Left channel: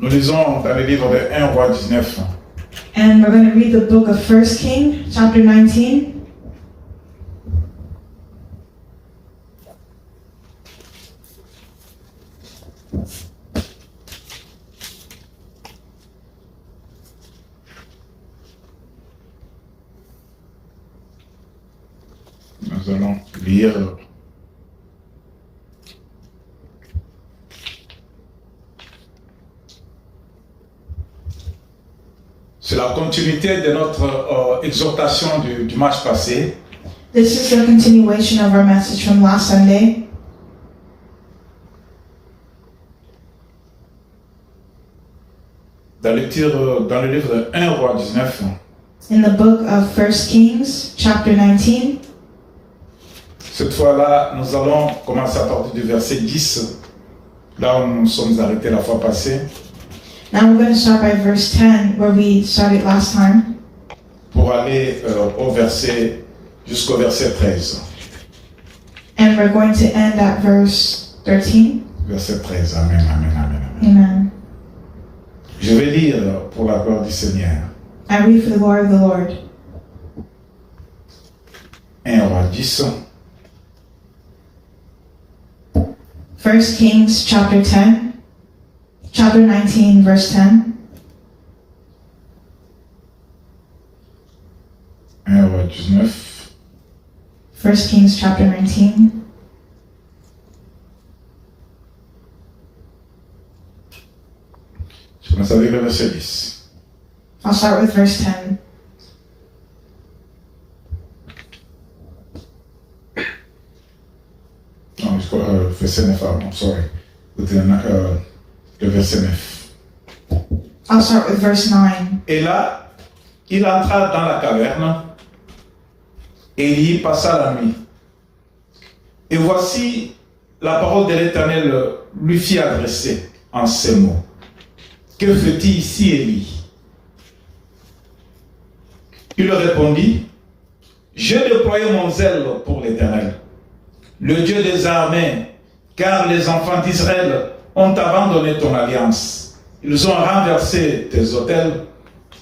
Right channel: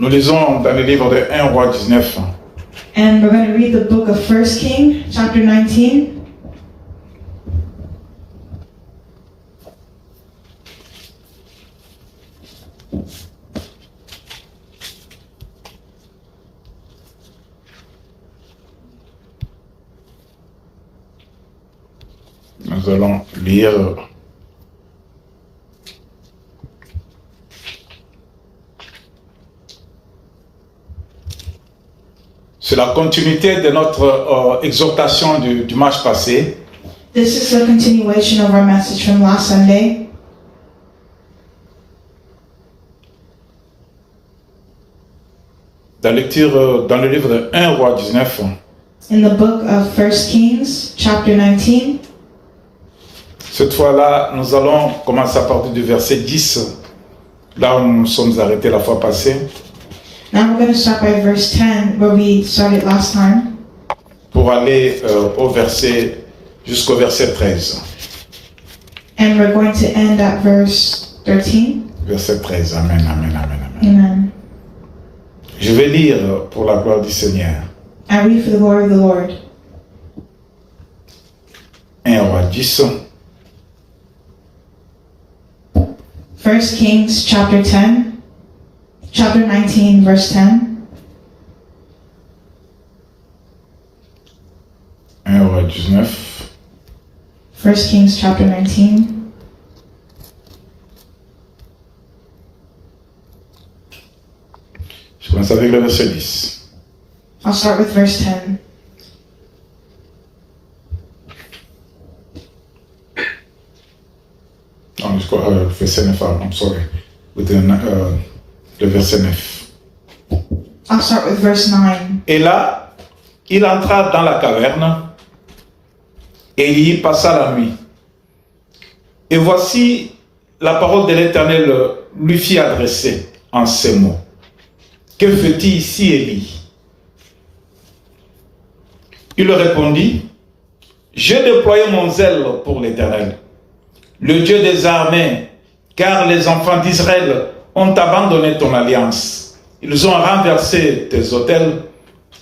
Nous lisons dans le livre de 1 Roi 19. And we're going to read the book of 1 King, chapter 19. Nous allons lire c'est la continuité de notre exhortation du dimanche passé. This is a continuation of our message from last Sunday. Dans le livre de 1 Roi 19. In the book of 1 Kings, chapter 19. Cette fois-là, nous allons commencer à partir du verset 10, là où nous nous sommes arrêtés la fois passée. Now we're going to start by verse 10, where we started last time, pour aller jusqu'au verset 13. and we're going to end at verse 13. Verset 13, amen, amen, amen, amen. Amen. Je vais lire pour la gloire du Seigneur. I read for the glory of the Lord. 1 Roi 10. 1 Kings, chapter 19, verse 10. 1 Roi 19. 1 Kings, chapter 19. Je commence avec le verset 10. I'll start with verse 10. Non, jusqu'au verset 9, I'm sorry. Le verset 9. I'll start with verse 9. Et là, il entra dans la caverne et il y passa la nuit. Et voici, la parole de l'Éternel lui fit adresser en ces mots. Que fais-tu ici, Élie? Il répondit, j'ai déployé mon zèle pour l'Éternel, le Dieu des armées, car les enfants d'Israël ont abandonné ton alliance. Ils ont renversé tes autels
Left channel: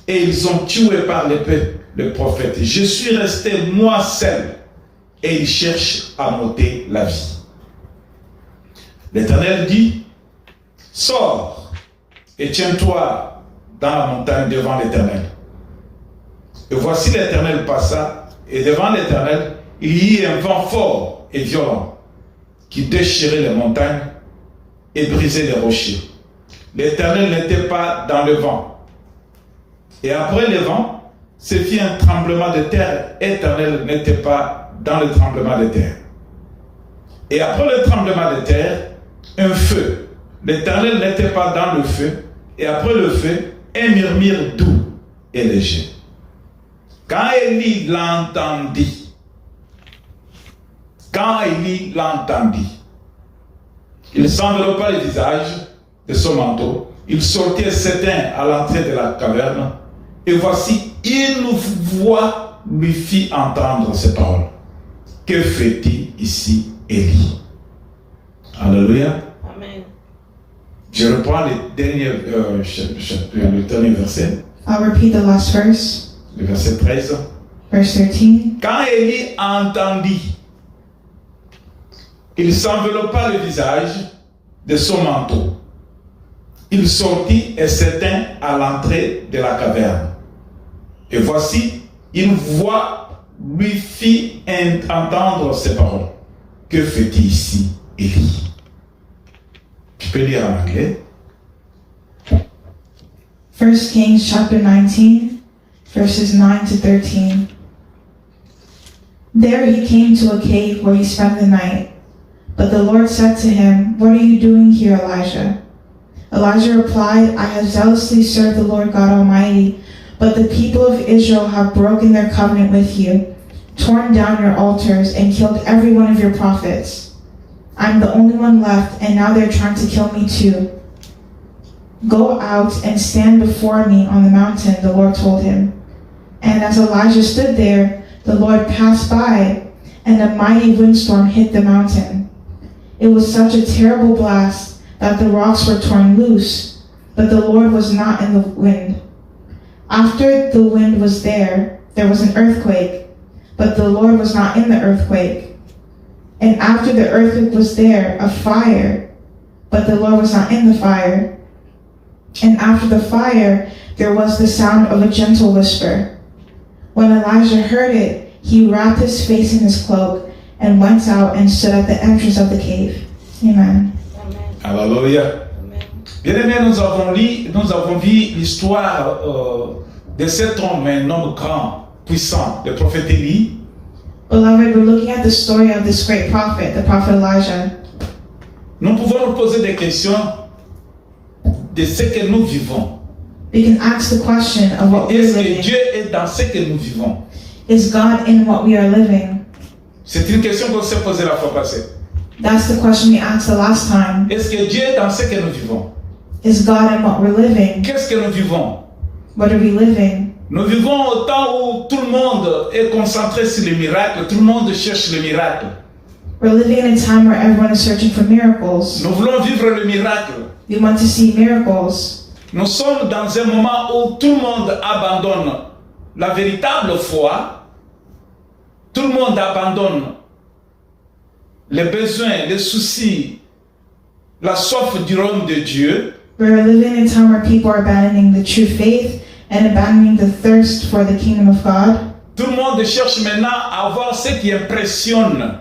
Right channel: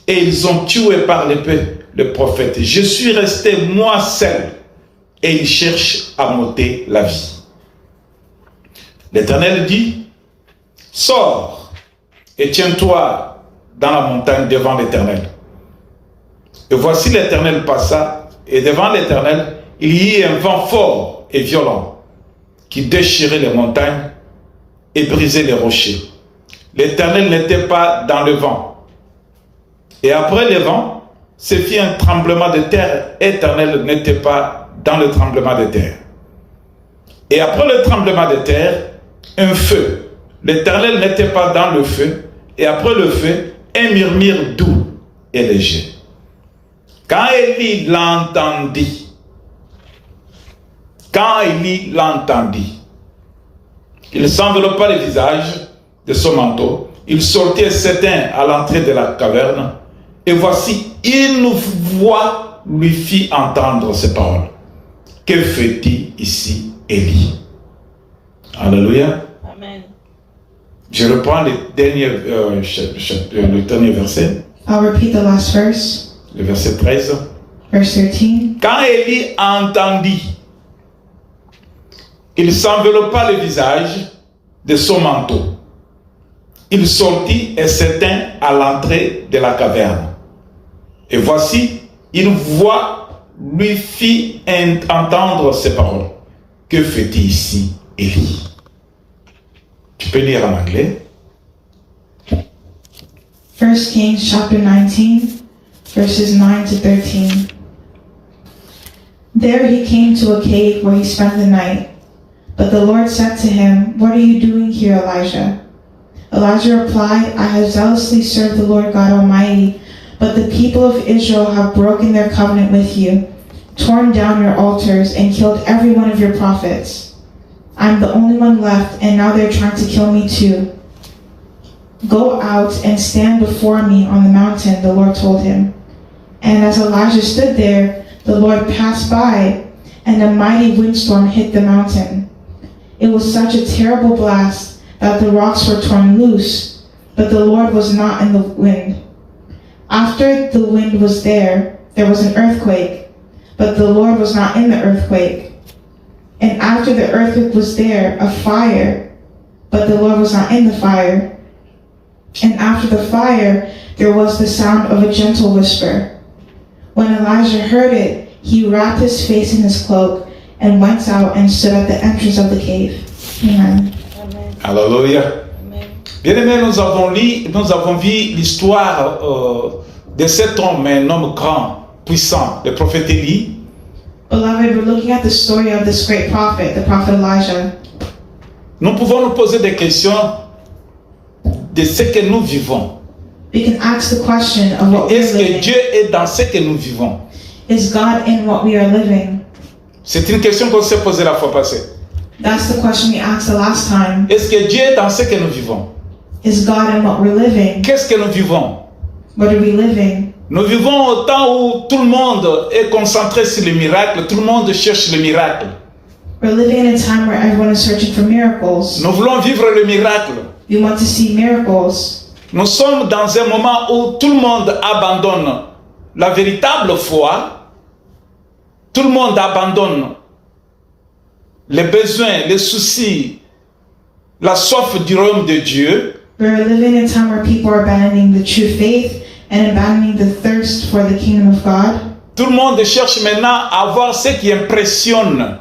et ils ont tué par l'épée le prophète. Je suis resté moi seul et ils cherchent à m'ôter la vie. L'Éternel dit, sors et tiens-toi dans la montagne devant l'Éternel. Et voici l'Éternel passa, et devant l'Éternel, il y eut un vent fort et violent qui déchirait les montagnes et brisait les rochers. L'Éternel n'était pas dans le vent. Et après le vent, se fit un tremblement de terre. L'Éternel n'était pas dans le tremblement de terre. Et après le tremblement de terre, un feu. L'Éternel n'était pas dans le feu. Et après le feu, un murmure doux et léger. Quand Élie l'entendit, il s'enveloppa le visage de son manteau, il sortit et s'éteint à l'entrée de la caverne, et voici, une voix lui fit entendre ces paroles. Que fait-il ici, Élie? Alléluia. Amen. Je reprends le dernier verset. I'll repeat the last verse, Le verset 13. verse 13. Quand Élie entendit, il s'enveloppa le visage de son manteau. Il sortit et s'éteint à l'entrée de la caverne. Et voici, une voix lui fit entendre ces paroles. Que fait-il ici, Élie? Tu peux lire en anglais. 1 Kings chapter 19, verses 9 to 13. There he came to a cave where he spent the night. But the Lord said to him, "What are you doing here, Elijah?" Elijah replied, "I have zealously served the Lord God Almighty, but the people of Israel have broken their covenant with you, torn down your altars, and killed every one of your prophets. I'm the only one left, and now they're trying to kill me too. Go out and stand before me on the mountain," the Lord told him. And as Elijah stood there, the Lord passed by, and a mighty windstorm hit the mountain. It was such a terrible blast that the rocks were torn loose, but the Lord was not in the wind. After the wind was there was an earthquake, but the Lord was not in the earthquake. And after the earthquake was there a fire, but the Lord was not in the fire. And after the fire there was the sound of a gentle whisper. When Elijah heard it, he wrapped his face in his cloak and went out and stood at the entrance of the cave. Amen. Alléluia. Bien-aimés, nous avons vu l'histoire de cet homme, un homme grand, puissant, le prophète Élie. Beloved, we're looking at the story of this great prophet, the prophet Elijah. Nous pouvons nous poser des questions de ce que nous vivons. We can ask the question of what we are Est-ce que living. Dieu est dans ce que nous vivons? Is God in what we are living? C'est une question qu'on s'est posée la fois passée. That's the question we asked the last time. Est-ce que Dieu est dans ce que nous vivons? Is God in what we're living? Qu'est-ce que nous vivons? What are we living? Nous vivons au temps où tout le monde est concentré sur le miracle, tout le monde cherche le miracle. We're living in a time where everyone is searching for miracles. Nous voulons vivre le miracle. We want to see miracles. Nous sommes dans un moment où tout le monde abandonne la véritable foi. Tout le monde abandonne les besoins, les soucis, la soif du royaume de Dieu. We're living in a time where people are abandoning the true faith and abandoning the thirst for the kingdom of God. Tout le monde cherche maintenant à voir ce qui impressionne,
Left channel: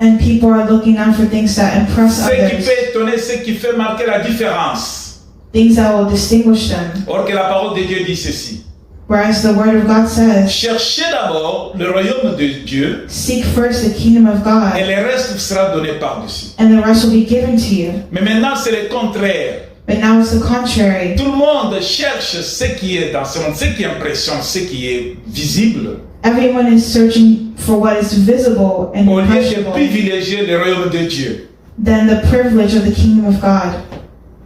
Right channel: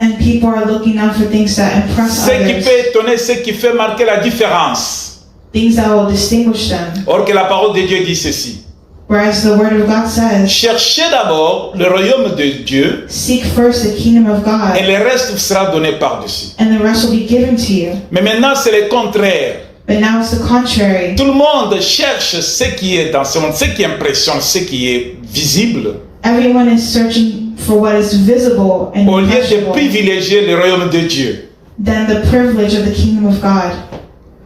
And people are looking out for things that impress ce qui others, peut étonner, ce qui fait marquer la différence. things that will distinguish them. Or que la parole de Dieu dit ceci. Whereas the word of God says, Cherchez d'abord le royaume de Dieu seek first the kingdom of et God, le reste vous sera donné par-dessus. and the rest will be given to you. Mais maintenant, c'est le contraire. But now it's the contrary. Tout le monde cherche ce qui est dans ce monde, ce qui impressionne, ce qui est visible, Everyone is searching for what is visible and au lieu de impressionable privilégier le royaume de Dieu. than the privilege of the kingdom of God.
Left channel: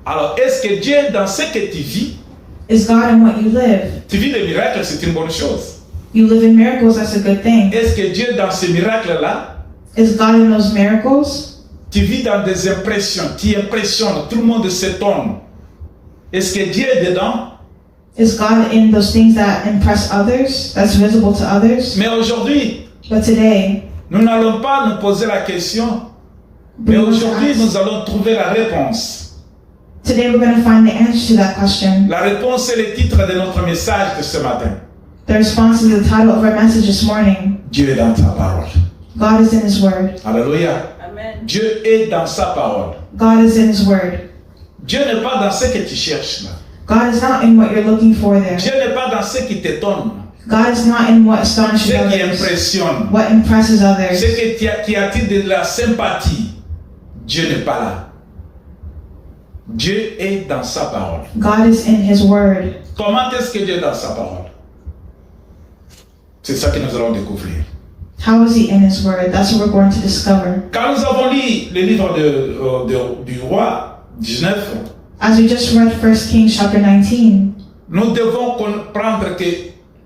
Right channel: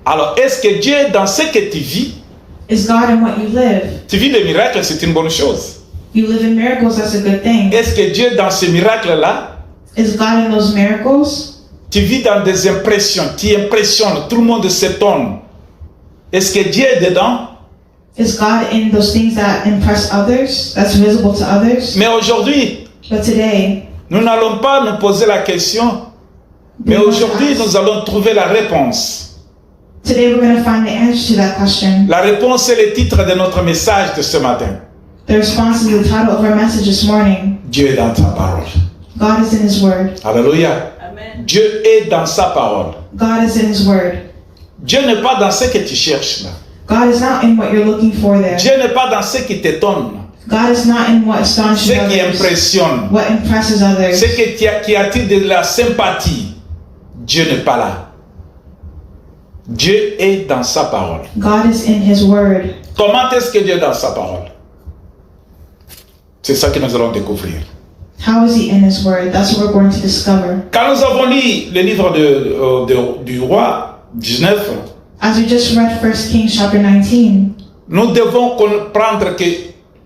Alors, est-ce que Dieu est dans ce que tu vis? Is God in what you live? Tu vis des miracles, c'est une bonne chose. You live in miracles, that's a good thing. Est-ce que Dieu est dans ces miracles-là? Is God in those miracles? Tu vis dans des impressions, tu impressionnes, tout le monde s'étonne. Est-ce que Dieu est dedans? Is God in those things that impress others, that's visible to others? Mais aujourd'hui, But today, nous n'allons pas nous poser la question, mais aujourd'hui, nous allons trouver la réponse. today we're going to find the answer to that question. La réponse est le titre de notre message de ce matin. The response is the title of our message this morning. Dieu est dans sa parole. God is in His Word. Alléluia. Amen. Dieu est dans sa parole. God is in His Word. Dieu n'est pas dans ce que tu cherches là. God is not in what you're looking for there. Dieu n'est pas dans ce qui t'étonne, God is not in what astonishes ce qui others, impressionne, what impresses others, ce qui attire de la sympathie. Dieu n'est pas là. Dieu est dans sa parole. God is in His Word. Comment est-ce que Dieu est dans sa parole? C'est ça que nous allons découvrir. How is He in His Word? That's what we're going to discover. Quand nous avons lu le livre du roi 19, As we just read 1 Kings chapter 19, nous devons comprendre que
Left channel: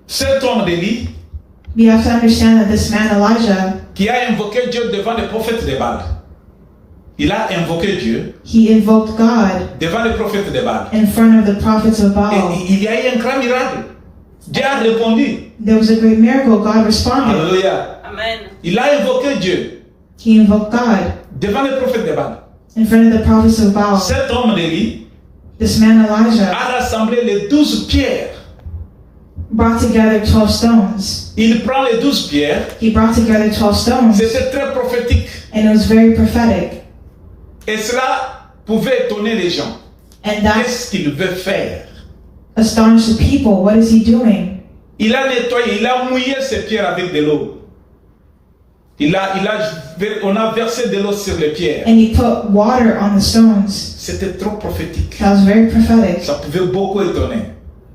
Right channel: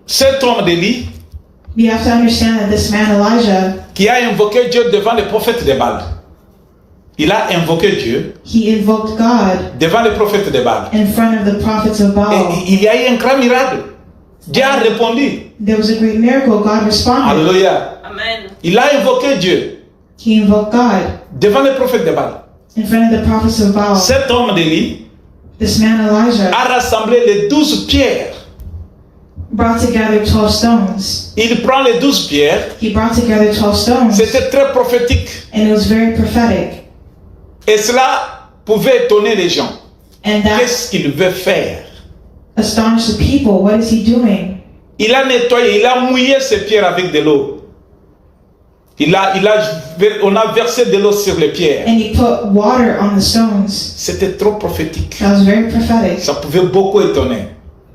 cet homme d'Élie we have to understand that this man Elijah, qui a invoqué Dieu devant les prophètes de Baal, il a invoqué Dieu he invoked God devant les prophètes de Baal. in front of the prophets of Et Baal. il y a eu un grand miracle. Dieu a répondu. There was a great miracle. God responded. Alléluia. Amen. Il a invoqué Dieu He invoked God devant les prophètes de Baal. in front of the prophets of Baal. Cet homme d'Élie This man Elijah a rassemblé les 12 pierres. brought together 12 stones. Il prend les 12 pierres. He brought together 12 stones, C'était très prophétique. and it was very prophetic. Et cela pouvait étonner les gens. And that Qu'est-ce qu'il veut faire? astonished the people. What is he doing? Il a nettoyé, il a mouillé ces pierres avec de l'eau. On a versé de l'eau sur les pierres. And he put water on the stones. C'était trop prophétique. That was very prophetic. Ça pouvait beaucoup étonner.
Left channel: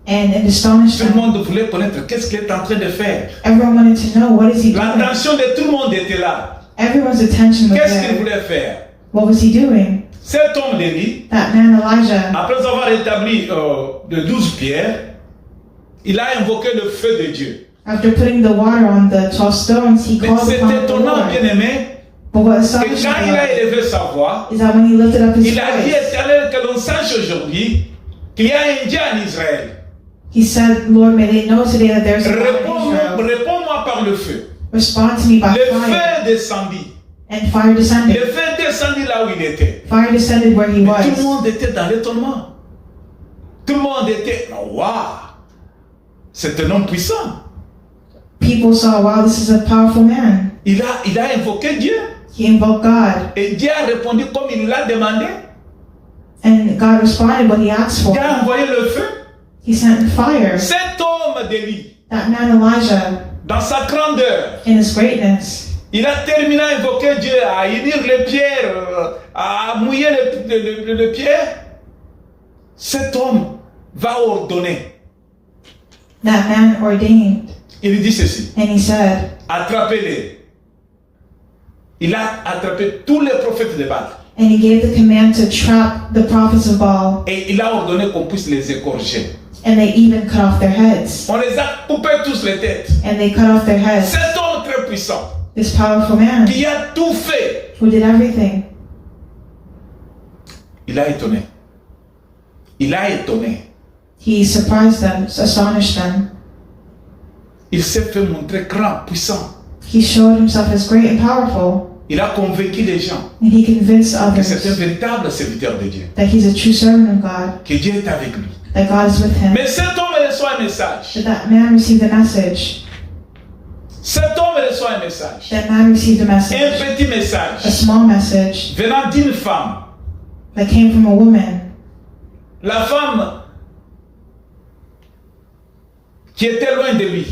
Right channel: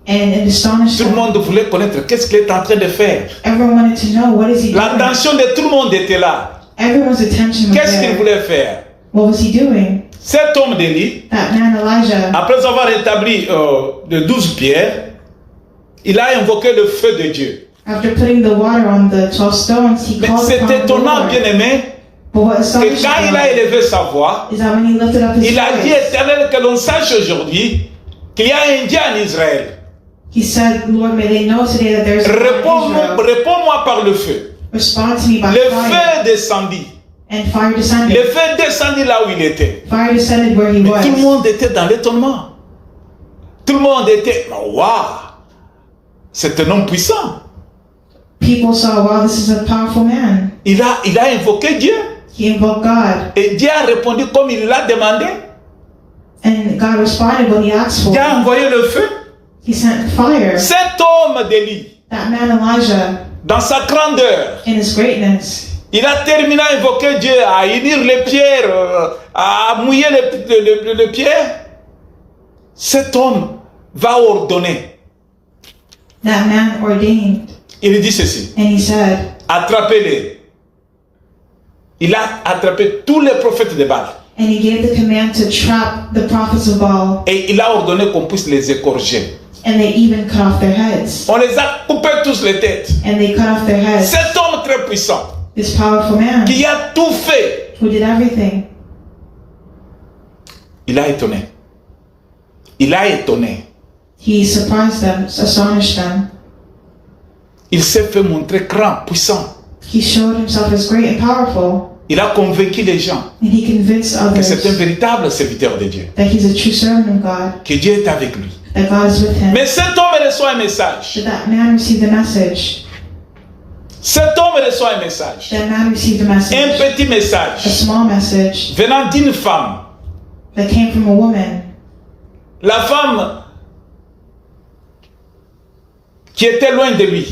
And it astonished Tout le them. monde voulait connaître qu'est-ce qu'il est en train de faire. Everyone wanted to know, what is he doing? L'attention de tout le monde était là. Everyone's attention was Qu'est-ce qu'il there. voulait faire? What was he doing? Cet homme d'Élie, That man Elijah, après avoir établi les 12 pierres, il a invoqué le feu de Dieu. after putting the water on the 12 stones, he Mais called c'est upon the étonnant, Lord. bien aimé, But what que astonished quand il a me élevé sa voix, is that when he lifted up his il a dit voice, Éternel, que l'on sache aujourd'hui qu'il y a un Dieu en Israël. He said, Lord, may they know today that there is a God in Israel. Réponds-moi par le feu. Respond to me by Le fire. feu descendit. And fire descended. Le feu descendit là où il était. Fire descended where he Mais was. tout le monde était dans l'étonnement. Tout le monde était, waouh, c'est un homme puissant. People saw, wow, this is a powerful man. Il a invoqué Dieu. He invoked God. Et Dieu a répondu comme il l'a demandé. And God responded what he asked for. Dieu a envoyé le feu. He sent fire. Cet homme d'Élie, That man Elijah, dans sa grandeur, in his greatness, il a terminé à invoquer Dieu, à unir les pierres, à mouiller les pierres. Cet homme va ordonner. that man ordained. Il dit ceci, And he said, attrapez-les. Il a attrapé tous les prophètes de Baal. and he gave the command to trap the prophets of Baal, Et il a ordonné qu'on puisse les égorger. and they even cut off their heads. On les a coupé tous les têtes. And they cut off their heads. Cet homme très puissant, This powerful man qui a tout fait, who did everything, il a étonné. Il a étonné. he surprised them, astonished them. Il s'est fait montrer grand, puissant. He showed himself as great and powerful, Il a convaincu les gens and he convinced que c'est un others véritable serviteur de Dieu. that he's a true servant of God, Que Dieu est avec lui. that God is with him. Mais cet homme reçoit un message. That man received a message. Cet homme reçoit un message. That man received a Un message, petit a message small message venant d'une femme. that came from a woman. La femme qui était loin de lui,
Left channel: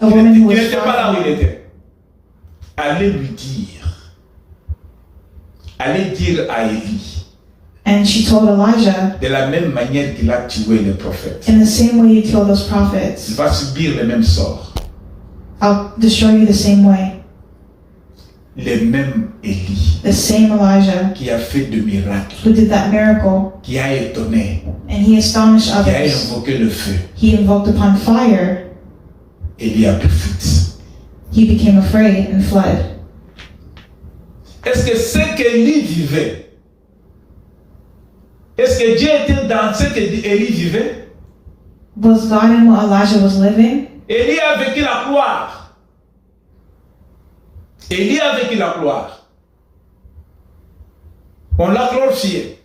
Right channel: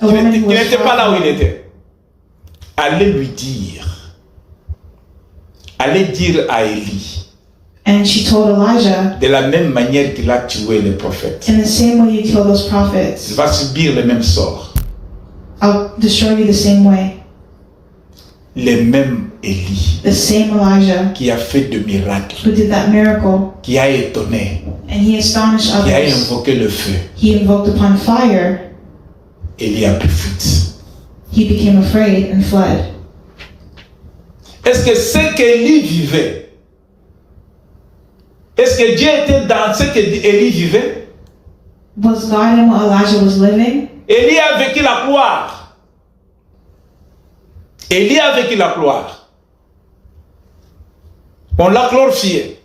A woman who qui was n'était pas là où il far. était. Allez lui dire. Allez dire à Élie, And she told Elijah, de la même manière qu'il a tué les prophètes, in the same way you kill those il prophets, va subir le même sort. I'll destroy you the same way. Le même Élie The same Elijah qui a fait de miracles, who did that miracle, qui a étonné, and he astonished qui a others. invoqué le feu. He invoked upon fire. Élie a pris fuite. He became afraid and fled. Est-ce que ce qu'Élie vivait, est-ce que Dieu était dans ce que Élie vivait? Was God in what Elijah was living? Élie a vécu la gloire. Élie a vécu la gloire. On l'a glorifié.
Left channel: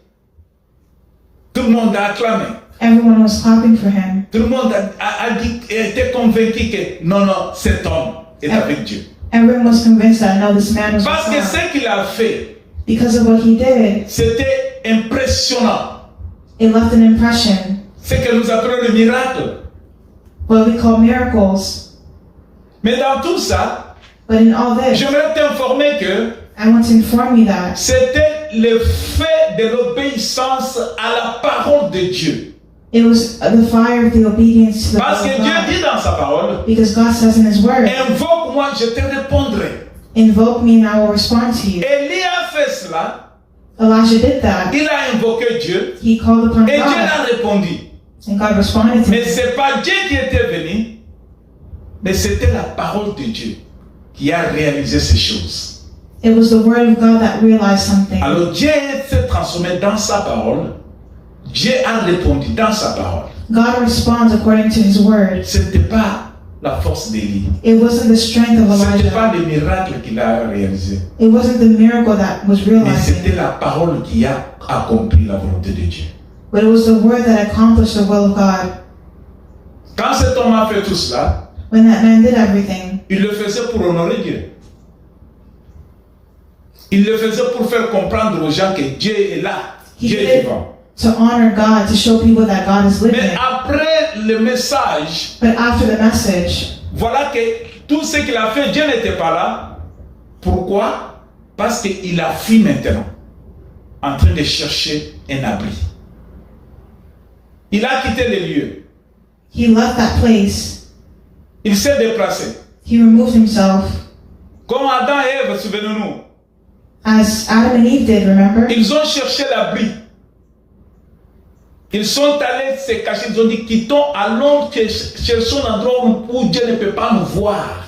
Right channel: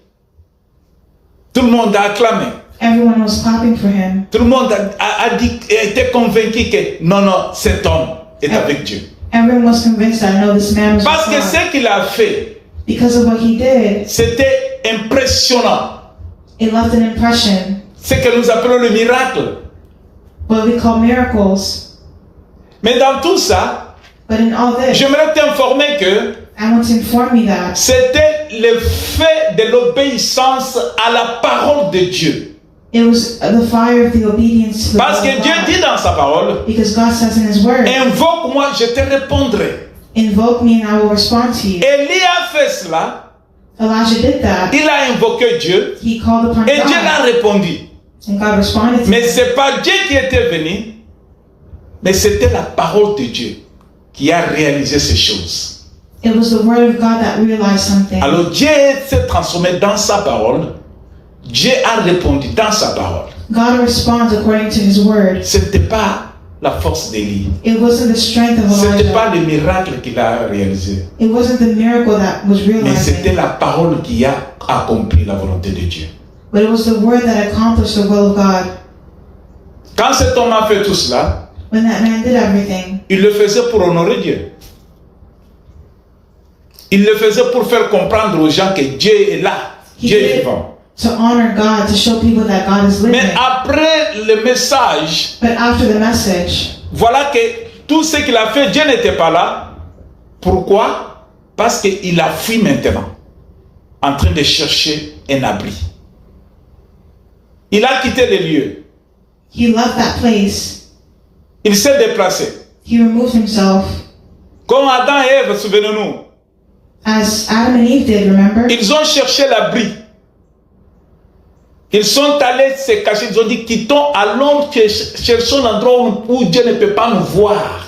Tout le monde a acclamé. Everyone was clapping for him. Tout le monde a dit, était convaincu que non, cet homme est avec Dieu. Everyone was convinced that no, this man was Parce que with God. ce qu'il a fait, Because of what he did, c'était impressionnant. it left an impression. Ce que nous appelons le miracle. What we call miracles. Mais dans tout ça, But in all this, j'aimerais t'informer que I want to inform you that c'était le fait de l'obéissance à la parole de Dieu. it was the fire of the obedience to the Parce word que of Dieu God. dit dans sa parole, Because God says in his word, invoque-moi, je te répondrai. invoke me and I will respond to you. Élie a fait cela, Elijah did that. il a invoqué Dieu, He called upon et Dieu God, l'a répondu. and God responded to Mais him. ce n'est pas Dieu qui était venu, mais c'était la parole de Dieu qui a réalisé ces choses. It was the word of God that realized something. Alors Dieu s'est transformé dans sa parole, Dieu a répondu dans sa parole. God responds according to his word. Ce n'était pas la force d'Élie, It wasn't the strength of ce n'était Elijah. pas le miracle qu'il a réalisé, It wasn't the miracle that was mais c'était realizing. la parole qui a accompli la volonté de Dieu. But it was the word that accomplished the will of God. Quand cet homme a fait tout cela, When that man did everything, il le faisait pour honorer Dieu. Il le faisait pour faire comprendre aux gens que Dieu est là, he Dieu did est it vivant. to honor God, to show people that God is Mais living. après le message, But after the message, voilà que tout ce qu'il a fait, Dieu n'était pas là. Pourquoi? Parce qu'il a fui maintenant, en train de chercher un abri. Il a quitté les lieux. he left that place. Il s'est déplacé. He removed himself. Comme Adam et Ève, souvenez-nous, As Adam and Eve did, remember? ils ont cherché l'abri. Ils sont allés se cacher. Ils ont dit, quittons, allons, cherchons l'endroit où Dieu ne peut pas nous voir.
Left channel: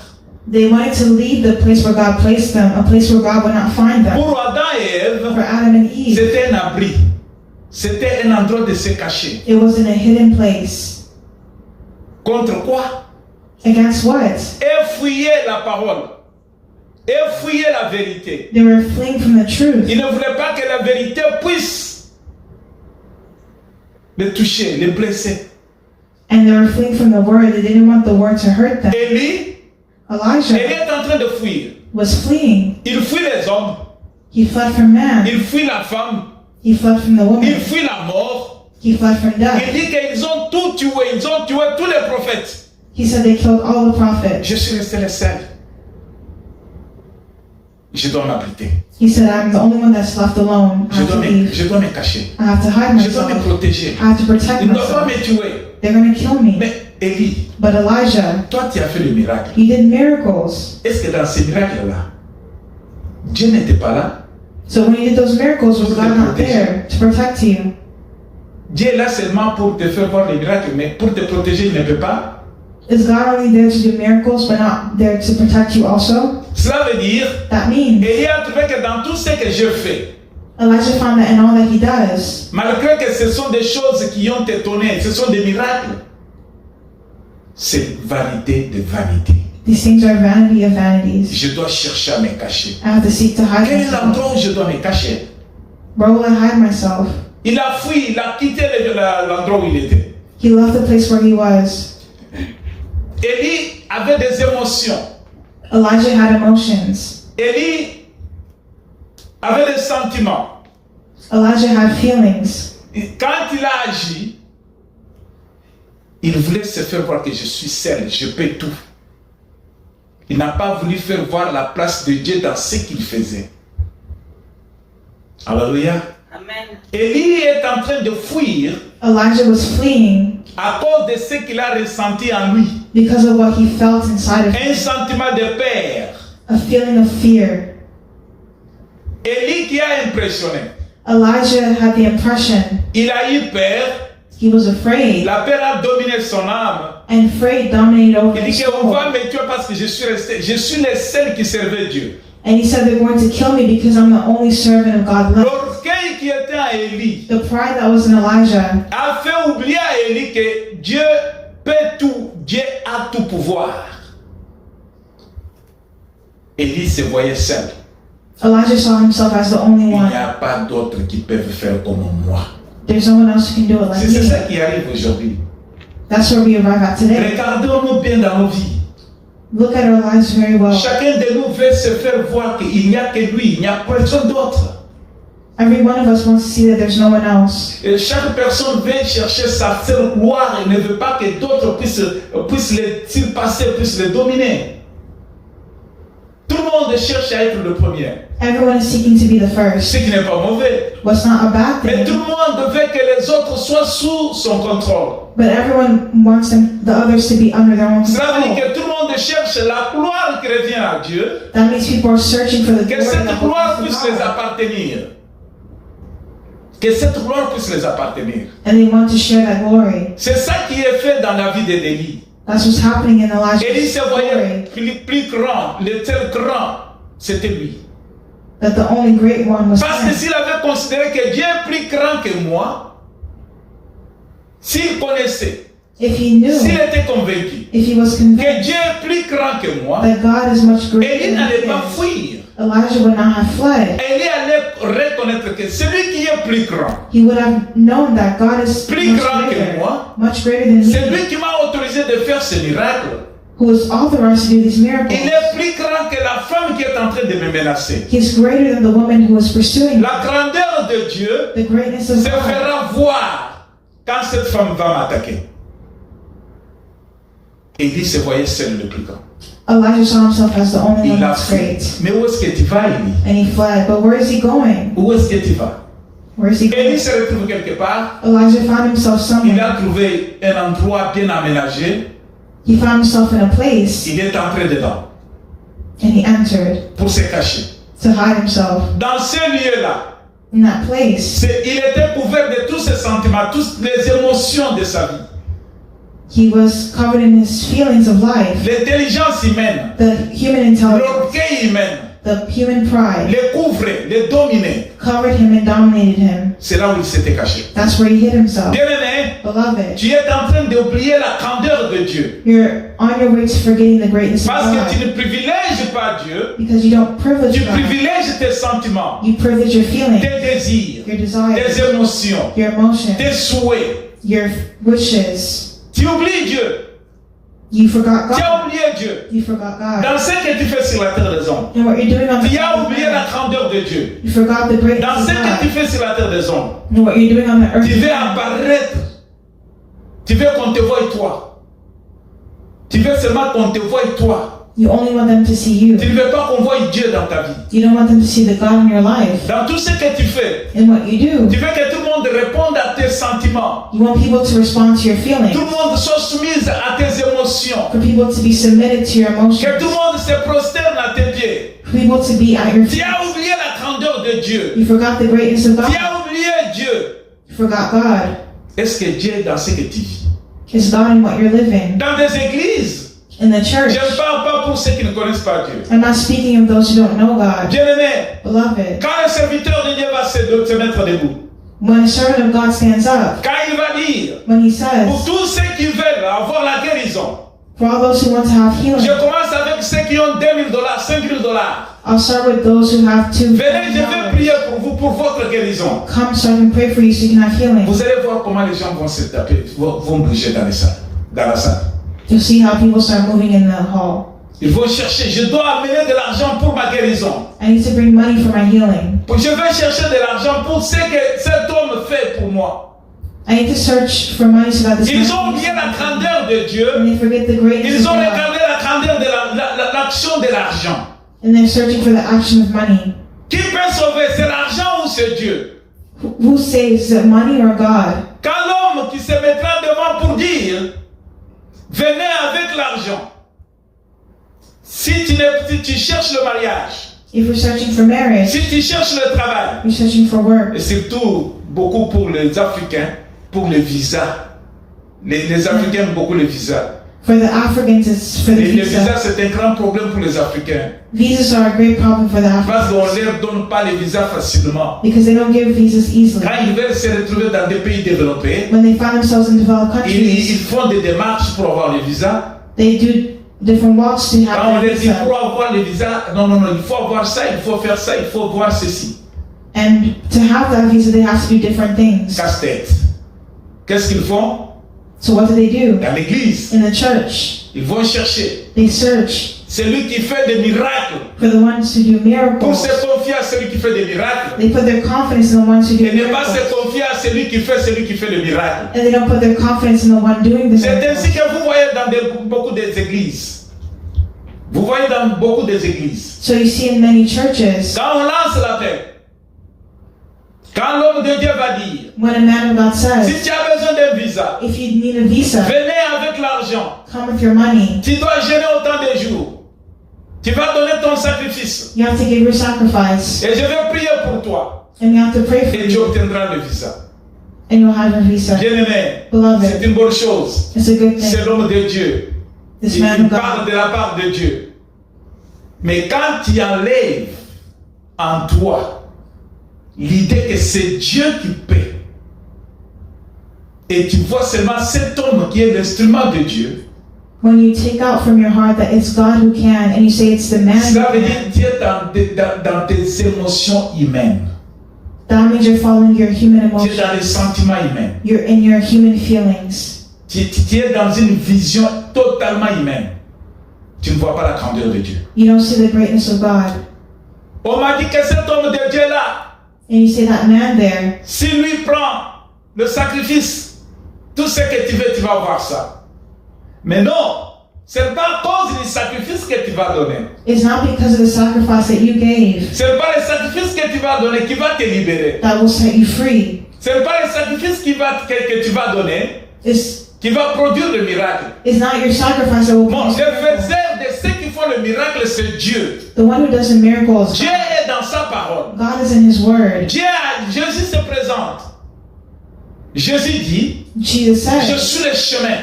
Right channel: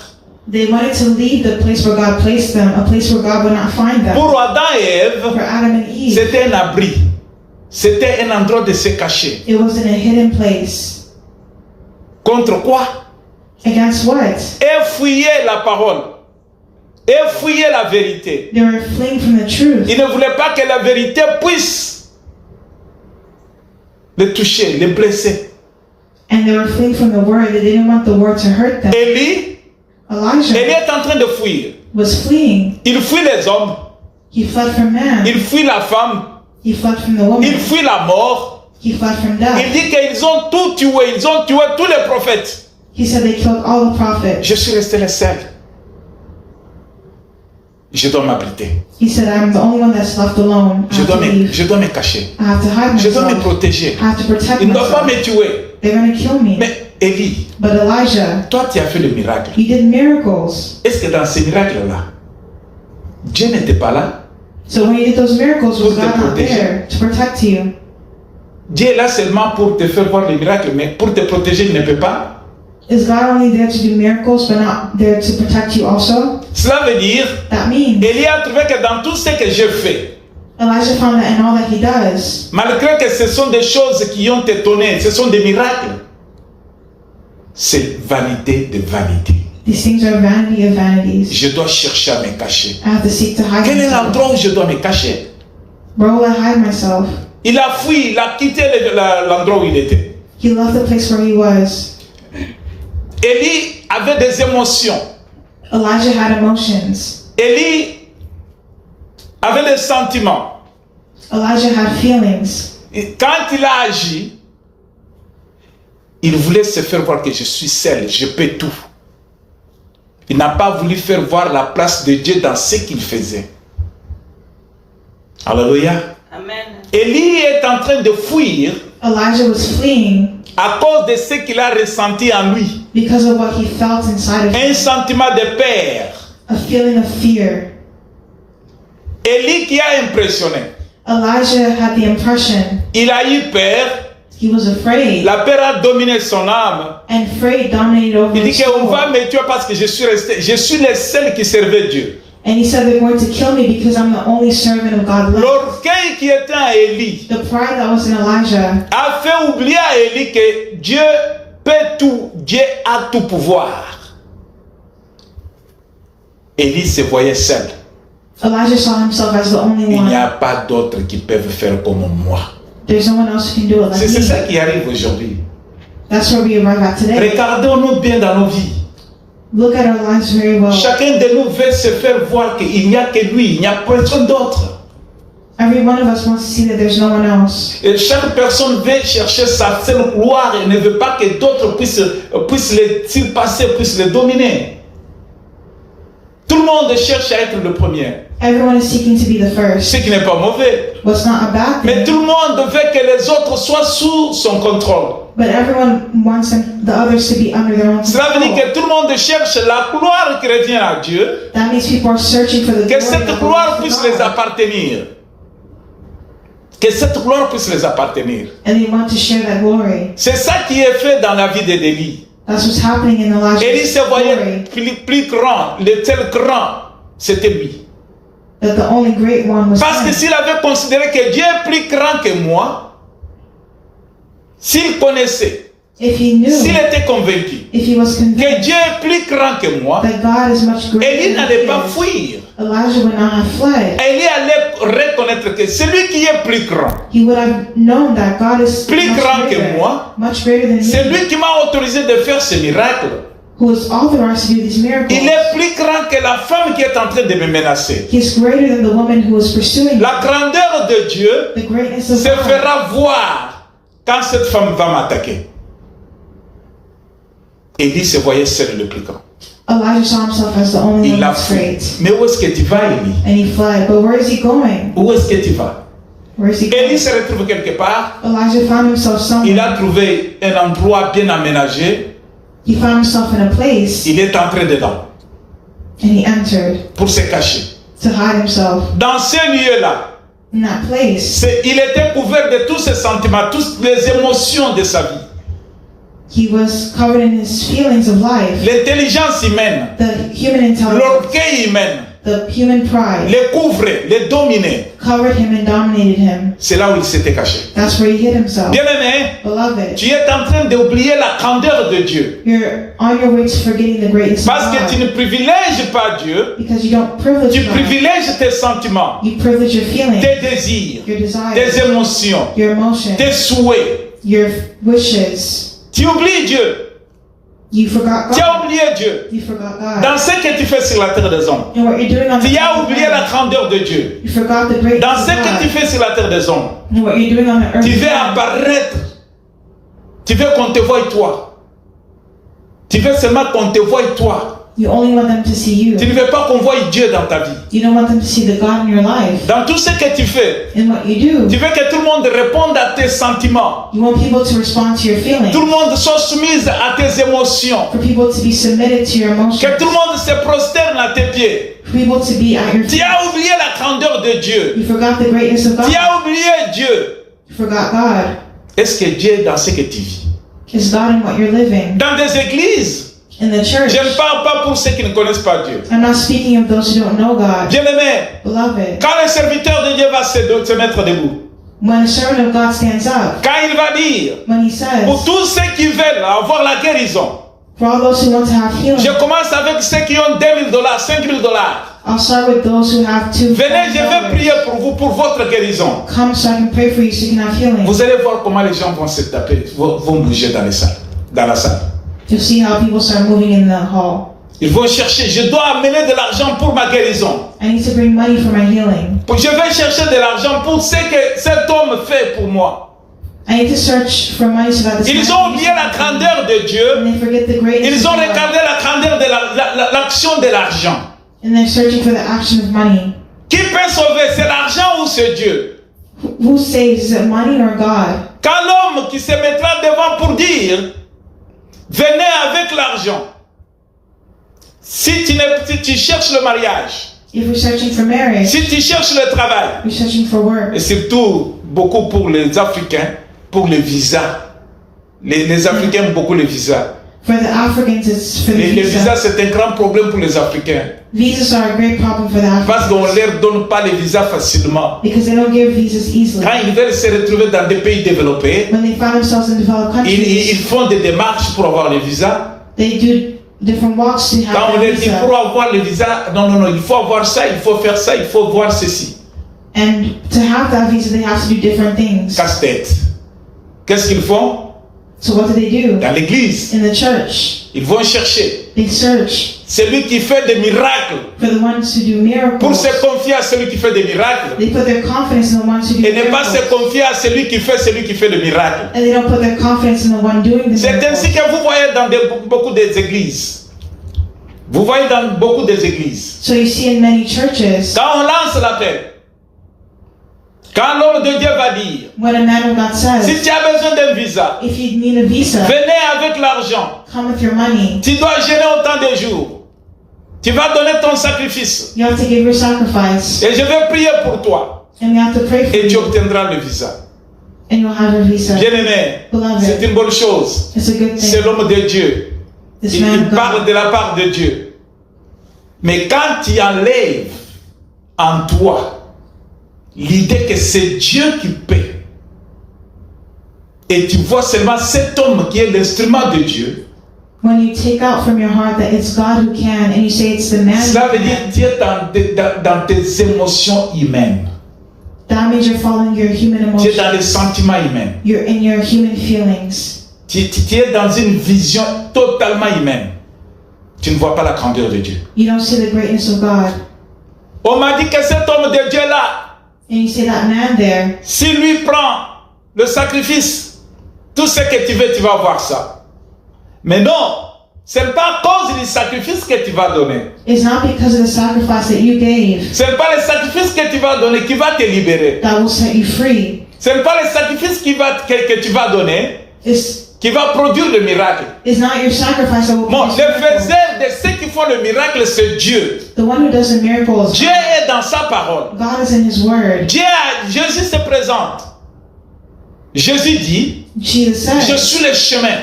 They wanted to leave the place where God placed them, a place where God would not find them. Pour Adam et Ève, For Adam and Eve, c'était un abri. C'était un endroit de se cacher. It was in a hidden place. Contre quoi? Against what? Et fuyaient la parole. Et fuyaient la vérité. They were fleeing from the truth. Ils ne voulaient pas que la vérité puisse les toucher, les blesser. And they were fleeing from the word. They didn't want the word to hurt them. Élie Elijah est en train de fuir. was fleeing. Il fuit les hommes. He fled from man. Il fuit la femme. He fled from the woman. Il fuit la mort. He fled from Il death. dit qu'ils ont tout tué. Ils ont tué tous les prophètes. He said they killed all the prophets. Je suis resté le seul. Je dois m'abriter. He said, I'm the only one that's left alone. I have to leave. Je dois me cacher. I have to hide Je dois me myself. protéger. I have to protect Ils ne doivent pas myself. me tuer. They're going to kill me. Mais Élie, But Elijah, toi tu as fait le miracle. he did miracles. Est-ce que dans ces miracles-là, Dieu n'était pas là? So when he did those miracles, was Pour te God not protéger. there to protect you? Dieu est là seulement pour te faire voir les miracles, mais pour te protéger, il ne peut pas. Is God only there to do miracles but not there to protect you also? Cela veut dire, That means Élie a trouvé que dans tout ce que je fais, Elijah found that in all that he does, malgré que ce sont des choses qui ont étonné, ce sont des miracles, c'est vanité de vanité. these things are vanity of vanities. Je dois chercher à me cacher. I have to seek to hide Quel est myself. l'endroit où je dois me cacher? Where will I hide myself? Il a fui, il a quitté l'endroit où il était. He left the place where he was. Élie avait des émotions. Elijah had emotions. Élie avait des sentiments. Elijah had feelings. Et quand il a agi, il voulait se faire voir que je suis seul, je peux tout. Il n'a pas voulu faire voir la place de Dieu dans ce qu'il faisait. Alléluia. Amen. Élie est en train de fuir Elijah was fleeing à cause de ce qu'il a ressenti en lui. because of what he felt inside of Un him. sentiment de peur. A feeling of fear. Élie qui a impressionné. Elijah had the impression Il a eu peur. he was afraid, La peur a dominé son âme. and afraid dominated over Il dit his qu'on soul. va me tuer parce que je suis resté. Je suis le seul qui servait Dieu. And he said, they're going to kill me because I'm the only servant of God left. L'orgueil qui était en Élie The pride that was in Elijah a fait oublier à Élie que Dieu peut tout. Dieu a tout pouvoir. Élie se voyait seul. Elijah saw himself as the only Il n'y one. a pas d'autres qui peuvent faire comme moi. There's no one else who can do it like C'est ça me. qui arrive aujourd'hui. That's where we arrive at today. Regardons-nous bien dans nos vies. Look at our lives very well. Chacun de nous veut se faire voir qu'il n'y a que lui, il n'y a personne d'autre. Every one of us wants to see that there's no one else. Et chaque personne veut chercher sa seule gloire et ne veut pas que d'autres puissent les surpasser, puissent les dominer. Tout le monde cherche à être le premier, Everyone is seeking to be the first. ce qui n'est pas mauvais. What's not a bad Mais tout thing, le monde veut que les autres soient sous son contrôle. but everyone wants the others to be under their own Cela veut dire control. que tout le monde cherche la gloire qui revient à Dieu, That means people are searching for the que glory cette that gloire belongs puisse to les God. appartenir. Que cette gloire puisse les appartenir. And they want to share that glory. C'est ça qui est fait dans la vie d'Élie. That's what's happening in Élie Elijah's se voyait glory. plus grand, le tel grand, c'était lui. That the only great one was Parce que him. s'il avait considéré que Dieu est plus grand que moi, s'il connaissait, If he knew, s'il était convaincu if he was que convinced Dieu est plus grand que moi, that God is much greater Élie than n'allait he pas is, fuir. Elijah would not have fled. Élie allait reconnaître que celui qui est plus grand, He would have known that God is Plus grand que moi, much greater than c'est me, lui qui m'a autorisé de faire ce miracle. who is authorized to do these miracles. Il est plus grand que la femme qui est en train de me menacer. He is greater than the woman who is pursuing him. La grandeur de Dieu The greatness of se God fera voir quand cette femme va m'attaquer. Élie se voyait seul le plus grand. Elijah saw himself as the only Il one l'a that's fui. great. Mais où est-ce que tu vas, Élie? And he fled. But where is he going? Où est-ce que tu vas? Where is he Élie going? se retrouve quelque part. Elijah found himself Il somewhere. a trouvé un endroit bien aménagé. He found himself in a place Il est entré dedans and he entered pour se cacher. to hide himself. Dans ce lieu-là, In that place, il était couvert de tous ses sentiments, toutes les émotions de sa vie. he was covered in his feelings of life, L'intelligence humaine, the human intelligence, l'orgueil humain, The human pride les couvrait, les dominait. covered him and dominated him. C'est là où il s'était caché. That's where he hid himself. Bien-aimé, Beloved, tu es en train d'oublier la grandeur de Dieu. you're on your way to forgetting the greatness of Parce que tu God ne privilèges pas Dieu, because you don't privilege tu God. privilèges tes sentiments, You privilege your feelings, tes désirs, your tes desires, émotions, your emotions, tes souhaits. your wishes. Tu oublies Dieu. You forgot Tu God. as oublié Dieu. You forgot God. Dans ce que tu fais sur la terre des hommes, And what you're doing on the tu as earth, oublié la grandeur de Dieu. you forgot the Dans greatness ce of que tu God. fais sur la terre des hommes, And what you're doing on the earth. tu veux apparaître. Tu veux qu'on te voie toi. Tu veux seulement qu'on te voie toi. You only want them to see you. Tu ne veux pas qu'on voie Dieu dans ta vie. You don't want them to see the God in your life. Dans tout ce que tu fais, And what you do, tu veux que tout le monde réponde à tes sentiments. you want people to respond to your feelings. Tout le monde soit soumis à tes émotions. For people to be submitted to your Que emotions. tout le monde se prosterne à tes pieds. For people to be at your Tu feet. as oublié la grandeur de Dieu. You forgot the greatness of God. Tu as oublié Dieu. You forgot God. Est-ce que Dieu est dans ce que tu vis? Is God in what you're living? Dans des églises, In the church. je ne parle pas pour ceux qui ne connaissent pas Dieu. I'm not speaking of those who don't know God. Bien-aimé, Beloved, quand le serviteur de Dieu va se mettre debout, when a servant of God stands up, quand il va dire, when he says, pour tous ceux qui veulent avoir la guérison, for all those who want to have healing, je commence avec ceux qui ont $2 000, $5 000. I'll start with those who have to. Venez, je vais prier pour vous, pour votre guérison. Come so I can pray for you so you can have healing. Vous allez voir comment les gens vont se taper, vont bouger dans la salle. To see how people start moving in the hall. Ils vont chercher, je dois amener de l'argent pour ma guérison. I need to bring money for my healing. Je vais chercher de l'argent pour ce que cet homme fait pour moi. I need to search for money so that this Ils man ont can oublié la grandeur de and Dieu. they forget the greatness Ils of ont God. regardé la grandeur de l'action de l'argent. And they're searching for the action of money. Qui peut sauver? C'est l'argent ou c'est Dieu? Who saves? Is it money or God? Quand l'homme qui se mettra devant pour dire, venez avec l'argent. Si tu cherches le mariage, If we're searching for marriage, si tu cherches le travail, we're searching for work. et surtout beaucoup pour les Africains, pour les visas. Les Africains aiment beaucoup les visas. For the Africans, it's for the Et les visas, visa. c'est un grand problème pour les Africains. Visas are a great problem for the Parce Africans qu'on ne leur donne pas les visas facilement. because they don't give visas easily. Quand ils veulent se retrouver dans des pays développés, When they find themselves in developed ils countries, font des démarches pour avoir les visas. they do different walks to Quand on have leur their dit pour visa. avoir le visa, non, il faut avoir ça, il faut faire ça, il faut voir ceci. And to have that visa, they have to do different things. Casse-tête. Qu'est-ce qu'ils font? So what do? Dans l'église, In the church, ils vont chercher they search celui qui fait des miracles for the ones who do pour miracles. se confier à celui qui fait des miracles. They put their confidence in the ones who do Et ne pas se miracles. confier à celui qui fait le miracle. And they don't put their confidence in the one doing the C'est ainsi miracle. que vous voyez dans beaucoup des églises. Vous voyez dans beaucoup des églises. So you see in many churches, Quand on lance l'appel, quand l'homme de Dieu va dire, when a man of God si says, tu as besoin d'un visa, if you need a visa, venez avec l'argent. come with your money. Tu dois jeûner autant de jours. Tu vas donner ton sacrifice. You have to give your sacrifice. Et je vais prier pour toi. And you have to pray for Et tu you. obtiendras le visa. And you'll have a visa. Bien-aimé, c'est Beloved, une bonne chose. it's a good C'est thing. l'homme de Dieu. This Il man of parle God. de la part de Dieu. Mais quand tu enlèves en toi l'idée que c'est Dieu qui paie, et tu vois seulement cet homme qui est l'instrument de Dieu, When you take out from your heart that it's God who can, and you say it's the man who cela veut dire can, que tu es dans tes émotions humaines. that means you're following your human Tu es dans emotions. les sentiments humains. You're in your human feelings. Tu es dans une vision totalement humaine. Tu ne vois pas la grandeur de Dieu. You don't see the greatness of God. On m'a dit que cet homme de Dieu-là, And you see that man there, si lui prend le sacrifice, tout ce que tu veux, tu vas avoir ça. Mais non, ce n'est pas à cause du sacrifice que tu vas donner. it's not because of the sacrifice that you gave Ce n'est pas le sacrifice que tu vas donner qui va te libérer. that will set you free. Ce n'est pas le sacrifice que tu vas donner qui va produire le miracle. It's not your sacrifice that will Non, produce le the miracle. faiseur de ceux qui font le miracle, c'est Dieu. The one who does the miracles, Dieu est dans sa parole. God is in His Word. Jésus se présente. Jésus dit, Jesus je said, suis le chemin,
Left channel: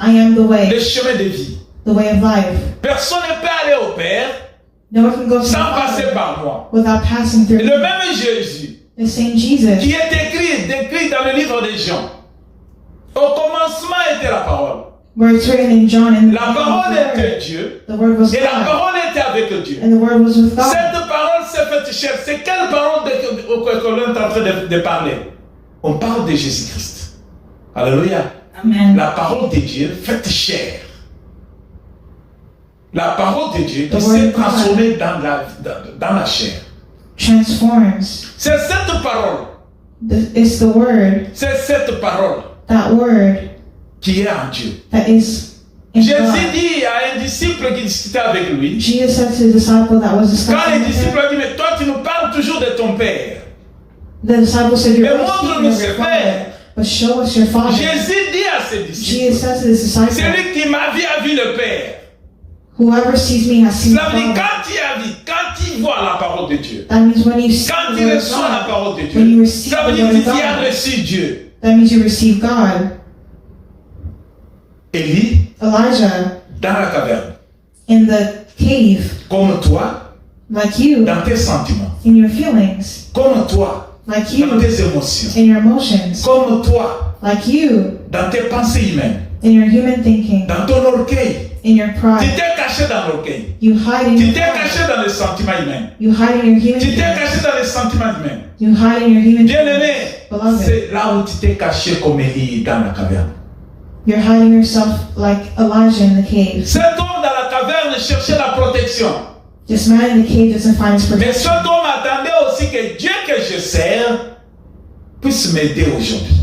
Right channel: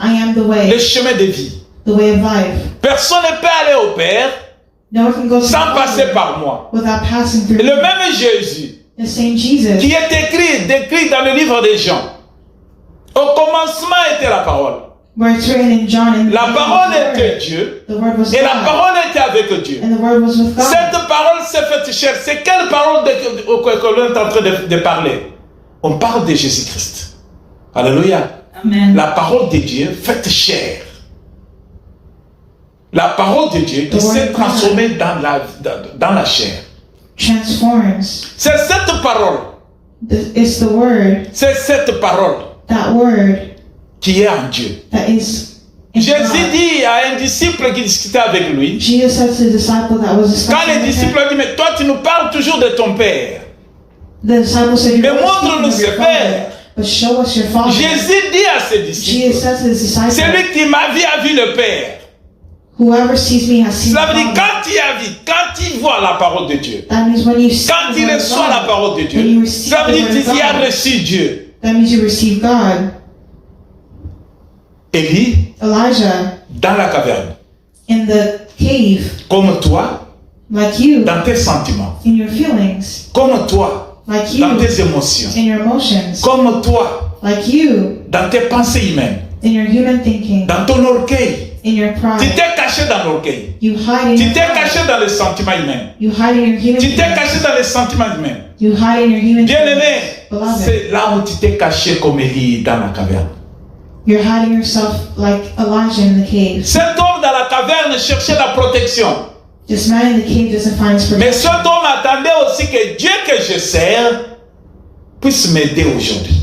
I am the le way, chemin de vie. the way of life. Personne ne peut aller au Père No one can go to the sans passer Father par moi. without passing through Et le me. même Jésus The same Jesus qui est décrit dans le livre des Jean. Au commencement était la parole. where it's written in John, in La parole était Dieu the Word was et la God, parole était avec Dieu. and the Word was with God. Cette parole s'est faite chair. C'est quelle parole que l'on est en train de parler? On parle de Jésus-Christ. Alléluia. Amen. La parole de Dieu faite chair. La parole de Dieu qui s'est transformée dans la chair. Transforms. C'est cette parole. It's the Word, C'est cette parole that Word qui est en Dieu. that is in Jésus God. dit à un disciple qui discutait avec lui, Jesus said to the disciple that was quand discussing le with disciple him, a dit, mais toi tu nous parles toujours de ton Père. the disciple said, Mais "You're always montre-nous speaking of ce your Père. Father, but show us your Father." Jésus dit à ses Jesus disciples, said to his disciple, celui qui m'a vu a vu le Père. "Whoever sees me has seen Cela the veut dire, Father." quand il a vu, quand il voit la parole de Dieu, That means when you see quand the il Word of reçoit la God, parole de when you Dieu, receive ça the veut dire Word of qu'il a God, reçu Dieu. that means you receive God. Élie, Elijah dans la caverne, in the cave, comme toi, like you, dans tes sentiments, in your feelings, comme toi, like dans you, tes émotions, in your emotions, comme toi, like you, dans tes pensées humaines, in your human thinking, dans ton orgueil. in your Tu pride. t'es caché dans l'orgueil. You hide in Tu your t'es pride. caché dans les sentiments humains. You hide in your human Tu t'es feelings. caché dans les sentiments humains. You hide in your human feelings. Bien-aimé, Beloved, c'est là où tu t'es caché comme Élie dans la caverne. you're hiding yourself like Elijah in the cave. Cet homme dans la caverne cherchait la protection. This man in the cave doesn't find his Mais protection. cet homme attendait aussi que Dieu que je sers puisse m'aider aujourd'hui.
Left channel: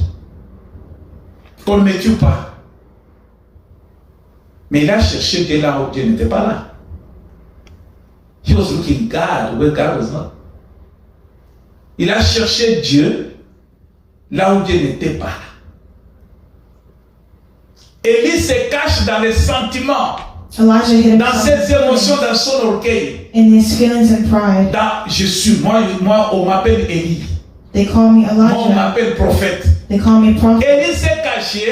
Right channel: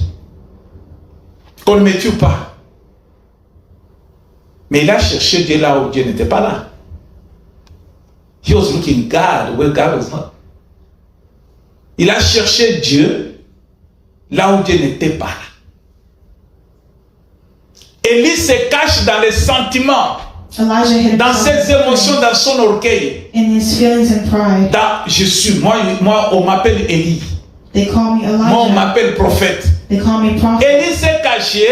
Qu'on ne me tue pas. Mais il a cherché Dieu là où Dieu n'était pas là. He was looking God where God was not. Il a cherché Dieu là où Dieu n'était pas là. Élie se cache dans les sentiments, Elijah hid dans himself ses émotions, dans son orgueil. in his feelings and pride. Moi, on m'appelle Élie. They call me Moi, on Elijah. m'appelle prophète. They call me prophet. Élie s'est caché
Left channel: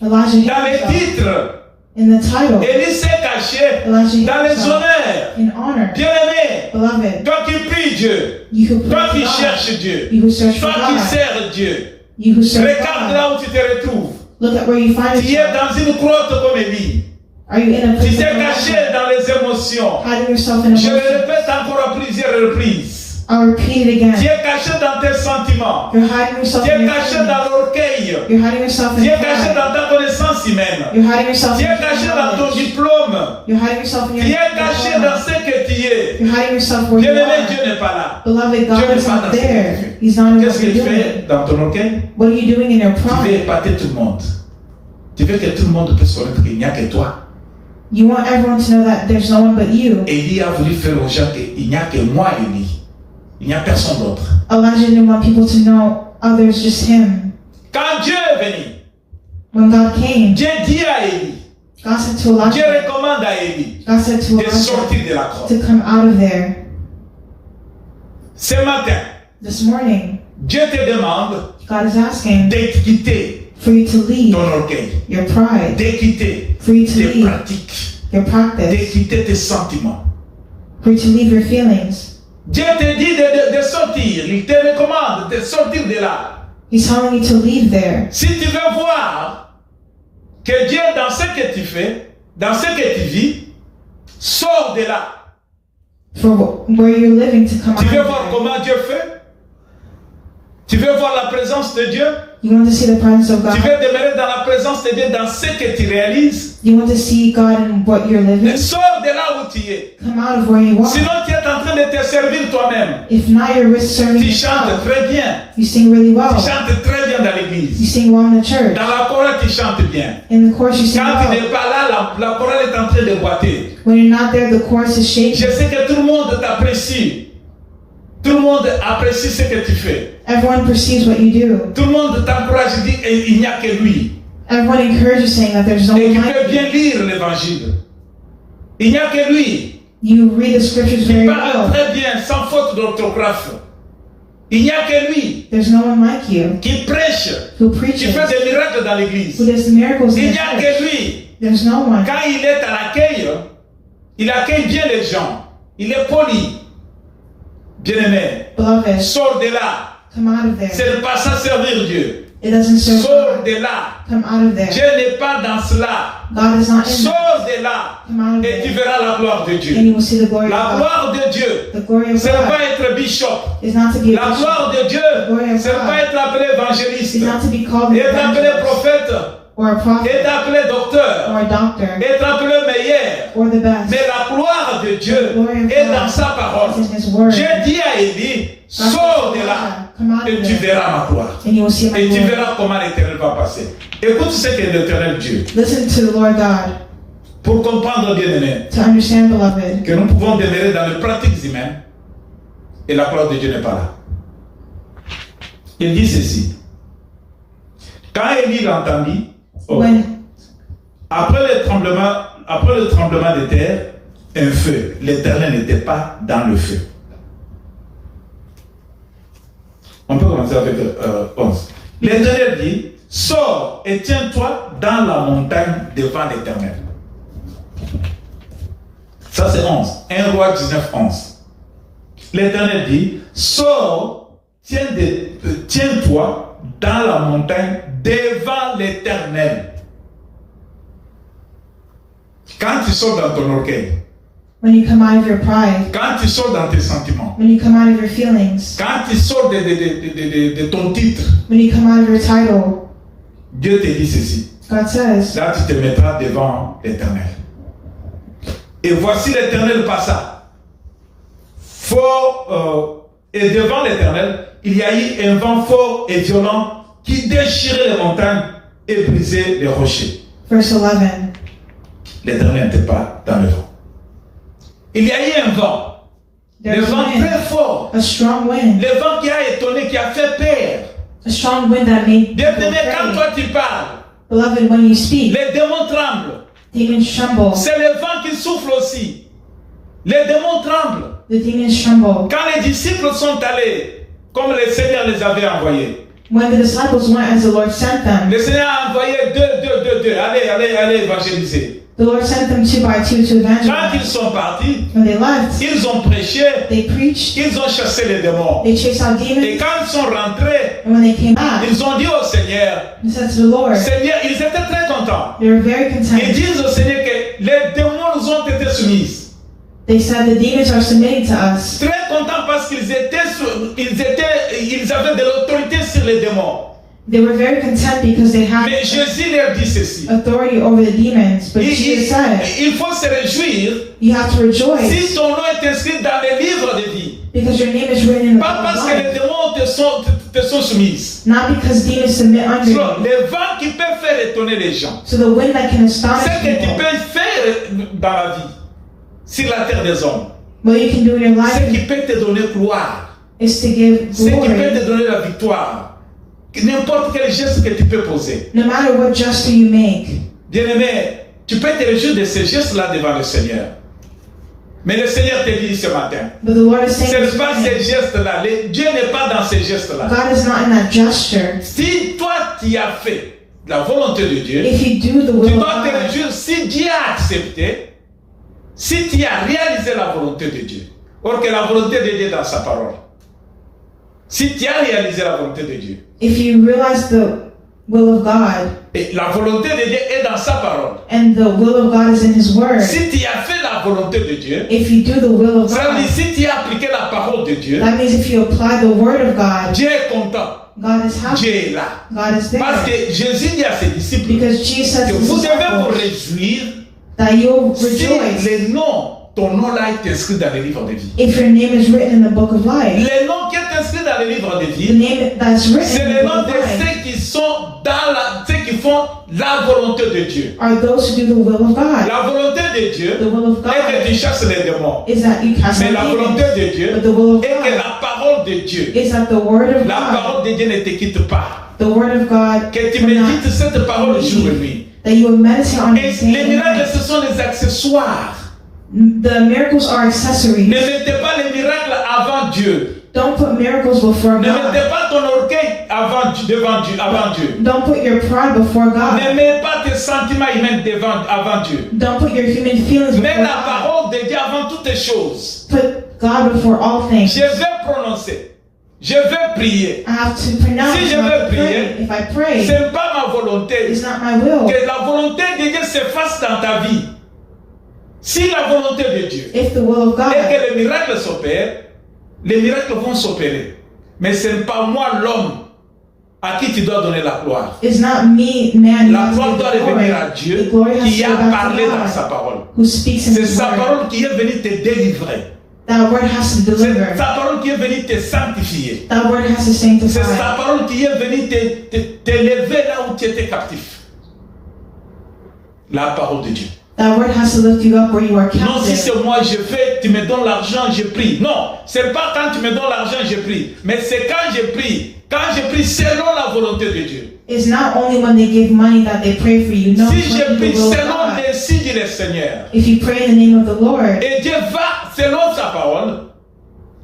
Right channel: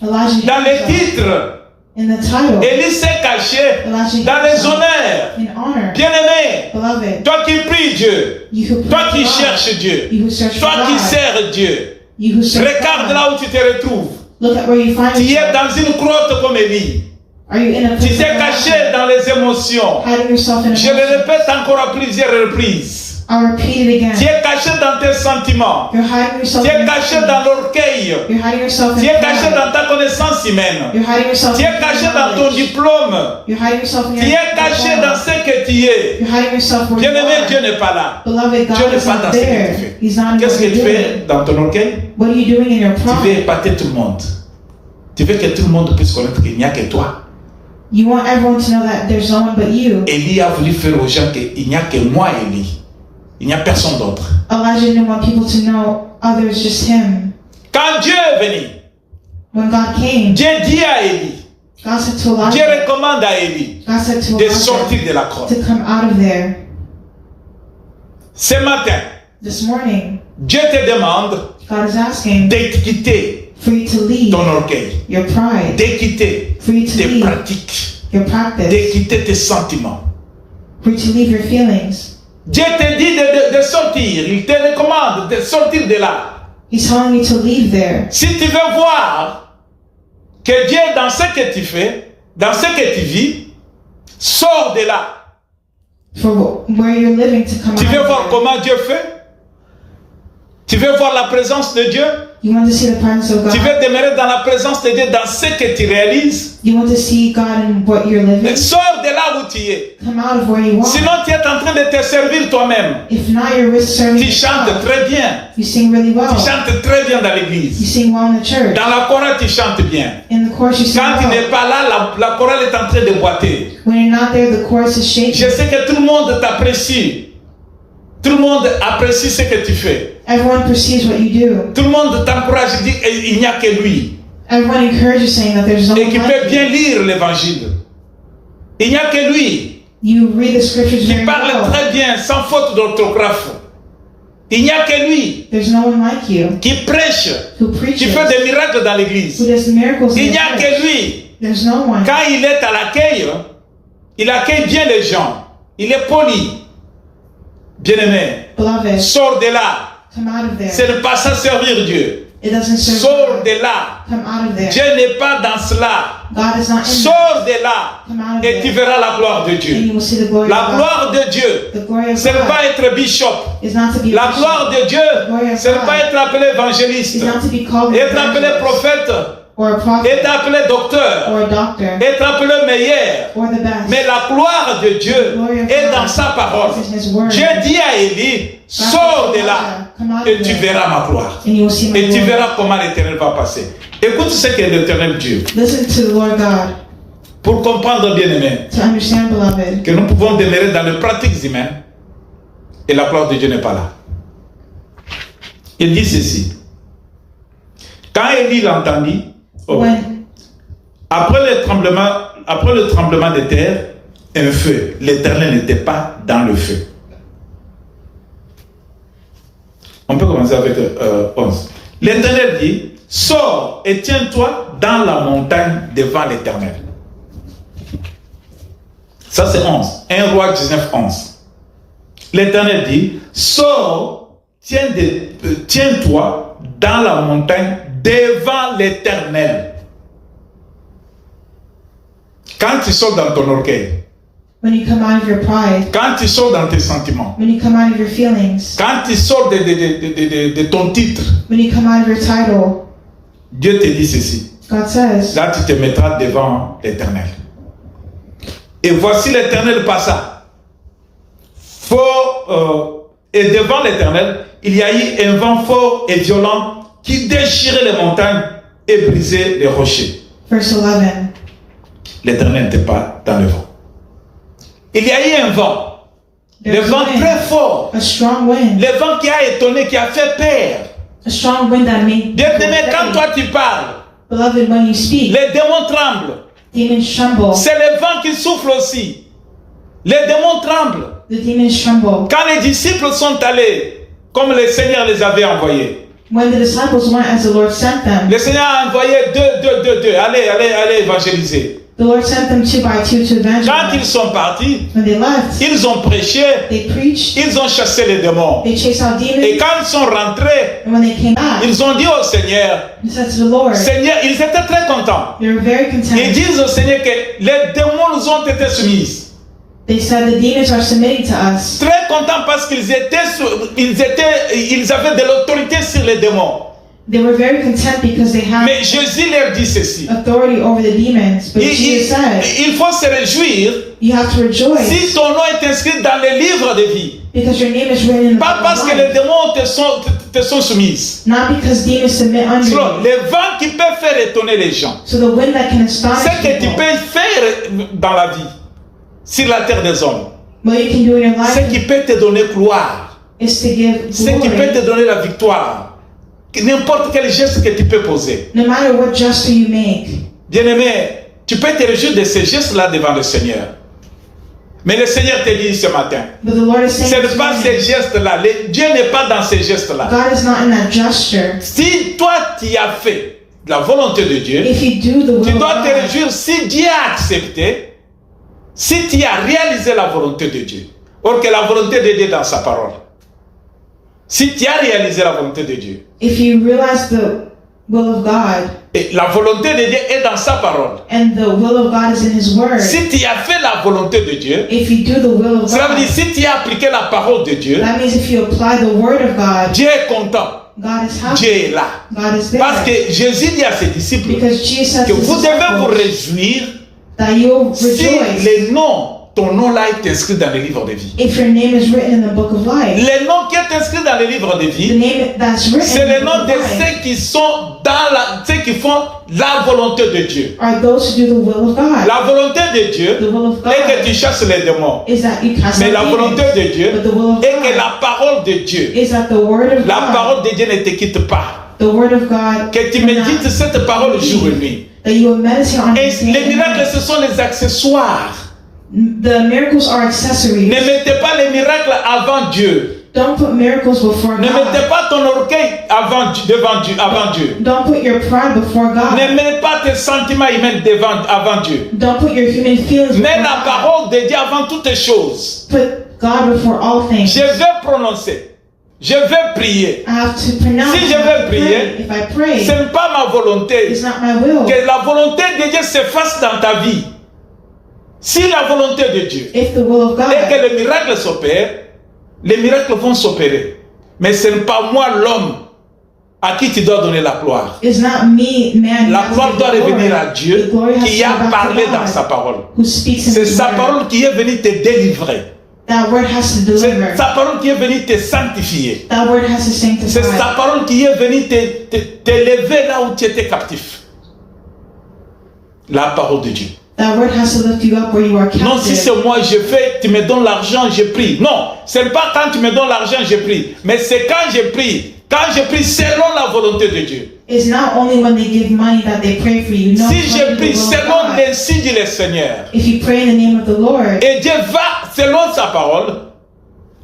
Elijah hid dans les himself titres. in the title. Élie s'est caché Elijah hid dans les himself honneurs. in honor. Bien-aimé, Beloved, toi qui pries Dieu, you who toi pray qui for God, cherches Dieu, you who search for toi qui God, sers Dieu, you who serve regarde God, là où tu te retrouves. look at where you find Tu es yourself. dans une grotte comme Élie. Are you in a Tu place t'es of caché Elijah, dans les émotions. hiding yourself in Je le emotion? répète encore à plusieurs reprises. I'll repeat it Tu again. es caché dans tes sentiments. You're hiding yourself Tu in es your caché feelings. dans l'orgueil. You're hiding yourself Tu in es caché pride. dans ta connaissance humaine. You're hiding yourself Tu in es caché dans ton knowledge. diplôme. You're hiding yourself in Tu your es caché diploma. dans ce que tu es. You're hiding yourself where you Bien-aimé, Dieu are. n'est pas là. Beloved, God Dieu n'est is pas not dans ce que tu there. fais. He's not in Qu'est-ce what qu'il you're fait doing. dans ton orgueil? What are you doing in your Tu veux pride? épater tout le monde. Tu veux que tout le monde puisse connaître qu'il n'y a que toi. You want everyone to know that there's no one but you. Élie a voulu faire aux gens qu'il n'y a que moi, Élie. Il n'y a personne d'autre. Elijah didn't want people to know others, just him. Quand Dieu est venu, When God came, Dieu dit à Élie, God said to Dieu Elijah, recommande à Élie God said to de Elijah sortir de la grotte. to come out of there. Ce matin, This morning, Dieu te demande God is asking de quitter for you to leave ton orgueil, your pride, de quitter for you to tes leave pratiques, your de practice, quitter tes sentiments. for you to leave your feelings. Dieu te dit de sortir, il te recommande de sortir de là. He's telling you to leave there. Si tu veux voir que Dieu dans ce que tu fais, dans ce que tu vis, sors de là. For where you're living to come Tu veux voir out of there. comment Dieu fait? Tu veux voir la présence de Dieu? You want to see the presence of Tu God. veux demeurer dans la présence de Dieu, dans ce que tu réalises? You want to see God in what you're living. Sors de là où tu es. Come out of where you are. Sinon, tu es en train de te servir toi-même. If not, you're serving Tu chantes yourself. très bien. You sing really well. Tu chantes très bien dans You l'église. sing well in the church. Dans la chorale, tu chantes bien. In the chorus, you sing Quand tu well. n'es pas là, la chorale est en train de boiter. When you're not there, the chorus is shaking. Je sais que tout le monde t'apprécie. Tout le monde apprécie ce que tu fais. Everyone perceives what you do. Tout le monde t'encourage et dit il n'y a que lui. Everyone encourages saying that there's no Et one qui peut like bien you. lire l'évangile. Il n'y a que lui You read the scriptures qui very parle well. très bien, sans faute d'orthographe. Il n'y a que lui There's no one like you qui prêche, who qui preaches, fait des miracles dans who l'église. does miracles Il in n'y the a church. que lui. There's no one. Quand il est à l'accueil, il accueille bien les gens. il est poli. Bien-aimé, Beloved, sors de là. come out of Ce there. n'est pas ça servir Dieu. It doesn't serve Sors God. de là. Come out of there. Dieu n'est pas dans cela. God is not in there. Sors de là. Come out of Et tu there. verras la gloire de And Dieu. you will see the glory La of God. gloire de Dieu, The glory of ce n'est God pas être bishop. is not to be a La bishop. gloire de Dieu, ce n'est pas être appelé évangéliste, It's not to be called an être appelé evangelist prophète, or a prophet être appelé docteur, or a doctor être appelé meilleur. or the best. Mais la gloire de Dieu est dans sa parole. It's in His word. Dieu dit à Élie, sors de là Come out et of tu there. verras ma gloire. And you will see my Et tu glory. verras comment l'Éternel va passer. Écoute ce qu'est l'Éternel Dieu. Listen to the Lord God Pour comprendre, bien aimé, to understand, beloved, que nous pouvons demeurer dans les pratiques humaines et la gloire de Dieu n'est pas là. Il dit ceci. Quand Élie l'entendit, when après le tremblement de terre, un feu. L'Éternel n'était pas dans le feu. On peut commencer avec 11. L'Éternel dit, sors et tiens-toi dans la montagne devant l'Éternel. Ça c'est 11. 1 Roi 19, 11. L'Éternel dit, sors, tiens-toi dans la montagne devant l'Éternel. Quand tu sors dans ton orgueil, when you come out of your pride, quand tu sors dans tes sentiments, when you come out of your feelings, quand tu sors de ton titre, when you come out of your title, Dieu te dit ceci. God says, Là, tu te mettras devant l'Éternel. Et voici l'Éternel passa. Et devant l'Éternel, il y a eu un vent fort et violent qui déchirait les montagnes et brisait les rochers. verse 11, L'Éternel n'était pas dans le vent. Il y a eu un vent. Le there was vent a wind, très fort. a strong wind, Le vent qui a étonné, qui a fait peur. a strong wind that made people Bien-aimé, quand afraid. toi tu parles, Beloved, when you speak, les démons tremblent. demons tremble. C'est le vent qui souffle aussi. Les démons tremblent. The demons tremble. Quand les disciples sont allés, comme le Seigneur les avait envoyés, When the disciples went as the Lord sent them, le Seigneur a envoyé deux. Allez évangéliser. the Lord sent them 2 by 2 to Quand ils evangelize. sont partis, When they left, ils ont prêché, they preached, ils ont chassé les démons. they chased out Et demons, quand ils sont rentrés, and when they came back, ils ont dit au Seigneur, they said to the Lord, Seigneur, ils étaient très contents. they were very Ils content. disent au Seigneur que les démons nous ont été soumis. They said the demons are submitting to us. Très contents parce qu'ils avaient de l'autorité sur les démons. They were very content because they had Mais Jésus leur dit ceci. authority over the demons. But Jesus said, Il faut se réjouir you have to rejoice si ton nom est inscrit dans le livre de vie. because your name is written in the Pas book parce of que les life. démons te sont soumis. Not because demons submit under you. Le vent qui peut faire étonner les gens. So the wind that can astonish Ce que tu people, peux faire dans la vie, sur la terre des hommes, what you can do in your ce qui life peut te donner gloire, is to give ce qui peut glory. te donner la victoire, n'importe quel geste que tu peux poser. No matter what gesture you make, Bien-aimé, tu peux te réjouir de ces gestes-là devant le Seigneur. Mais le Seigneur te dit ce matin, but the Lord is ce saying n'est this pas ces morning, gestes-là. Dieu n'est pas dans ces gestes-là. God is not in that gesture. Si toi tu as fait la volonté de Dieu, If you do the tu will of dois te God, réjouir si Dieu a accepté, si tu as réalisé la volonté de Dieu. Or que la volonté de Dieu est dans sa parole. Si tu as réalisé la volonté de Dieu, if you realize the will of God, et la volonté de Dieu est dans sa parole. and the will of God is in His Word, Si tu as fait la volonté de Dieu, if you do the will of ça veut dire God, si tu as appliqué la parole de Dieu, that means if you apply the Word of God, Dieu est content. God is Dieu happy. est là. God is Parce there. que Jésus dit à ses disciples Because Jesus said que to vous His devez vous disciples réjouir that you'll si rejoice les noms, ton nom là est inscrit dans le livre de vie. if your name is written in the book of life. Les noms qui est inscrit dans le livre de The vie, name that's c'est written in les the noms book de of life ceux qui sont ceux qui font la volonté de Dieu. are those who do the will of God. La volonté de Dieu The will of est que God tu chasses les démons. is that you cast Mais out la volonté demons. de Dieu But the will of est que God la parole de Dieu, is that the Word of la God, parole de Dieu ne te quitte pas. the Word of God, Que tu cannot médites cette parole jour et nuit. that you will meditate on Et it day les and miracles, night. ce sont des accessoires. The miracles are accessories. Ne mettez pas les miracles avant Dieu. Don't put miracles before Ne mettez God. pas ton orgueil avant Dieu. Don't put your pride before Ne God. mets pas tes sentiments humains avant Dieu. Don't put your human feelings Mets before la God. parole d'abord de Dieu avant toutes choses. Put God before all things. Je vais prononcer. Je vais prier. I have to pronounce. Si je I have veux to prier, pray. If I pray, ce n'est pas ma volonté. it's not my will. Que la volonté de Dieu se fasse dans ta vie. Si la volonté de Dieu If the will of et God que les miracles s'opèrent, les miracles vont s'opérer. Mais ce n'est pas moi l'homme à qui tu dois donner la gloire. is not me, man. La gloire doit revenir à Dieu qui a parlé dans sa parole. Who speaks in C'est His sa word. parole qui est venue te délivrer. That word has to C'est deliver. sa parole qui est venue te sanctifier. That word has to C'est sanctify. sa parole qui est venue t'élever là où tu étais captif. La parole de Dieu. That word has to lift you up where you are Non, si captive. c'est moi, je fais, tu me donnes l'argent, je prie. Non, c'est pas quand tu me donnes l'argent, je prie. Mais c'est quand je prie selon la volonté de Dieu. It's not only when they give money that they pray for you. No, Si it's je when you prie will selon God. l'ainsi dit le Seigneur, If you pray in the name of the Lord et Dieu va, selon sa parole,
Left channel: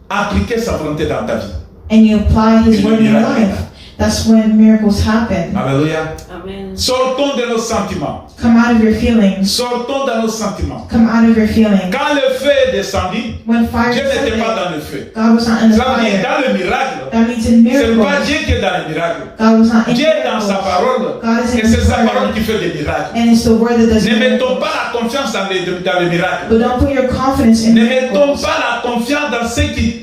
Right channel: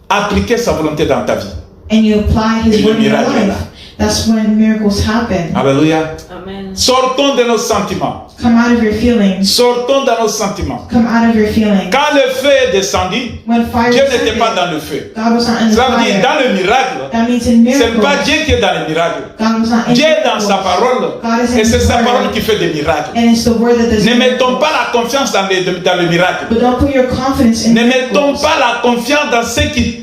appliquer sa volonté dans ta vie. and you apply His Et le word in your miracle est là. life, that's when miracles happen. Alléluia. Amen. Sortons de nos sentiments. Come out of your feelings. Sortons de nos sentiments. Come out of your feelings. Quand le feu est descendu, When fire Dieu n'était descended, pas dans le feu. God was not in the Ça veut dire, fire. dans le miracle, That means in c'est miracles, pas Dieu qui est dans le miracle. God was not in Dieu est dans miracles. sa parole, God is et in c'est His sa word. parole qui fait des miracles. And it's the word that does Ne mettons miracles. pas la confiance dans le miracle. But don't put your confidence in Ne mettons miracles. pas la confiance dans ce qui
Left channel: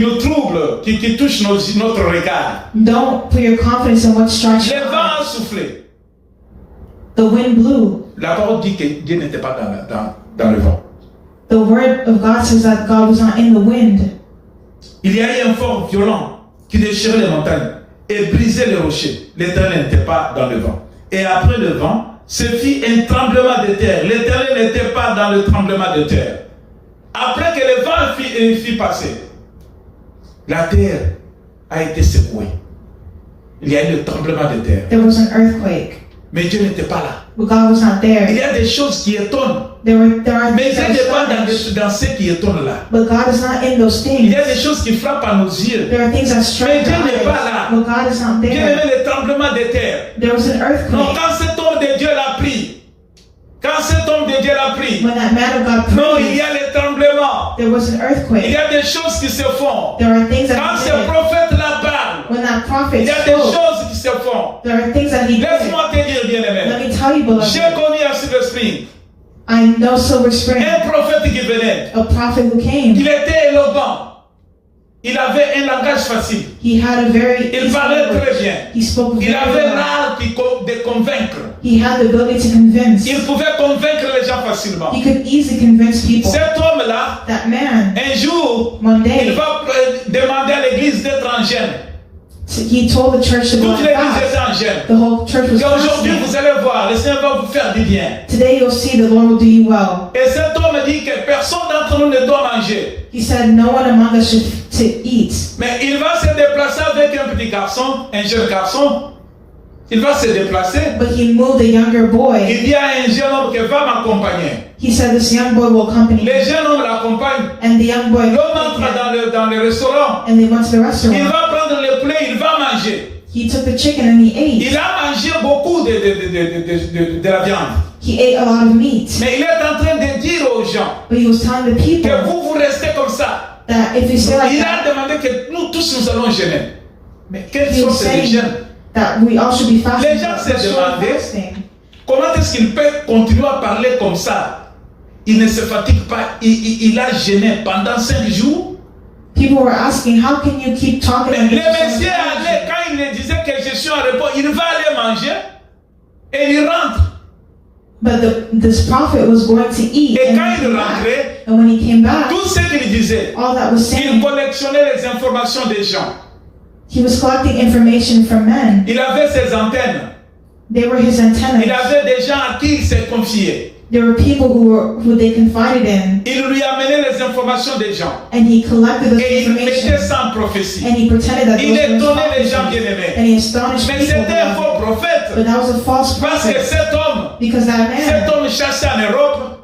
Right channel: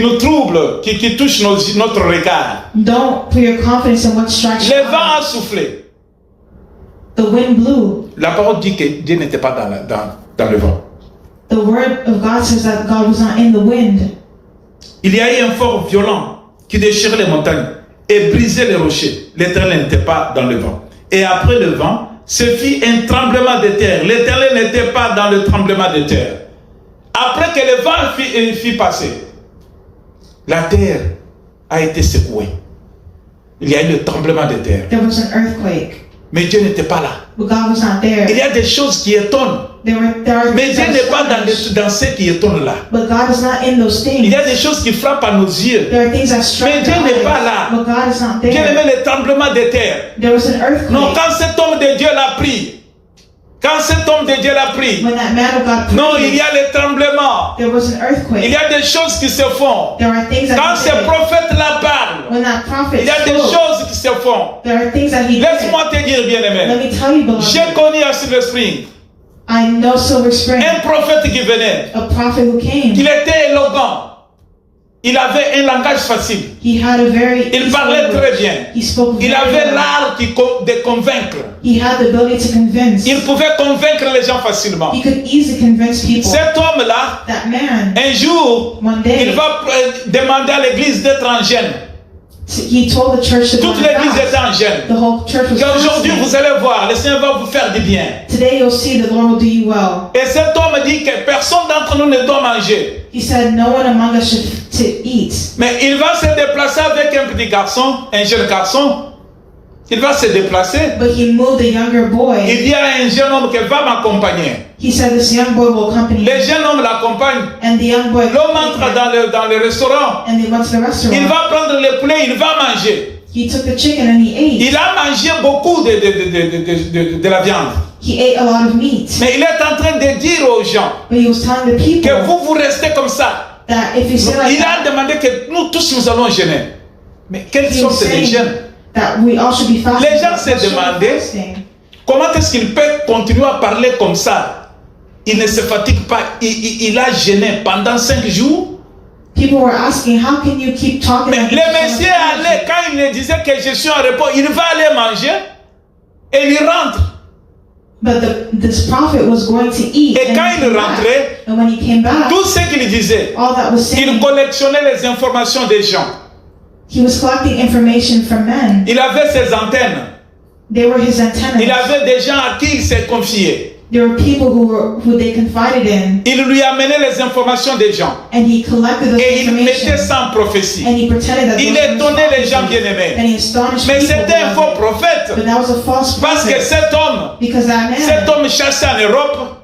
nous trouble, qui touche notre regard. Don't put your confidence in what strikes Le you. vent a soufflé. The wind blew. La parole dit que Dieu n'était pas dans le vent. The word of God says that God was not in the wind. Il y a eu un fort violent qui déchirait les montagnes et brisait les rochers. L'Éternel n'était pas dans le vent. Et après le vent, ce fit un tremblement de terre. L'Éternel n'était pas dans le tremblement de terre. Après que le vent fit passer, la terre a été secouée. Il y a eu le tremblement de terre. There was an earthquake, Mais Dieu n'était pas là. but God was not Il there. y a des choses qui étonnent. There are Mais things Dieu that n'est pas astonish, dans ce qui étonne là. but God is not in those Il things. y a des choses qui frappent à nos yeux. There are things that strike Mais Dieu our n'est eyes, pas là. but God is not Dieu there. aimait le tremblement de terre. There was an Non, earthquake quand cet homme de Dieu l'a pris, when that man of God non, il y prayed. a les tremblements. There was an Il y earthquake. a des choses qui se font. There are things Quand that ce he did. prophète là parle, When that prophet il y a des spoke, choses qui se font. there are things that he did. Laisse-moi te dire, Let bien-aimé. me tell you, J'ai beloved. connu à Silver Spring I know Silver Spring, un prophète qui venait. a prophet who came. Il était éloquent. Il avait un langage facile. He had a very Il easy parlait language. très bien. He spoke Il very avait well. l'art de convaincre. He had the ability to convince. Il pouvait convaincre les gens facilement. He could easily convince people. Cet homme-là, That man, un jour, one il day, va demander à l'église d'être en jeûne. he told the church to go Toute on l'église fast. était en jeûne. The whole church was Et aujourd'hui, fasting. vous allez voir, le Seigneur va vous faire du bien. Today you'll see the Lord will do you well. Et cet homme dit que personne d'entre nous ne doit manger. He said no one among us should to eat. Mais il va se déplacer avec un petit garçon, un jeune garçon. Il va se déplacer. But he moved a younger boy. Il dit à un jeune homme qui va m'accompagner. He said this young boy will accompany Le him. jeune homme l'accompagne. And the young boy L'homme entre dans le restaurant. and they went to the Il restaurant. va prendre le poulet, il va manger. He took the chicken and he ate. Il a mangé beaucoup de la viande. He ate a lot of meat. Mais il est en train de dire aux gens But he was telling the que people vous restez comme ça. that if you say like Il a that, demandé que nous tous nous allons jeûner. Mais quelles he was sortes de saying jeûnes? that we all should be fasting. Les gens se What should we demandaient- fasting? Comment est-ce qu'il peut continuer à parler comme ça? Il ne se fatigue pas. Il a jeûné pendant 5 jours. People were asking, how can you keep talking Mais like le this for monsieur so much allait, energy? quand il me disait que je suis en repos, il va aller manger et il rentre. But this prophet was going to eat. Et And, quand he il came back. rentrait, And when he came back, tout ce qu'il disait, all that was il saying, collectionnait les informations des gens. he was collecting information from men. Il avait ses antennes. They were his antennas. Il avait des gens à qui il s'est confié. There were people who they confided in, Il lui amenait les informations des gens. and he collected those Et il mettait information, ça en prophétie. and he pretended that Il those were étonnait les gens prophecies. bien-aimés. And he astonished Mais people. c'était un faux prophète. But that was a false Parce que prophet, cet homme, because cet homme chassait en Europe.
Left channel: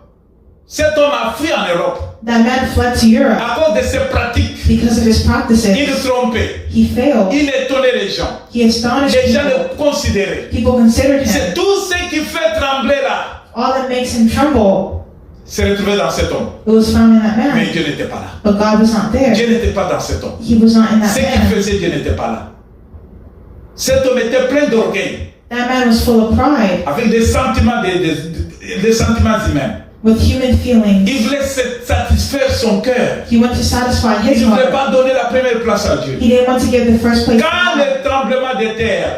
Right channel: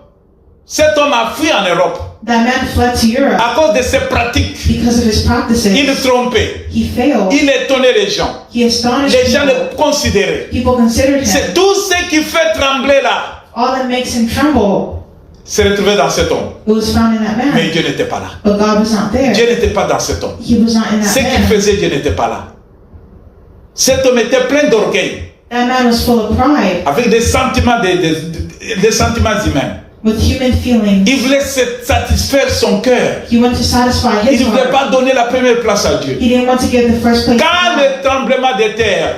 Cet homme a fui en Europe. that man fled to Europe À cause de ses pratiques, because of his il practices. trompait. He failed. Il étonnait les gens. He astonished Les gens people. le considéraient. People considered him. C'est tout ce qui fait trembler là. All that makes him tremble s'est retrouvé dans cet homme. It was found in that Mais man. Dieu n'était pas là. But God was not there. Dieu n'était pas dans cet homme. He was not in Ce that qu'il man. faisait, Dieu n'était pas là. Cet homme était plein d'orgueil, That man was full of pride, avec des sentiments, des sentiments humains. with human feelings. Il voulait satisfaire son cœur. He wanted to satisfy Il his ne voulait heart. pas donner la première place à Dieu. He didn't want to give the first place to Quand God. le tremblement de terre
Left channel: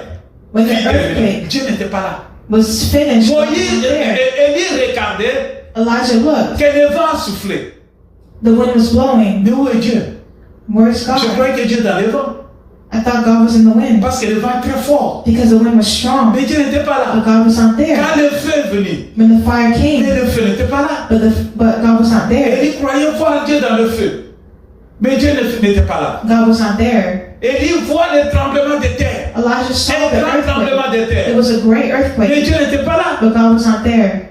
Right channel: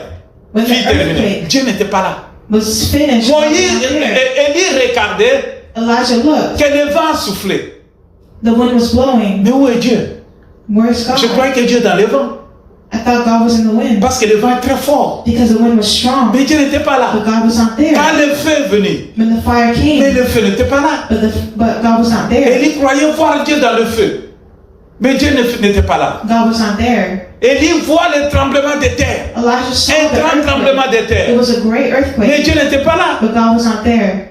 When the fut terminé, earthquake Dieu n'était pas là. was finished, God was Moïse, not there. Élie regardait Elijah looked. que le vent soufflait. The wind was blowing. Mais où est Dieu? Where's Je God? croyais que Dieu est dans le vent. I thought God was in the wind Parce que le vent est très fort. because the wind was strong. Mais Dieu n'était pas là. But God was not there. Quand le feu est venu, When the fire mais came, le feu n'était pas là. but God was not there. Élie croyait voir Dieu dans le feu. Mais Dieu n'était pas là. God was not there. Élie voit le tremblement de terre. Elijah saw Un the grand tremblement earthquake. de terre. It was a great Mais earthquake, Dieu n'était pas là. but God was not there.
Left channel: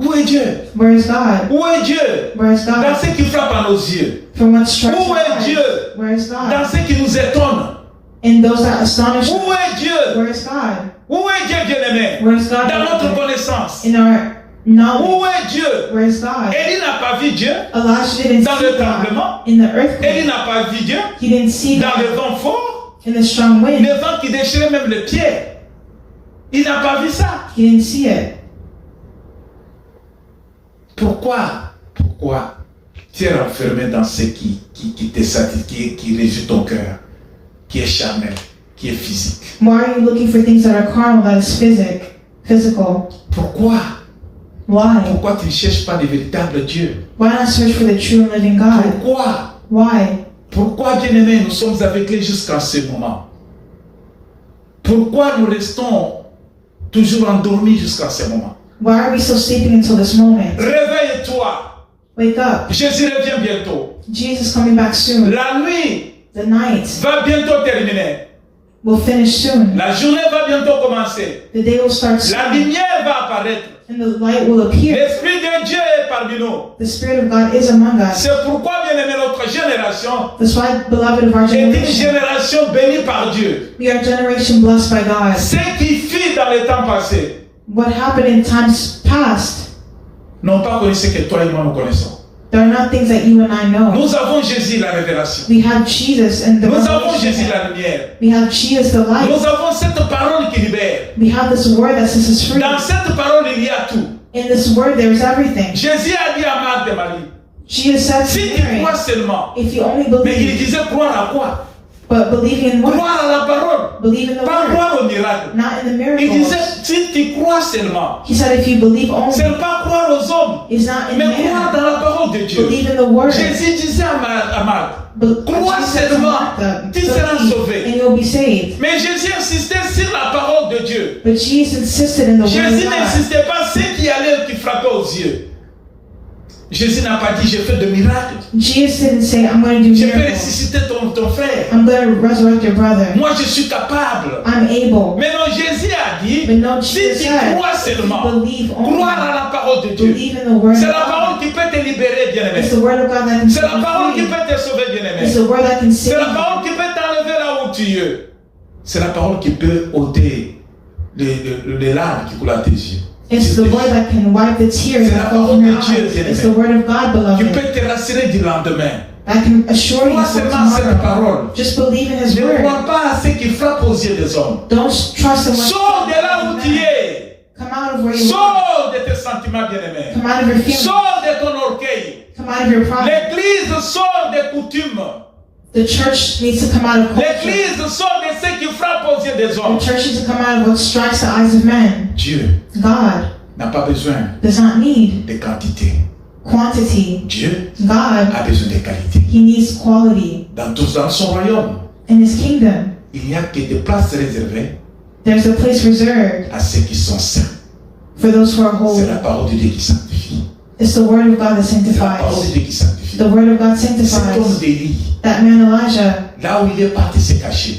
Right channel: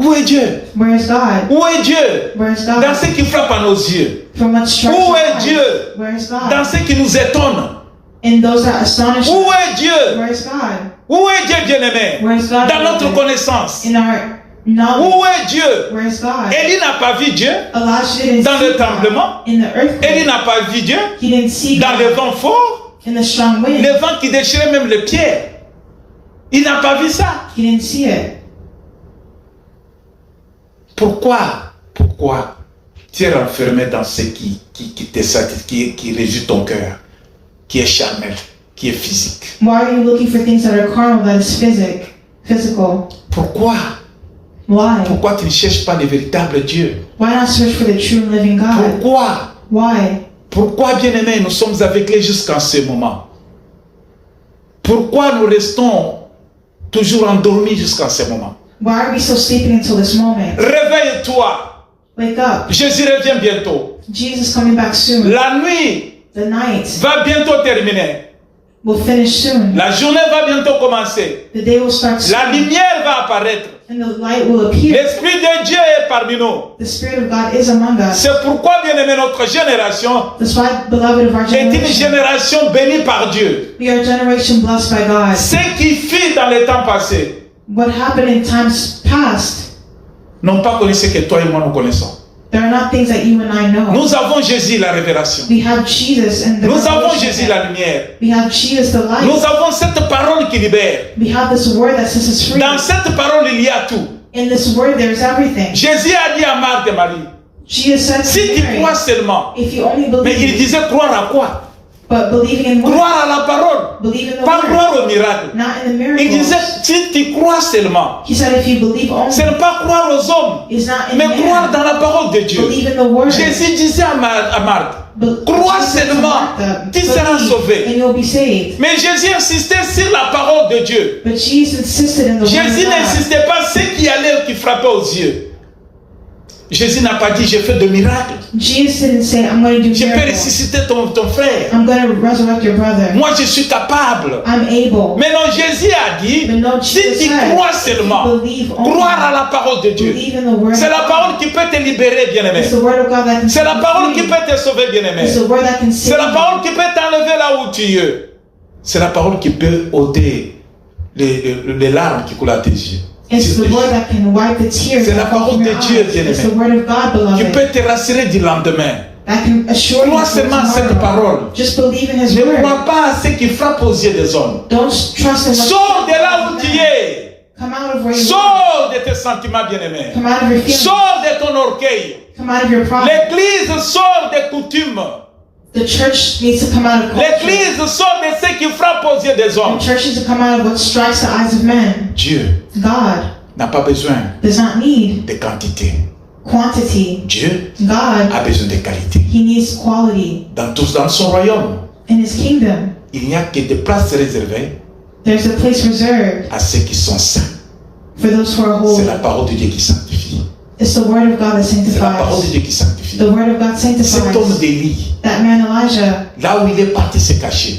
Où est Dieu? Where is God? Où est Dieu? Where is Dans God? ce qui frappe à nos yeux. From what strikes Où our est eyes, Dieu? where is Dans God? ce qui nous étonne. In those that astonish Où us, est Dieu? where is God? Où est Dieu bien-aimé? Where is God? Dans notre connaissance. In our knowledge, Où est Dieu? where is God? Élie n'a pas vu Dieu Elijah didn't dans see le God tremblement. in the earthquake. Élie n'a pas vu Dieu He didn't see dans le God vent fort. in the strong wind. Le vent qui déchirait même les pieds. Il n'a pas vu ça. He didn't see it. Pourquoi tu es renfermé dans ce qui te satisfait, qui réjouit ton cœur, qui est charnel, qui est physique? Why are you looking for things that are carnal, that is physical? Pourquoi Why? tu ne cherches pas le véritable Dieu? Why not search for the true and living God? Why? Pourquoi, bien-aimés, nous sommes aveuglés jusqu'à ce moment? Pourquoi nous restons toujours endormis jusqu'à ce moment? Why are we still sleeping until this moment? Réveille-toi. Wake up. Jésus revient bientôt. Jesus coming back soon. La nuit The night va bientôt terminer. will finish soon. La journée va bientôt commencer. The day will start La soon. lumière va apparaître. And the light will appear. L'Esprit de Dieu est parmi nous. The Spirit of God is among us. C'est pourquoi, bien-aimé, notre génération That's why, beloved of our est une generation, génération bénie par Dieu. we are a generation blessed by God. Ce qui fit dans le temps passé What happened in times past, n'ont pas connu ce que toi et moi nous connaissons. there are not things that you and I know. Nous avons Jésus, la révélation. We have Jesus and the Nous avons revelation. Jésus, la lumière. We have Jesus the light. Nous avons cette parole qui libère. We have this word that sets us free. Dans cette parole, il y a tout. In this word, there's everything. Jésus a dit à Marthe et Marie, Jesus said si to tu Mary, crois seulement, if you only mais il believe, disait croire à quoi? but believing in what? Croire à la parole, Believe in the pas word, croire au miracle. not in the Il miracles. disait, si tu crois seulement, He said if you believe ce only, n'est pas croire aux hommes, it's not in mais croire man. dans la parole de Dieu. Believe in the word. Jésus disait à Marthe, crois Jesus said to seulement, Martha, tu seras believe sauvé. and you'll be saved. Mais Jésus insistait sur la parole de Dieu. But Jesus insisted in the word Jésus of God. n'insistait pas sur ce qui allait, qui frappait aux yeux. Jésus n'a pas dit, j'ai fait de miracles. Jesus didn't say, I'm going to do Je peux miracles. ressusciter ton frère. I'm going to resurrect your brother. Moi, je suis capable. I'm able. Mais non, Jésus a dit, But no, si Jesus tu said, crois seulement, believe only. croire à la parole de Dieu. Believe in the word C'est of la God. parole qui peut te libérer, bien-aimé. It's the word of God that can C'est la set parole you qui free. peut te sauver, bien-aimé. It's the word that can C'est save la parole qui peut t'enlever là où tu es. C'est la parole qui peut ôter les larmes qui coulent à tes yeux. It's the word that can wipe the tears C'est la that fall parole from de your Dieu, eyes. bien-aimé. It's the word of God, Qui beloved. peut te rassurer du lendemain. That can assure you Crois for seulement cette tomorrow. parole. Just believe in His Ne word. crois pas à ce qui frappe aux yeux des hommes. Don't trust in what Sors de là où tu es. Come out of where you are. Sors de tes sentiments, bien-aimés. Come out of your feelings. Sors de ton orgueil. Come out of your pride. L'église sort des coutumes. The church needs to come out of culture. L'église sort de ce qui frappe aux yeux des hommes. The church needs to come out of what strikes the eyes of men. Dieu God n'a pas besoin does not need de quantité. quantity. Dieu God, a besoin de qualité. He needs quality. Dans son royaume, In His kingdom, il n'y a que des places réservées there's a place reserved à ceux qui sont saints. for those who are C'est holy. la parole de Dieu qui sanctifie. It's the word of God that C'est la parole de sanctifies. Dieu qui sanctifie. The word of God Cet homme sanctifies. d'Élie, That man Elijah, là où il est parti se cacher,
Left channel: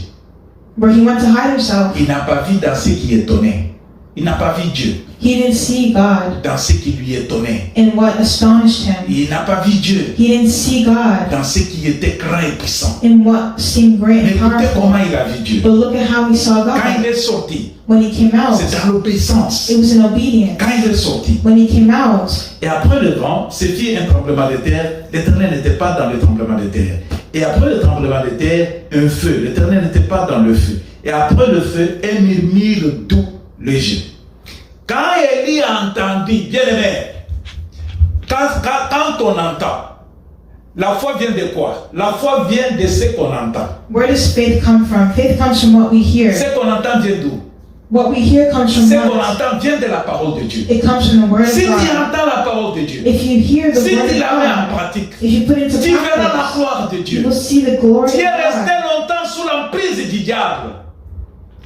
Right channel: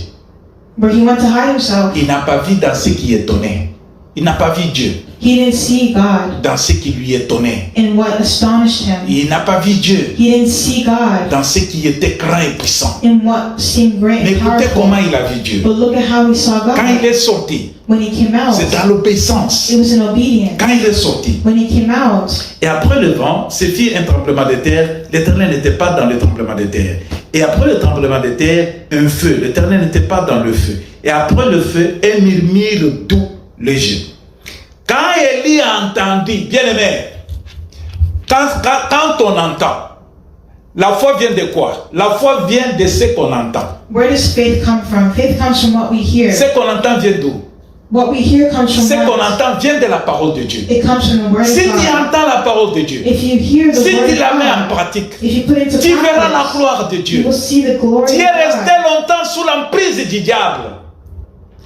where he went to hide himself, il n'a pas vu dans ce qui est donné Il n'a pas vu Dieu He didn't see God dans ce qui lui étonnait. in what astonished him. Il n'a pas vu Dieu He didn't see God dans ce qui était grand et puissant. in what seemed great Mais and écoutez powerful. comment il a vu Dieu. But look at how he saw Quand il God est sorti, when he came out. c'est dans l'obéissance. It was in obedience. Quand il est sorti, When he came out, et après le vent, ce fut un tremblement de terre. L'Éternel n'était pas dans le tremblement de terre. Et après le tremblement de terre, un feu. L'Éternel n'était pas dans le feu. Et après le feu, un murmure doux, léger. Quand Élie a entendu, bien aimé, quand on entend, la foi vient de quoi? La foi vient de ce qu'on entend. where does faith come from? Faith comes from what we hear. Ce qu'on entend vient d'où? What we hear comes from Ce qu'on what? entend vient de la parole de Dieu. It comes from the word Si of tu God. entends la parole de Dieu, If you hear the si word tu la mets en of God, pratique, if you put it into tu verras la practice, gloire de you Dieu. will see the glory Tu es of resté God. longtemps sous l'emprise du diable.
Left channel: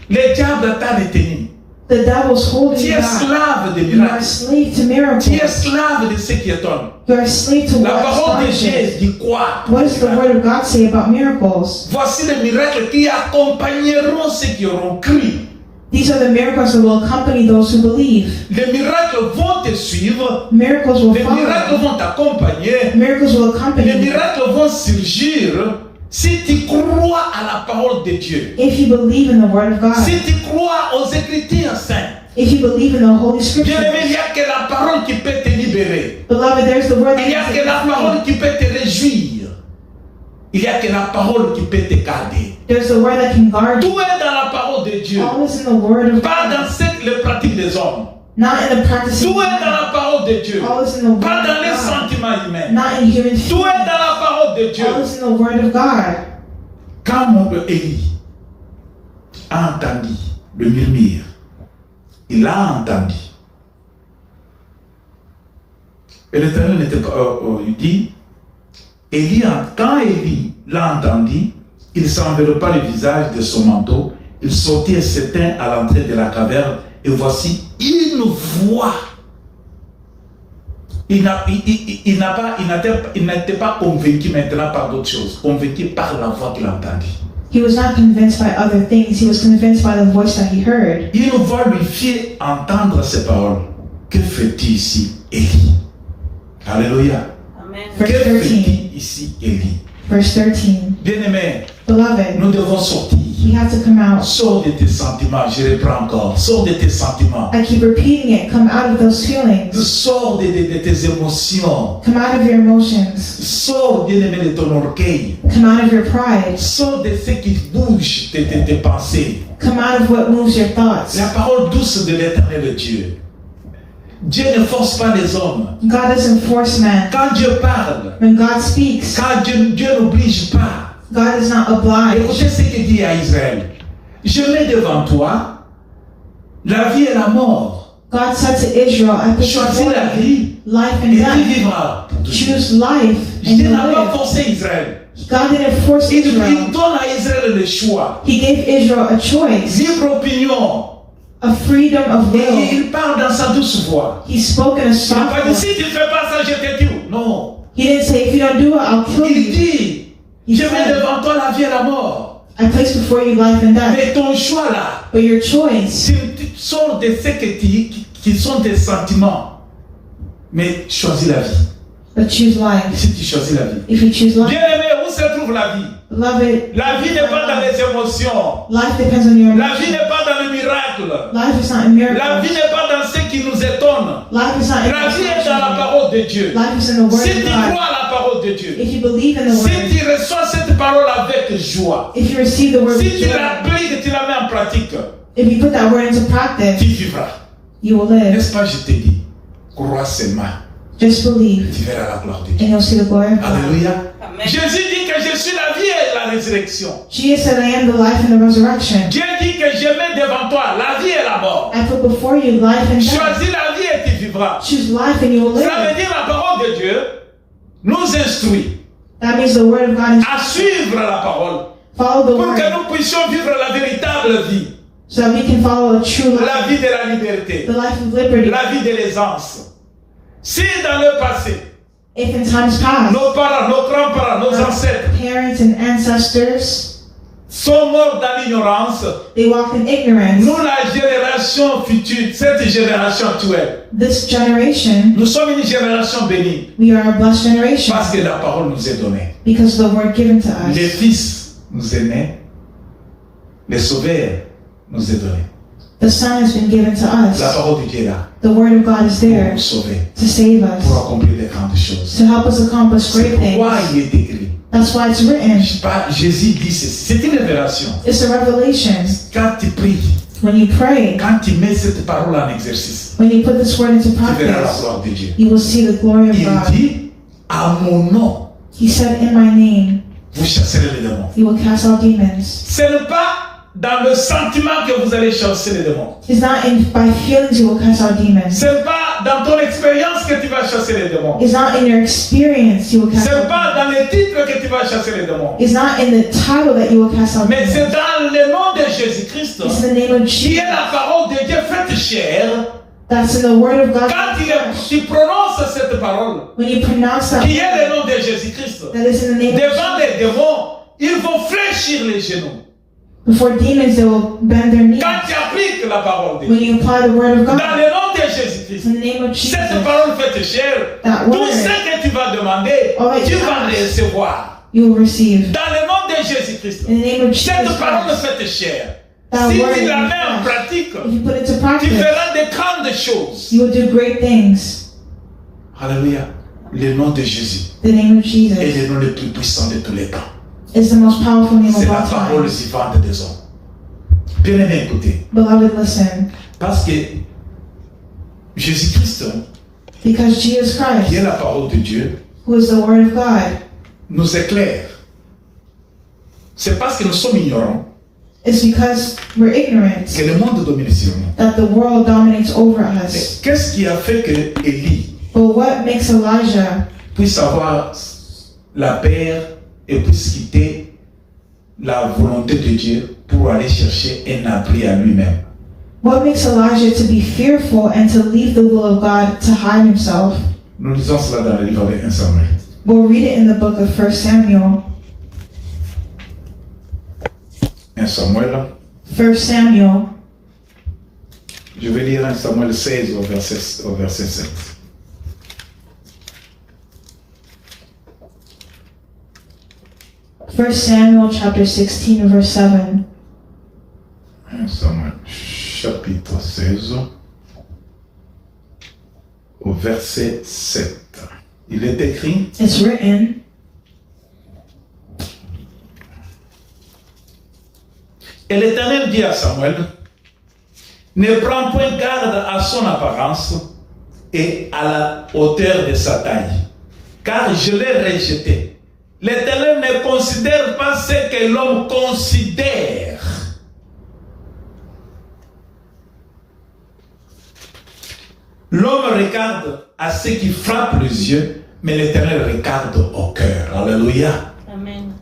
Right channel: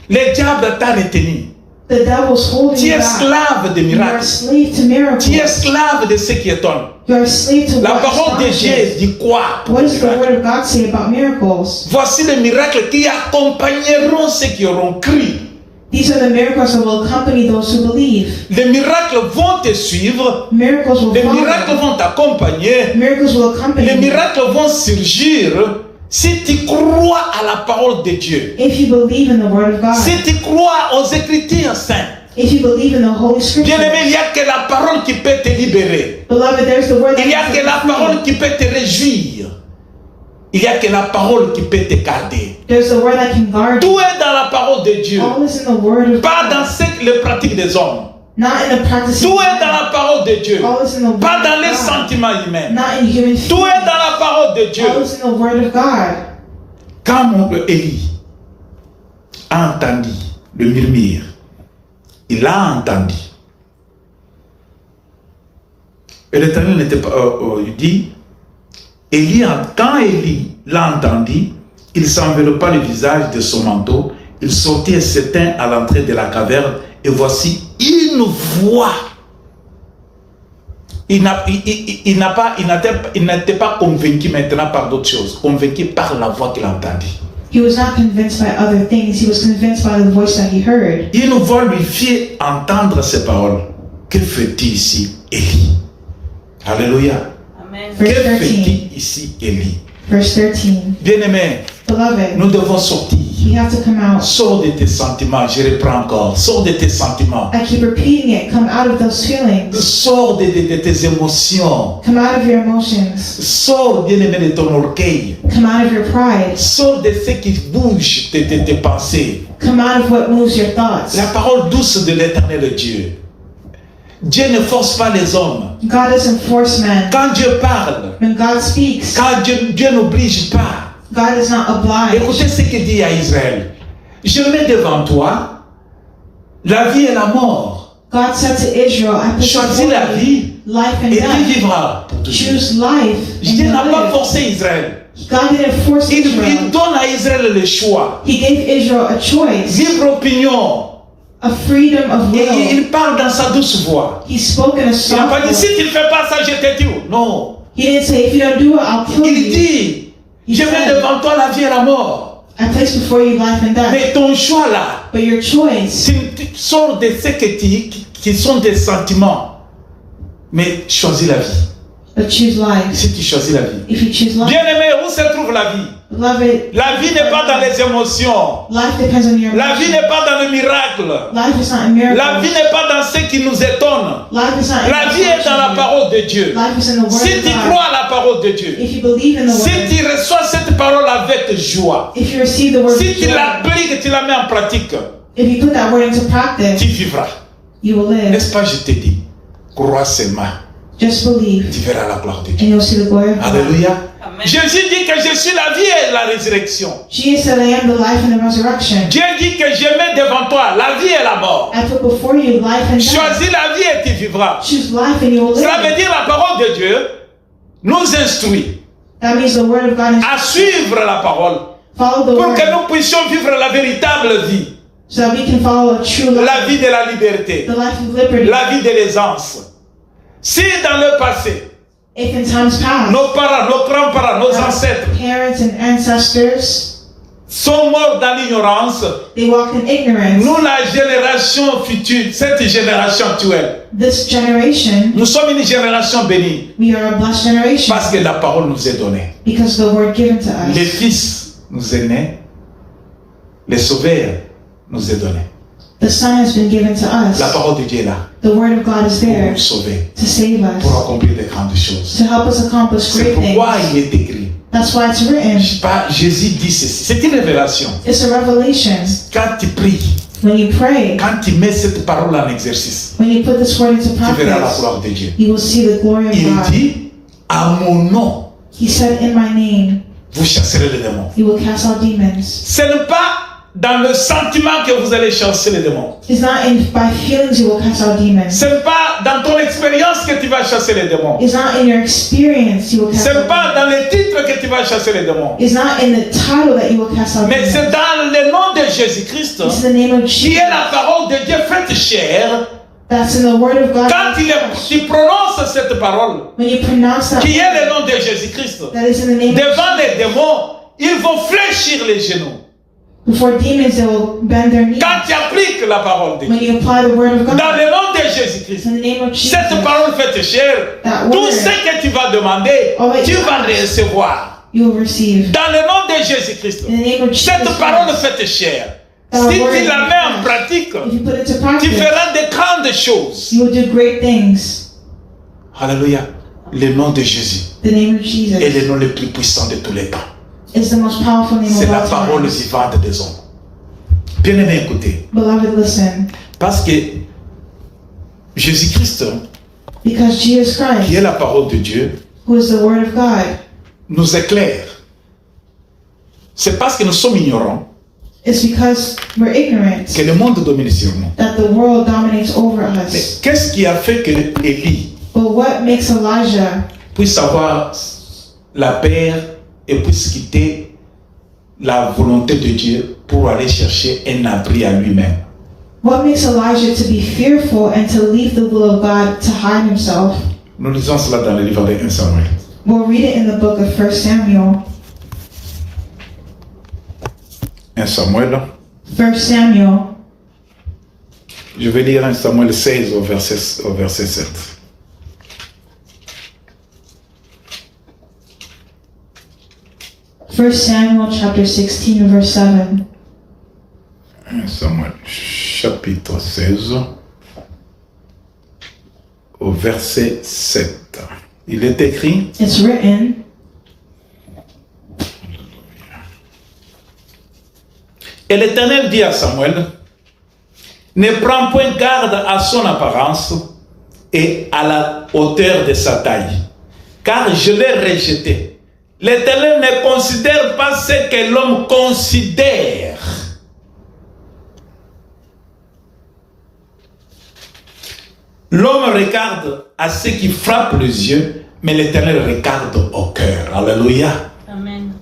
Le diable t'a retenu. The devil's holding Tu es you back. esclave des You are a miracles. slave to Tu es miracles. esclave de ce qui étonne. You are a slave to La what parole de Dieu astonishes. dit quoi? What does the word of God say about miracles? Voici les miracles qui accompagneront ceux qui auront cru. These are the miracles that will accompany those who believe. Les miracles vont te suivre. Miracles will Les miracles follow. vont t'accompagner. Miracles will accompany Les you. miracles vont surgir si tu crois à la parole de Dieu. If you believe in the word of God. Si tu crois aux Écritures saintes. If you believe in the Holy Bien aimé, il Scriptures. n'y a que la parole qui peut te libérer. Beloved, there's the word that Il n'y a can que la set you free. parole qui peut te réjouir. Il n'y a que la parole qui peut te garder. There's the word that can guard you. Tout est dans la parole de Dieu. All is in the word of Pas dans God. les pratiques des hommes. Not in the practice of Tout est dans man. la parole de Dieu. All is in the word Pas dans of les God. sentiments humains. Not in human Tout feelings. est dans la parole de Dieu. All is in the word of God. Quand mon Élie a entendu le murmure, il a entendu. Et l'Éternel n'était pas. Il dit, quand Élie l'a entendu, il s'enveloppa le visage de son manteau, il sortit et s'éteint à l'entrée de la caverne, et voici une voix. Il n'était pas convaincu maintenant par d'autres choses, convaincu par la voix qu'il a entendue. He was not convinced by other things. He was convinced by the voice that he heard. Une voix lui fit entendre ces paroles. Que fais-tu ici, Élie? Alléluia. Amen. Que Verse fais-tu 13. ici, Élie? Verse 13. Bien-aimé, Beloved, nous devons sortir. we have to come out. Sors de tes sentiments, je reprends encore. Sors de tes sentiments. I keep repeating it. Come out of those feelings. Sors de tes émotions. Come out of your emotions. Sors, bien-aimé, de ton orgueil. Come out of your pride. Sors de ce qui bouge tes pensées. Come out of what moves your thoughts. La parole douce de l'Éternel Dieu. Dieu ne force pas les hommes. God doesn't force man. Quand Dieu parle, When God speaks, quand Dieu n'oblige pas. God is not obliged. Écoutez ce qu'il dit à Israël. Je mets devant toi la vie et la mort. God said to Israel, I put Choisis before la you vie life and et tu death. vivras. Choose life and Dieu you n'a pas live. forcé Israël. God didn't force Il Israel. donne à Israël le choix. He gave Israel a choice, Libre opinion. a freedom of Et will. il parle dans sa douce voix. He spoke in a Il n'a soft pas dit, si voice. tu ne fais pas ça, je te tue. Non. He didn't say, if you don't do it, I'll kill Il you. dit, He je mets said, devant toi la vie et la mort. I place before you life and death. Mais ton choix là, But your choice, tu sors de ce qui sont des sentiments. Mais choisis la vie. but choose life. Si tu choisis la vie. If you choose life, Bien-aimé, où se trouve la vie? beloved, La vie n'est pas dans les émotions. life depends on your La vie emotions. n'est pas dans le miracle. Life is not a miracle. La vie n'est pas dans ce qui nous étonne. Life is not La vie est dans la in parole de Dieu. Life is in the word Si of tu God. crois à la parole de Dieu, If you believe in the si word, tu reçois cette parole avec joie, if you receive the word, si with tu joy, l'appliques, tu la mets en pratique, if you put that word into practice, tu vivras. you will live. N'est-ce pas, je te dis, crois seulement, Just believe, tu verras la gloire de and Dieu. you'll see the glory of God. Alléluia. Amen. Jésus dit que je suis la vie et la résurrection. Jesus said, I am the life and the resurrection. Dieu dit que je mets devant toi la vie et la mort. I put before you life and death. Choisis la vie et tu vivras. Choose life and you will Cela veut live. dire la parole de Dieu nous instruit That means the word of God is à suivre la parole follow the pour que word nous puissions vivre la véritable vie, so that we can follow a true life, la vie de la liberté, the life of liberty. la vie de l'aisance. Si dans le passé, If in times past, nos parents, nos grands-parents, nos our ancêtres parents and ancestors sont morts dans l'ignorance. They walked in ignorance. Nous, la génération future, cette génération actuelle, This generation, nous sommes une génération bénie we are a blessed generation parce que la parole nous est donnée. because of the word given to Les us. fils nous est né, les sauveurs nous est donné. The Son has been given to us. La parole de Dieu est là The word of God is pour there nous sauver, to save pour us, accomplir les grandes choses. to help us accomplish C'est great pourquoi things. il est écrit. That's why it's written. Jésus dit ceci. C'est une révélation. It's a revelation. Quand tu pries, When you pray, quand tu mets cette parole en exercice, when you put this word into tu verras la practice, gloire de Dieu. you will see the glory of Il God. dit, à mon nom, He said, in my name, vous chasserez les démons. you will cast out demons. Ce n'est pas dans le sentiment que vous allez chasser les démons. It's not by feelings you will cast out demons. Ce n'est pas dans ton expérience que tu vas chasser les démons. It's not in your experience you will cast Ce n'est out pas demons. dans le titre que tu vas chasser les démons. It's not in the title that you will cast out Mais c'est demons. dans le nom de Jésus-Christ, It's the name of qui est Jesus. la parole de Dieu faite chair. That's in the word of God. Quand tu prononces cette parole, When you pronounce that qui est word, le nom de Jésus-Christ, that is in the name of devant les démons, ils vont fléchir les genoux. before demons, they will bend their knees. Quand tu appliques la parole de When Dieu, you apply the word of God, dans le nom de Jésus-Christ, in the name of Jesus, cette parole faite chair, That tout word. ce que tu vas demander, All that tu you vas ask. recevoir. you will receive. Dans le nom de Jésus-Christ, In the name of Jesus cette parole Christ, faite chair, That si word tu la in mets en Christ. pratique, if you put it to tu practice, feras de grandes choses. you will do great things. Alléluia. Le nom de Jésus The name of est Jesus le nom le plus puissant de tous les temps. is the most powerful name C'est of la all parole time. vivante des hommes. Bien-aimé, écoutez. Beloved, listen. Parce que Jésus-Christ, Because Jesus qui est Christ, la parole de Dieu, who is the Word of God, nous éclaire. C'est parce que nous sommes ignorants it's because we're ignorant que le monde domine sur nous. that the world dominates over Mais us. qu'est-ce qui a fait que Élie But what makes Elijah puisse avoir la paix et puisse quitter la volonté de Dieu pour aller chercher un abri à lui-même? What makes Elijah to be fearful and to leave the will of God to hide himself? Nous lisons cela dans le livre de 1 Samuel. We'll read it in the book of 1 Samuel. 1 Samuel. 1 Samuel, Je vais lire 1 Samuel 16 au verset 7. First Samuel chapter 16, verse 7. 1 Samuel chapitre 16 au verset 7. Il est écrit: It's written, Et l'Éternel dit à Samuel: ne prends point garde à son apparence et à la hauteur de sa taille, car je l'ai rejeté. L'Éternel ne considère pas ce que l'homme considère. L'homme regarde à ce qui frappe les yeux, mais l'Éternel regarde au cœur. Alléluia. Amen.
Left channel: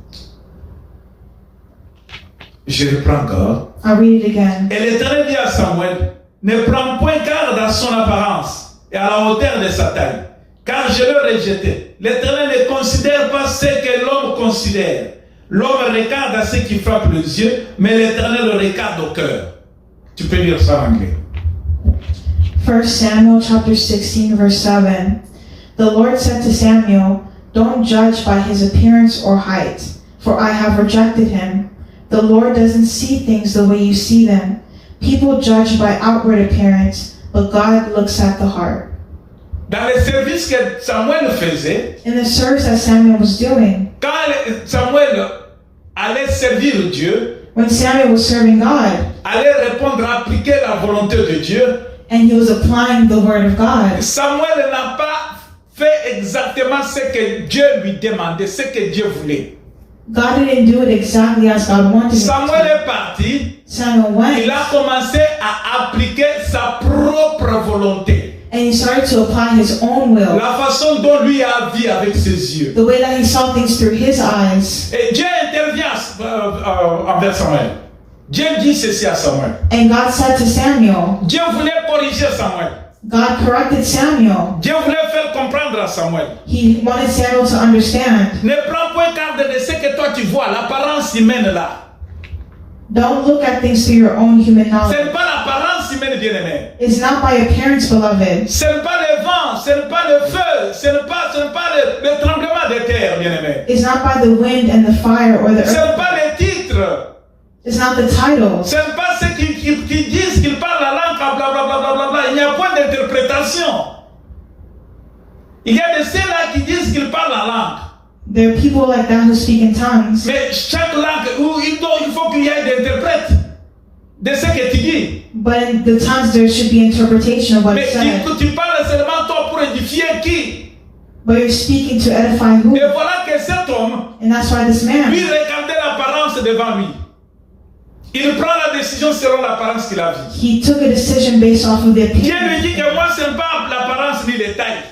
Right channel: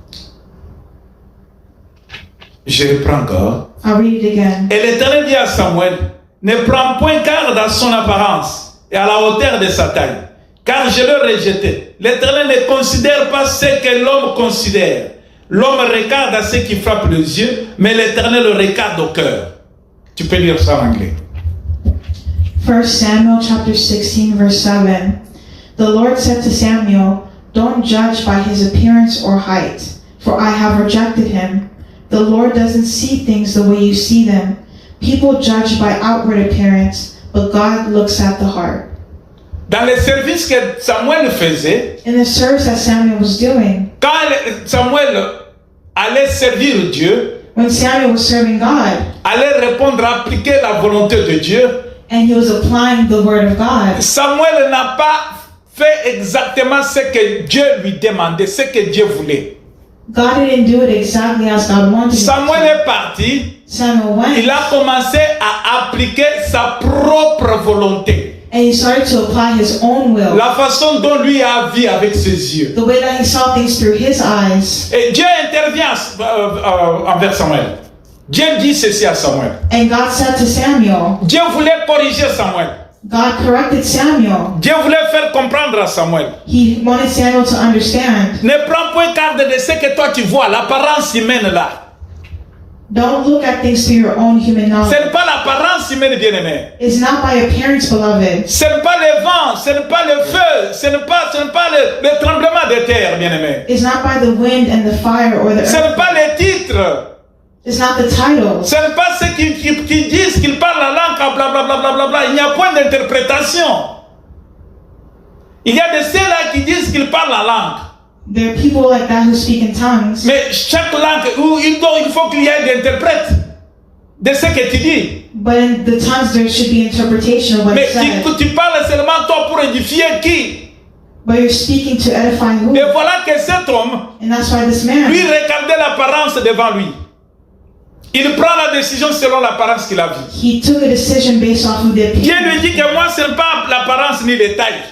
Je reprends encore. I'll read it again. Et l'Éternel dit à Samuel: ne prends point garde à son apparence et à la hauteur de sa taille, car je l'ai rejeté. L'Éternel ne considère pas ce que l'homme considère. L'homme regarde à ce qui frappe les yeux, mais l'Éternel le regarde au cœur. Tu peux lire ça en anglais. 1 Samuel chapter 16, verse 7. The Lord said to Samuel, don't judge by his appearance or height, for I have rejected him. The Lord doesn't see things the way you see them. People judge by outward appearance, but God looks at the heart. Dans le service que Samuel faisait, In the service that Samuel was doing, quand Samuel allait servir Dieu, when Samuel was serving God, allait répondre, appliquer la volonté de Dieu, and he was applying the word of God, Samuel n'a pas fait exactement ce que Dieu lui demandait, ce que Dieu voulait. God didn't do it exactly as God wanted him Samuel to. est parti, Samuel went, il a commencé à appliquer sa propre volonté. and he started to apply his own will, La façon dont lui a vu avec ses yeux. the way that he saw things through his eyes. Et Dieu intervient envers Samuel. Dieu dit ceci à Samuel. And God said to Samuel, Dieu voulait corriger Samuel. God corrected Samuel. Dieu voulait faire comprendre à Samuel. He wanted Samuel to understand. Ne prends point garde de ce que toi tu vois, l'apparence humaine là. Don't look at things through your own human Ce knowledge. n'est pas l'apparence humaine, bien-aimé. It's not by appearance, beloved. Ce n'est pas le vent, ce n'est pas le feu, ce n'est pas le tremblement de terre, bien-aimé. It's not by the wind and the fire or the Ce n'est earth. pas les titres. It's not the titles. Ce n'est pas ceux qui disent qu'ils parlent la langue, blablabla. Il n'y a point d'interprétation. Il y a de ceux-là qui disent qu'ils parlent la langue. There are people like that who speak in tongues. Mais chaque langue, il faut qu'il y ait des interprètes de ce que tu dis. But in the tongues, there should be interpretation of what Mais is said. tu parles seulement toi pour édifier qui? But you're speaking to edify who? Et voilà que cet homme, And that's why this man, lui, regardait l'apparence devant lui. Il prend la décision selon l'apparence qu'il a vue. he took a decision based off of the Dieu lui appearance. dit que moi, ce n'est pas l'apparence ni les tailles.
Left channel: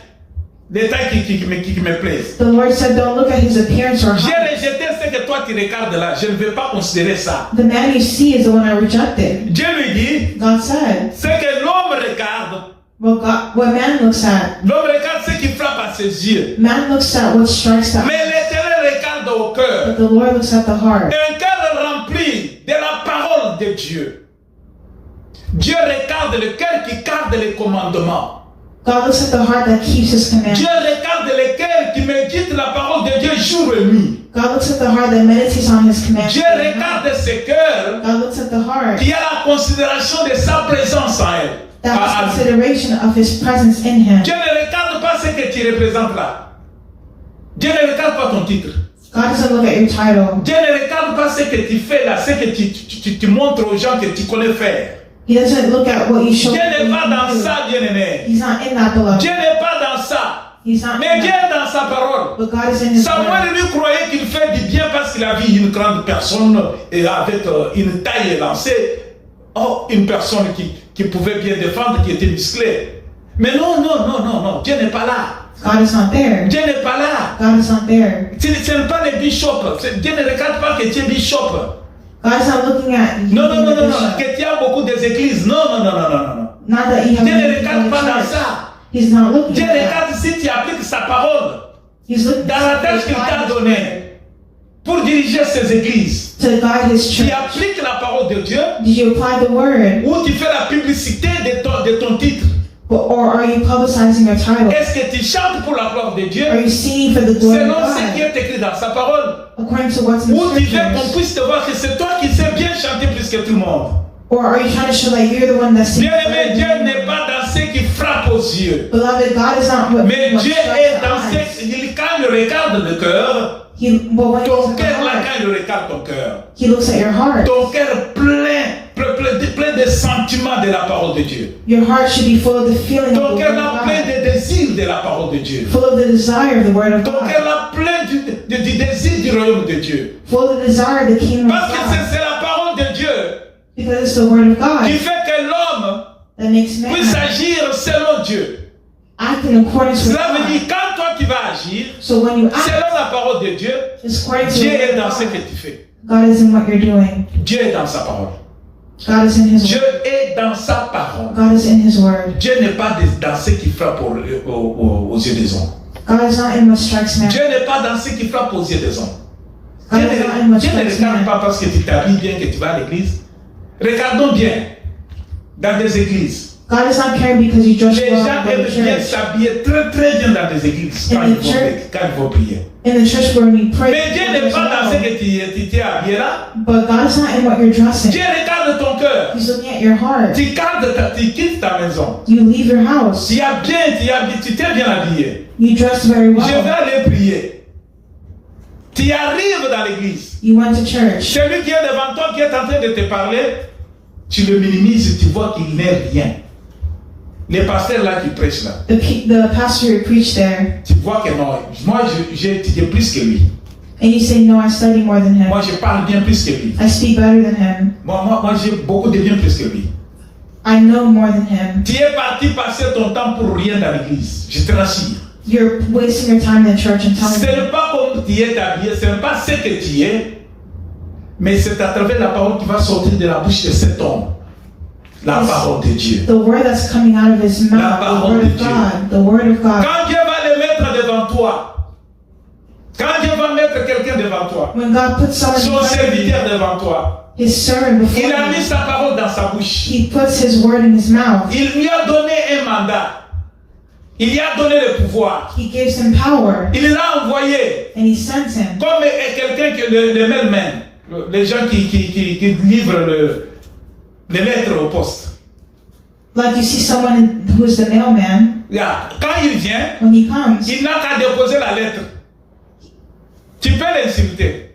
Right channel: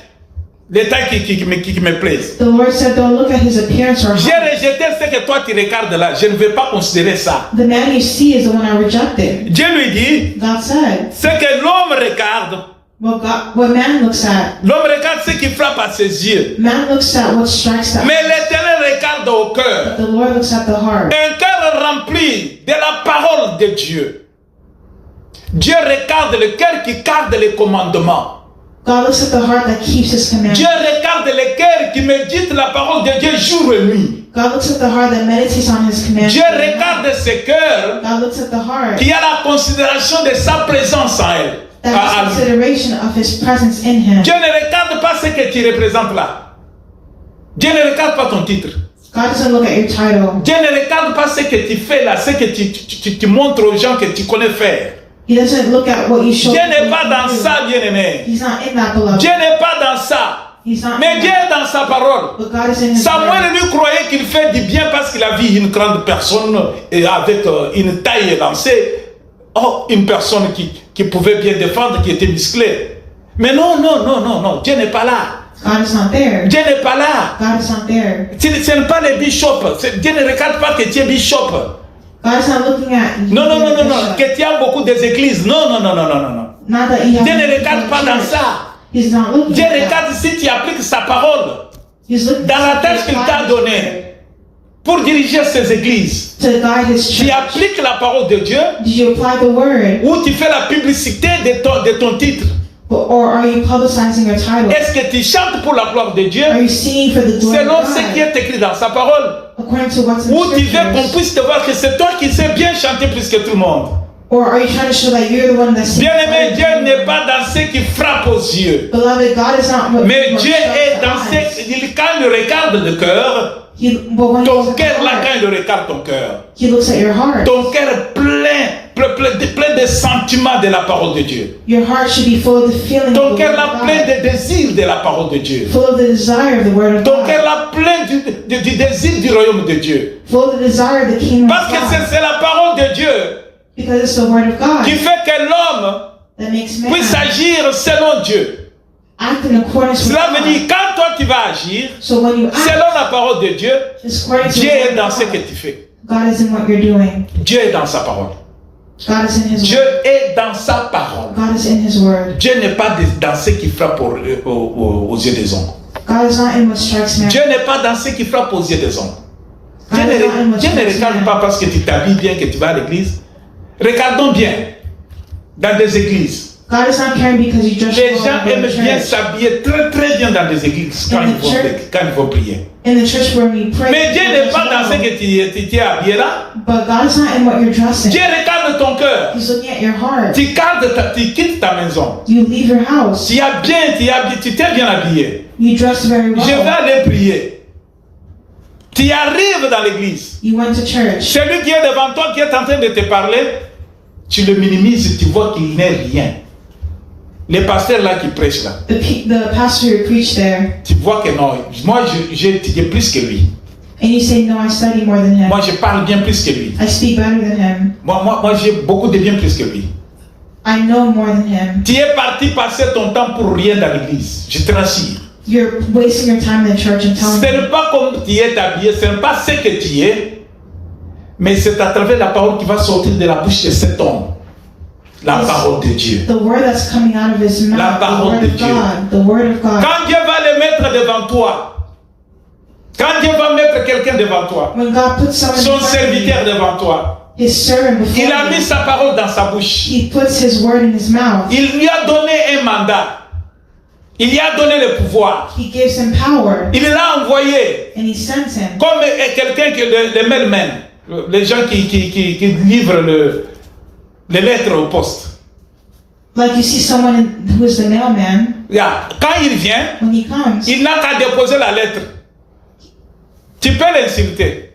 Les tailles qui me plaisent. The Lord said, don't look at his appearance or J'ai height. rejeté ce que toi tu regardes là. Je ne vais pas considérer ça. The man you see is the one I rejected. Dieu lui dit, God said, ce que l'homme regarde, what man looks at, l'homme regarde ce qui frappe à ses yeux. man looks at what strikes the eye, Mais l'Éternel regarde au cœur. but the Lord looks at the heart. Un cœur rempli de la parole de Dieu. Dieu regarde le cœur qui garde les commandements. God looks at the heart that keeps his commandments. Dieu regarde le cœur qui médite la parole de Dieu jour et nuit. God looks at the heart that meditates on his commandments. Dieu regarde ce cœur God looks at the heart qui a la considération de sa présence en elle. that has à lui. consideration of his presence in him. Dieu ne regarde pas ce que tu représentes là. Dieu ne regarde pas ton titre. God doesn't look at your title. Dieu ne regarde pas ce que tu fais là, ce que tu montres aux gens que tu connais faire. He doesn't look at what you show. Dieu n'est people pas you dans do. ça, bien-aimé. He's not in that, beloved. Dieu n'est pas dans ça. He's not Mais in Dieu that. est dans sa parole. But God is in his Samuel word. lui croyait qu'il fait du bien parce qu'il a vu une grande personne et avec une taille élancée. Oh, une personne qui pouvait bien défendre, qui était musclée. Mais non, Dieu n'est pas là. God is not there. Dieu n'est pas là. God is not there. Ce n'est pas les bishops. Dieu ne regarde pas que tu es bishop. God is not looking at you. Non, being a bishop. que tu as beaucoup des églises. Non. Not that you have Dieu ne many regarde people pas in dans church. ça. He's not looking Dieu at that. regarde si tu appliques sa parole He's looking dans la at tâche qu'il t'a God donnée pour diriger ces églises. to guide his Tu church. appliques la parole de Dieu Did you apply the word? ou tu fais la publicité de ton titre. Or are you publicizing your title? Est-ce que tu chantes pour la gloire de Dieu Are you singing for the glory selon of ce qui God? est écrit dans sa parole? According to what's in Ou the tu veux qu'on scriptures? puisse te voir que c'est toi qui sais bien chanter plus que tout le monde? Or are you trying to show that you're the one that sings? Bien-aimé, Dieu n'est pas dans ce qui frappe aux yeux. Beloved, God is not what Mais what Dieu strikes est the dans eyes. quand il regarde le cœur, But when he ton looks at cœur the là, heart, quand il regarde ton cœur, he looks at your heart. ton cœur plein de sentiments de la parole de Dieu. Your heart should be full of the feeling Ton of the cœur word là of plein God. de désirs de la parole de Dieu. Full of the desire of the word of Ton cœur God. là plein du désir du royaume de Dieu. Full of the desire of the kingdom Parce of que God. c'est la parole de Dieu Because it's the word of God qui fait que l'homme that makes man puisse agir selon Dieu. act in accordance with Cela veut God. dire quand toi tu vas agir So when you act, selon la parole de Dieu, it's according to Dieu the est word dans of ce que God. tu fais. God is in what you're doing. Dieu est dans sa parole. God is in his Dieu word. est dans sa parole. God is in his word. Dieu n'est pas dans ce qui frappe aux yeux des hommes. God is not in what strikes man. Dieu n'est pas dans ce qui frappe aux yeux des hommes. God is not in what Dieu ne strikes regarde man. pas parce que tu t'habilles bien, que tu vas à l'église. Regardons bien dans des églises. God is not caring because you dress Les well gens to go aiment to bien church. s'habiller très bien dans des églises quand In the ils vont, church. quand ils vont prier. In the church where we pray, Mais Dieu we n'est dress pas dans ce well. que tu es habillé là. But God is not in what you're dressing. Dieu regarde ton cœur. He's looking at your heart. Tu quittes ta maison. You leave your house. Tu t'es bien habillé. You dress very Je vais well. aller prier. Tu arrives dans l'église. You went to church. Celui qui est devant toi, qui est en train de te parler, tu le minimises, tu vois qu'il n'est rien. Les pasteurs là qui prêchent là, The pastor who preached there, tu vois que non, moi j'ai étudié plus que lui. and you say, no, I study more than him. Moi je parle bien plus que lui. I speak better than him. Moi j'ai beaucoup de bien plus que lui. I know more than him. Tu es parti passer ton temps pour rien dans l'église, je te rassure. You're wasting your time in the church and Ce telling me. n'est pas comme tu es habillé, ce n'est pas ce que tu es, mais c'est à travers la parole qui va sortir de la bouche de cet homme. La parole de Dieu. The word that's coming out of his La mouth, the parole word de of Dieu. God, the word of God. Quand Dieu va le mettre devant toi, quand Dieu va mettre quelqu'un devant toi, When God puts someone son in front of you, serviteur devant toi, his servant before Il a mis him. sa parole dans sa bouche. He puts his word in his mouth. Il lui a donné un mandat. Il lui a donné le pouvoir. He gives him power, Il l'a envoyé and he sends him. comme quelqu'un qui le mailman, les gens qui livrent les lettres au poste. Like you see someone who is the mailman, Yeah. Quand il vient, when he comes, il n'a qu'à déposer la lettre. Tu peux l'insulter.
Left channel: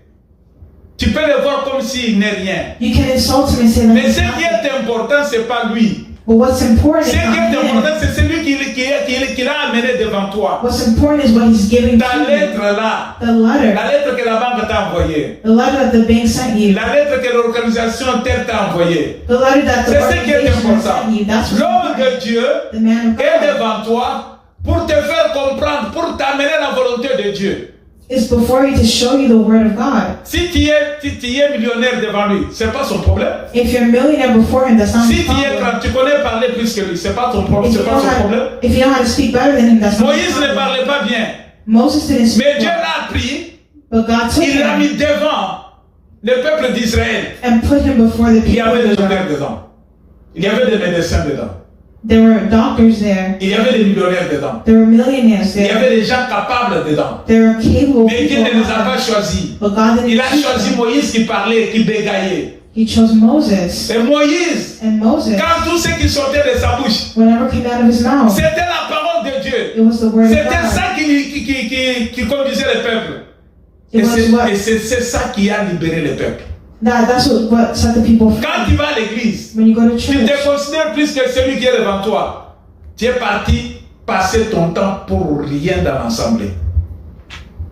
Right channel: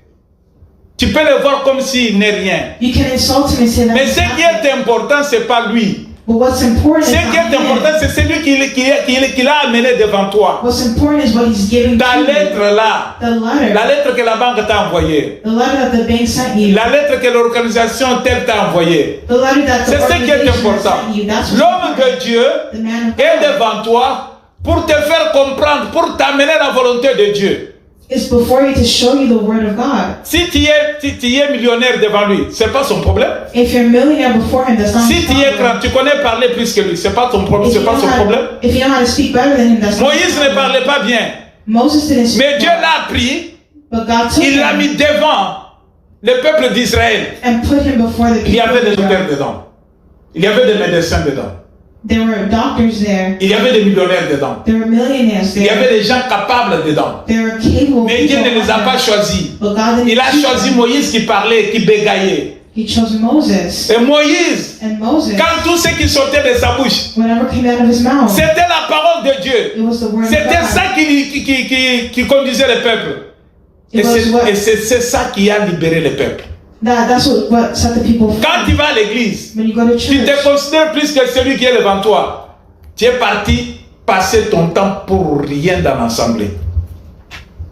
Tu peux le voir comme s'il n'est rien. you can insult him and say Mais that. ce qui est important, ce n'est pas lui. But what's important Ce is qui not est important, him. c'est celui qui l'a amené devant toi. What's important is what he's giving Ta to you. lettre là, The letter. la lettre que la banque t'a envoyée, The letter that the bank sent you. la lettre que l'organisation telle t'a envoyée. The letter that the C'est ce qui est organization important. sent you. That's what's L'homme important. de Dieu The man of est God devant toi pour te faire comprendre, pour t'amener la volonté de Dieu. is before you to show you the word of God. Si tu es millionnaire devant lui, c'est pas son problème. If you're a millionaire before him, that's not Si his tu es problem. grand, tu connais parler plus que lui, c'est pas ton problème, If c'est you pas know son how problème. to- if you know how to speak better than him, that's not his Moïse ne problem. parlait pas bien, Moses didn't speak mais Dieu well, l'a pris, but God took il l'a him mis devant le peuple d'Israël. and put him before the Il y people. avait of des docteurs Israel. dedans, il y avait des médecins dedans, There were doctors there. il y avait des millionnaires dedans, There were millionaires il y there. avait des gens capables dedans. There were capable Mais Dieu people. ne les a pas choisis. But God didn't Il a choose choisi them. Moïse qui parlait, qui bégayait. He chose Moses. Et Moïse, And Moses, quand tout ce qui sortait de sa bouche, whatever came out of his mouth, c'était la parole de Dieu. it was the word of C'était God. ça qui conduisait le peuple. It was what, Et c'est ça qui a libéré le peuple. that's what set the people free. Quand tu vas à l'église, When you go to tu church, te considères plus que celui qui est devant toi. Tu es parti passer ton temps pour rien dans l'assemblée.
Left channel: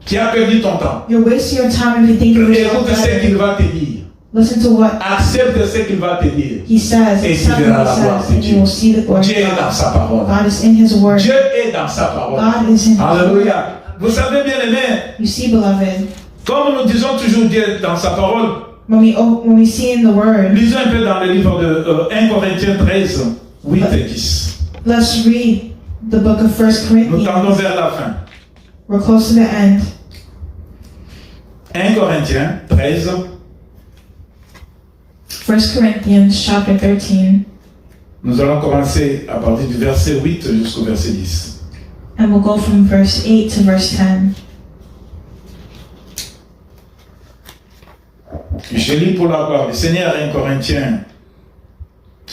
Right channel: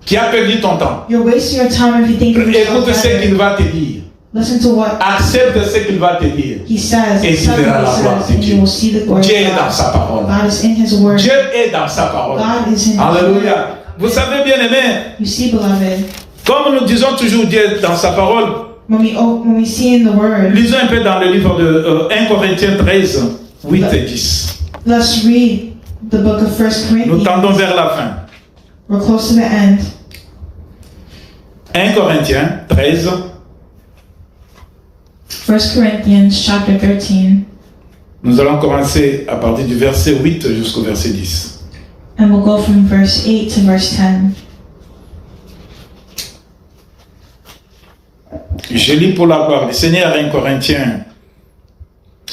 Tu as perdu ton temps. you're wasting your time if you think of yourself Écoute ce qu'il better. va te dire. Listen to what Accepte ce qu'il va te dire. he says. Et tu Accept verras what la he gloire says, de and Dieu. you will see the glory Dieu est of dans God. sa parole. God is in his word. Dieu est dans sa parole. God is in his word. Alléluia. Vous savez bien aimé, You see, beloved, comme nous disons toujours Dieu est dans sa parole, when we see in the word, lisons un peu dans le livre de 1 Corinthiens 13, 8 et 10. let's read the book of 1 Nous tendons Corinthians. vers la fin. We're close to the end. 1 Corinthiens 13, 1 Corinthians chapter 13, nous allons commencer à partir du verset 8 jusqu'au verset 10. and we'll go from verse 8 to verse 10. Je lis pour la gloire du Seigneur 1 Corinthiens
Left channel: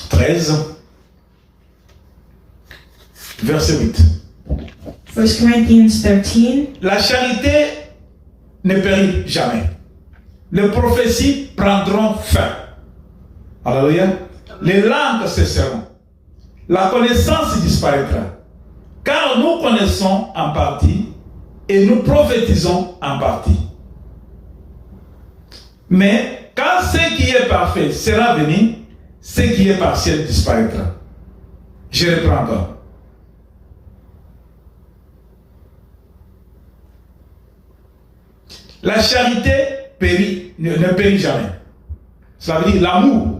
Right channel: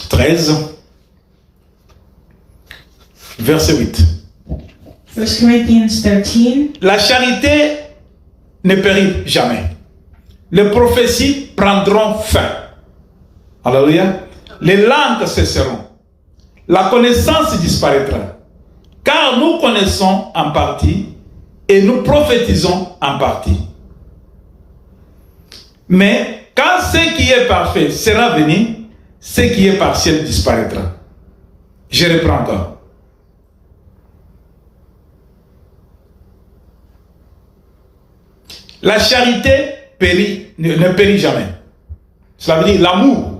13, verset 8. 1 Corinthians 13, La charité ne périt jamais. Les prophéties prendront fin. Alléluia. Les langues cesseront. La connaissance disparaîtra. Car nous connaissons en partie et nous prophétisons en partie. Mais quand ce qui est parfait sera venu, ce qui est partiel disparaîtra. Je reprends encore. La charité ne périt jamais. Cela veut dire l'amour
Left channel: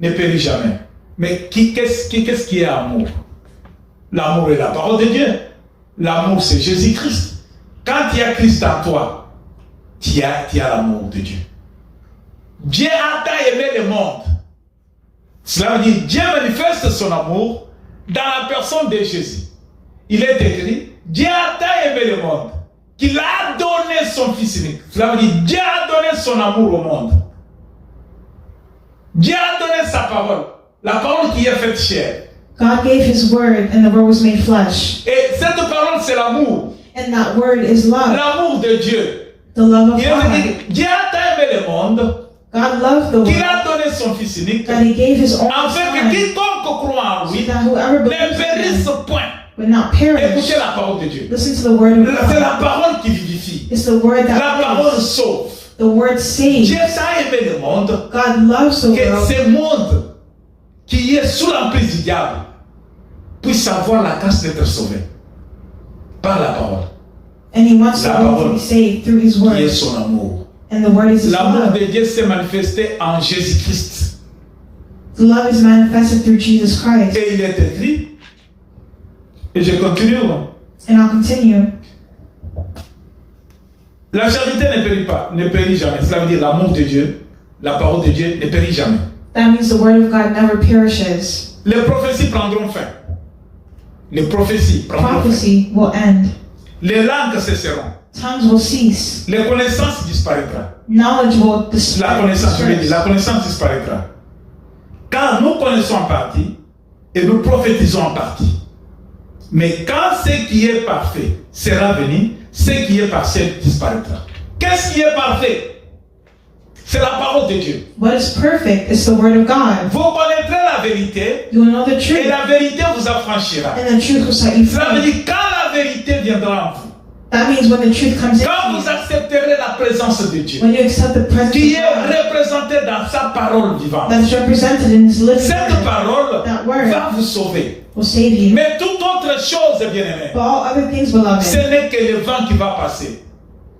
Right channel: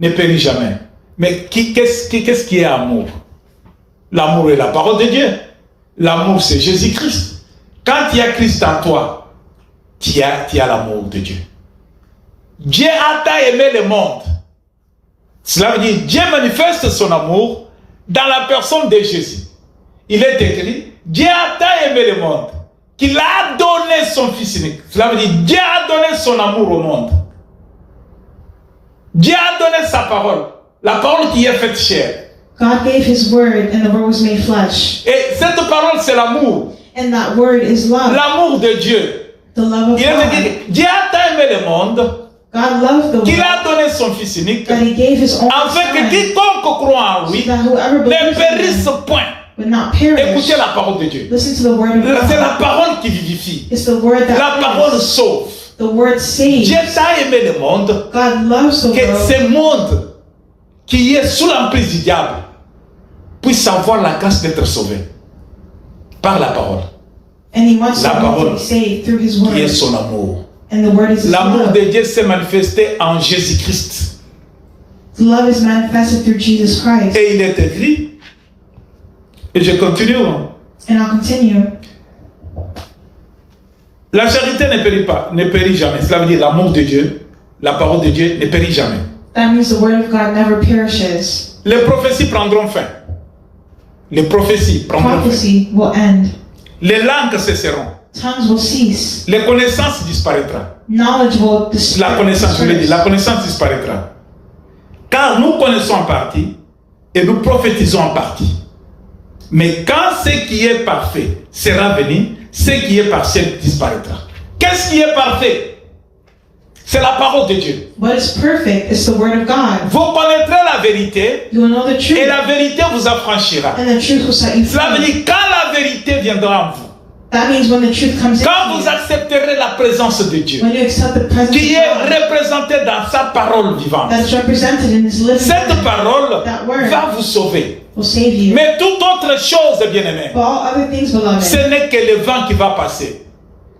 ne périt jamais. Mais qu'est-ce qui est amour? L'amour est la parole de Dieu. L'amour, c'est Jésus-Christ. Quand il y a Christ en toi, tu as l'amour de Dieu. Dieu a tant aimé le monde. Cela veut dire Dieu manifeste son amour dans la personne de Jésus. Il est écrit, Dieu a tant aimé le monde qu'il a donné son Fils unique. Cela veut dire Dieu a donné son amour au monde. Dieu a donné sa parole. La parole qui est faite chair. God gave his word, and the word was made flesh. Et cette parole, c'est l'amour. And that word is love, L'amour de Dieu. the love of Il est God. écrit, Dieu a tant aimé le monde God loved the qu'il world, a donné son Fils unique, that he gave his only afin que son, quiconque croit en so lui that whoever ne believes périsse in him point. would not perish. Écoutez la parole de Dieu. Listen to the word of C'est la God. parole qui vivifie. It's the word La that parole lives. sauve. The word saves. Dieu a aimé le monde, God loves the que world, ce monde qui est sous l'emprise du diable puisse avoir la grâce d'être sauvé par la parole, and he wants La the world to parole be saved through his qui est word. son amour. And the word is his L'amour love. de Dieu s'est manifesté en Jésus-Christ. The love is manifested through Jesus Christ. Et il est écrit, et je continue, And I'll continue. la charité ne périt pas, ne périt jamais. Cela veut dire l'amour de Dieu la parole de Dieu ne périt jamais. That means the word of God never perishes. Les prophéties prendront fin. Les prophéties prendront fin. Prophecy will end. Les langues cesseront. Tongues will cease. Les connaissances disparaîtront. Knowledge will La connaissance, je l'ai dit, disperse. la connaissance disparaîtra. Car nous connaissons en partie et nous prophétisons en partie. Mais quand ce qui est parfait sera venu, ce qui est partiel disparaîtra. Qu'est-ce qui est parfait? C'est la parole de Dieu. What is perfect is the word of God. Vous connaîtrez la vérité You will know the et truth, la vérité vous affranchira. and the truth will set you Cela veut free. dire quand la vérité viendra en vous, That means when the truth comes quand in vous you, accepterez la présence de Dieu, when you accept the presence qui est of God représentée dans sa parole vivante, that's represented in His living cette word, parole that word va vous sauver. will save you. Mais toute autre chose, bien-aimé, But all other things, beloved, ce n'est que le vent qui va passer.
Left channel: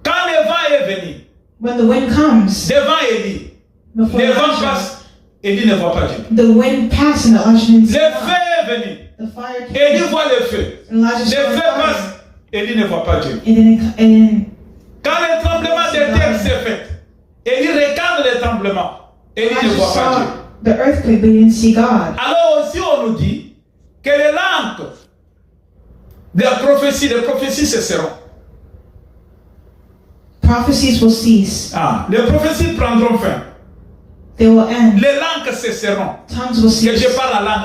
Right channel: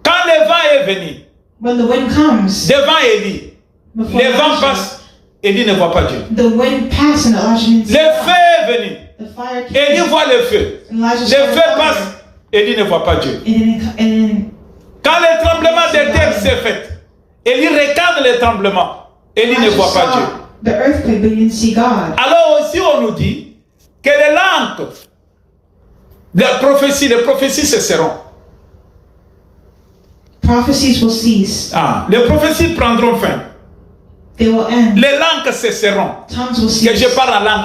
Quand le vent est venu, when the wind comes, devant Élie, before le vent Elijah, passe, Élie ne voit pas Dieu. the wind passed and Elijah didn't see Le God. feu est venu, The fire Élie came. voit le feu. Elijah Le saw the feu passe, fire. Élie ne voit pas Dieu. And Quand le tremblement de terre s'est fait, Élie regarde le tremblement, Élie ne Elijah voit pas Dieu. saw the earthquake, but he didn't see God. Alors aussi on nous dit que les langues les prophéties cesseront. Prophecies will cease. Ah, les prophéties prendront fin. They will end. Les langues cesseront. Tongues will Que je cease. parle en langue,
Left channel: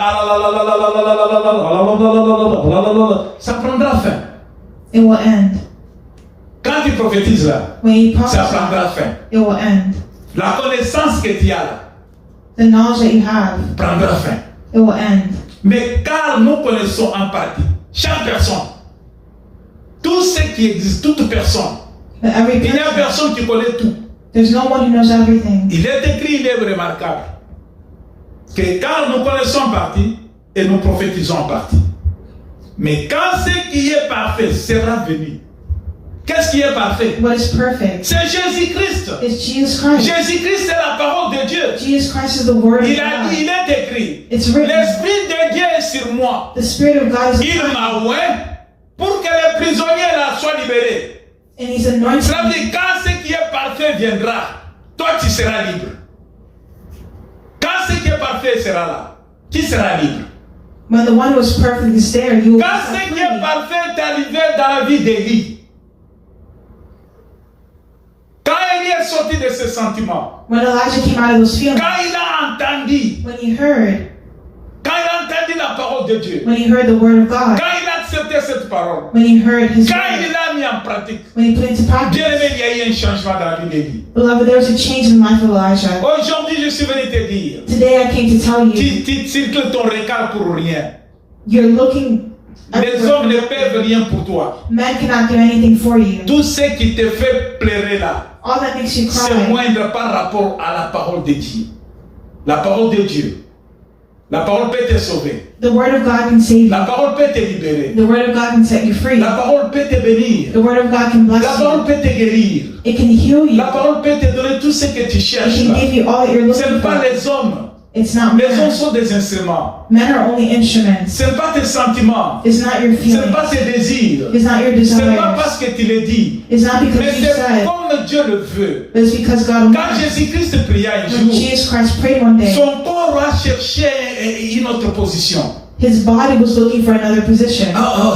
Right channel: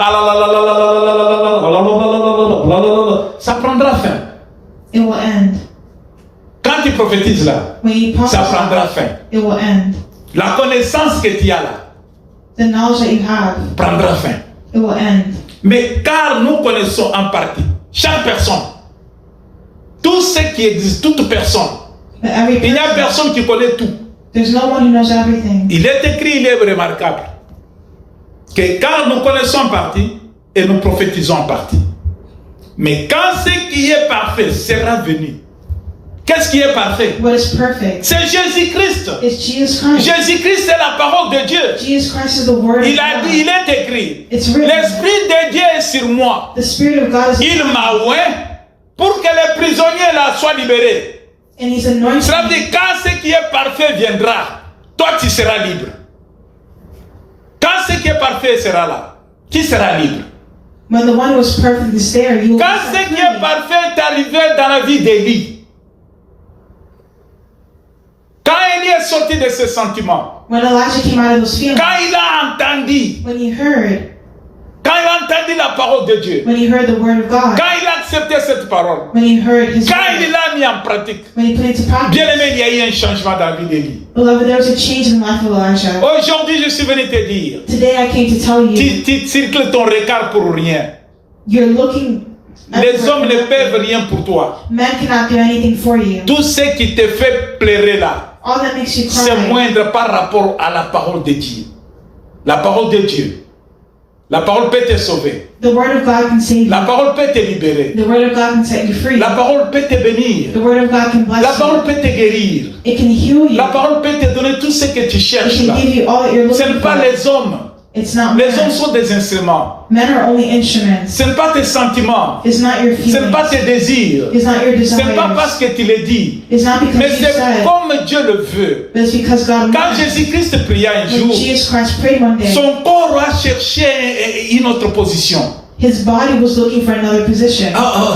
ça prendra fin. It will end. Quand tu prophétises là, When you ça prendra prophesy, fin. it will end. La connaissance que tu as là The knowledge that you have, prendra fin. it will end. Mais car nous connaissons en partie, chaque personne, tout ce qui existe, toute personne, But every il n'y a person, personne qui connaît tout. there's no one who knows everything. Il est écrit, il est remarquable, que car nous connaissons en partie et nous prophétisons en partie. Mais quand ce qui est parfait sera venu, qu'est-ce qui est parfait? What is perfect C'est Jésus-Christ. is Jesus Christ. Jésus-Christ, c'est la parole de Dieu. Jesus Christ is the word of Il a dit, il God. est écrit, It's written. l'Esprit de Dieu est sur moi. The Spirit of God is Il upon me, m'a oint pour que les prisonniers là soient libérés. and He's anointed Cela veut me. dire quand ce qui est parfait viendra, toi tu seras libre. Quand ce qui est parfait sera là, qui sera libre? When the one who is perfect is there, you will be Quand ce set qui est free. parfait est arrivé dans la vie d'Élie, quand Élie est sorti de ses sentiments, When Elijah came out of those feelings, quand il a entendu, when he heard la parole de Dieu, the word of God, quand il a accepté cette parole, when he heard His quand il word, l'a mis en pratique, when he put it into bien practice, aimé, il y a eu un changement dans la vie d'Élie. beloved, there was a change in the life of Elijah. Aujourd'hui, je suis venu te dire, Today I came to tell you, tu circules ton regard pour rien. you're looking. Les hommes ne everywhere. peuvent rien pour toi. Men cannot do anything for you. Tout ce qui te fait pleurer là, All that makes you c'est cry moindre par rapport à la parole de Dieu. La parole de Dieu. La parole peut te sauver. The word of God can save La you. parole peut te libérer. The word of God can set you free. La parole peut te bénir. The word of God can La bless parole you. peut te guérir. It can heal you. La parole peut te donner tout ce que tu cherches It là. can give you all that you're Ce looking n'est pas for. les hommes. It's not Les hommes men. sont des instruments. Men are only instruments. Ce n'est pas tes sentiments. It's not your Ce n'est pas feelings. tes désirs. It's not your Ce n'est pas desires. parce que tu le dis. It's not Mais because you c'est said, comme Dieu le veut. but it's because God Quand wanted. Jésus-Christ pria un When jour, Jesus Christ prayed one day, son corps a cherché une autre position. his body was looking for another position.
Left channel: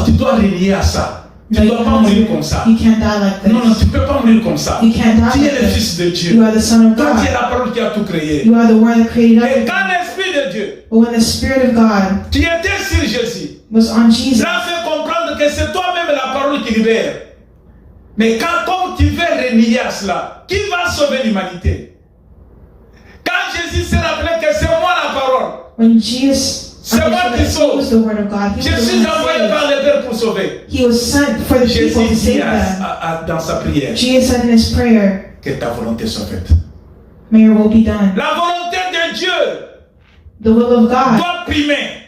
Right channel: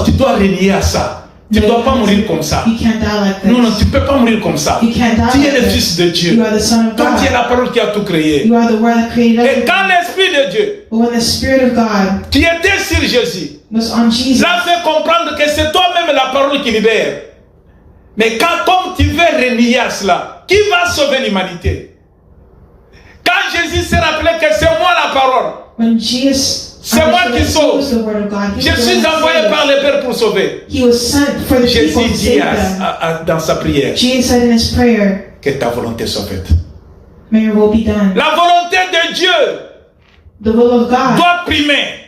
Tu dois renier à ça. Tu ne dois pas mourir comme ça. You can't die like Non, non, this. tu ne peux pas mourir comme ça. You can't die Tu es like le this. Fils de You Dieu. are the Son of Toi, tu es God. la parole qui a tout créé. You are the Word that created Et everything. quand l'Esprit de Dieu, But when the Spirit of God qui était sur Jésus, was on Jesus, l'a fait comprendre que c'est toi-même la parole qui libère. Mais comme tu veux renier à cela, qui va sauver l'humanité? Quand Jésus s'est rappelé que c'est moi la parole, when Jesus C'est moi understood qui that he sauve. was the Word of God, he je was the suis one that envoyé saved. par le Père pour sauver. He was sent for the people Jésus to dit save them. dans sa prière Jesus said in his prayer, que ta volonté soit faite. may your will be done. La volonté de Dieu The will of God doit primer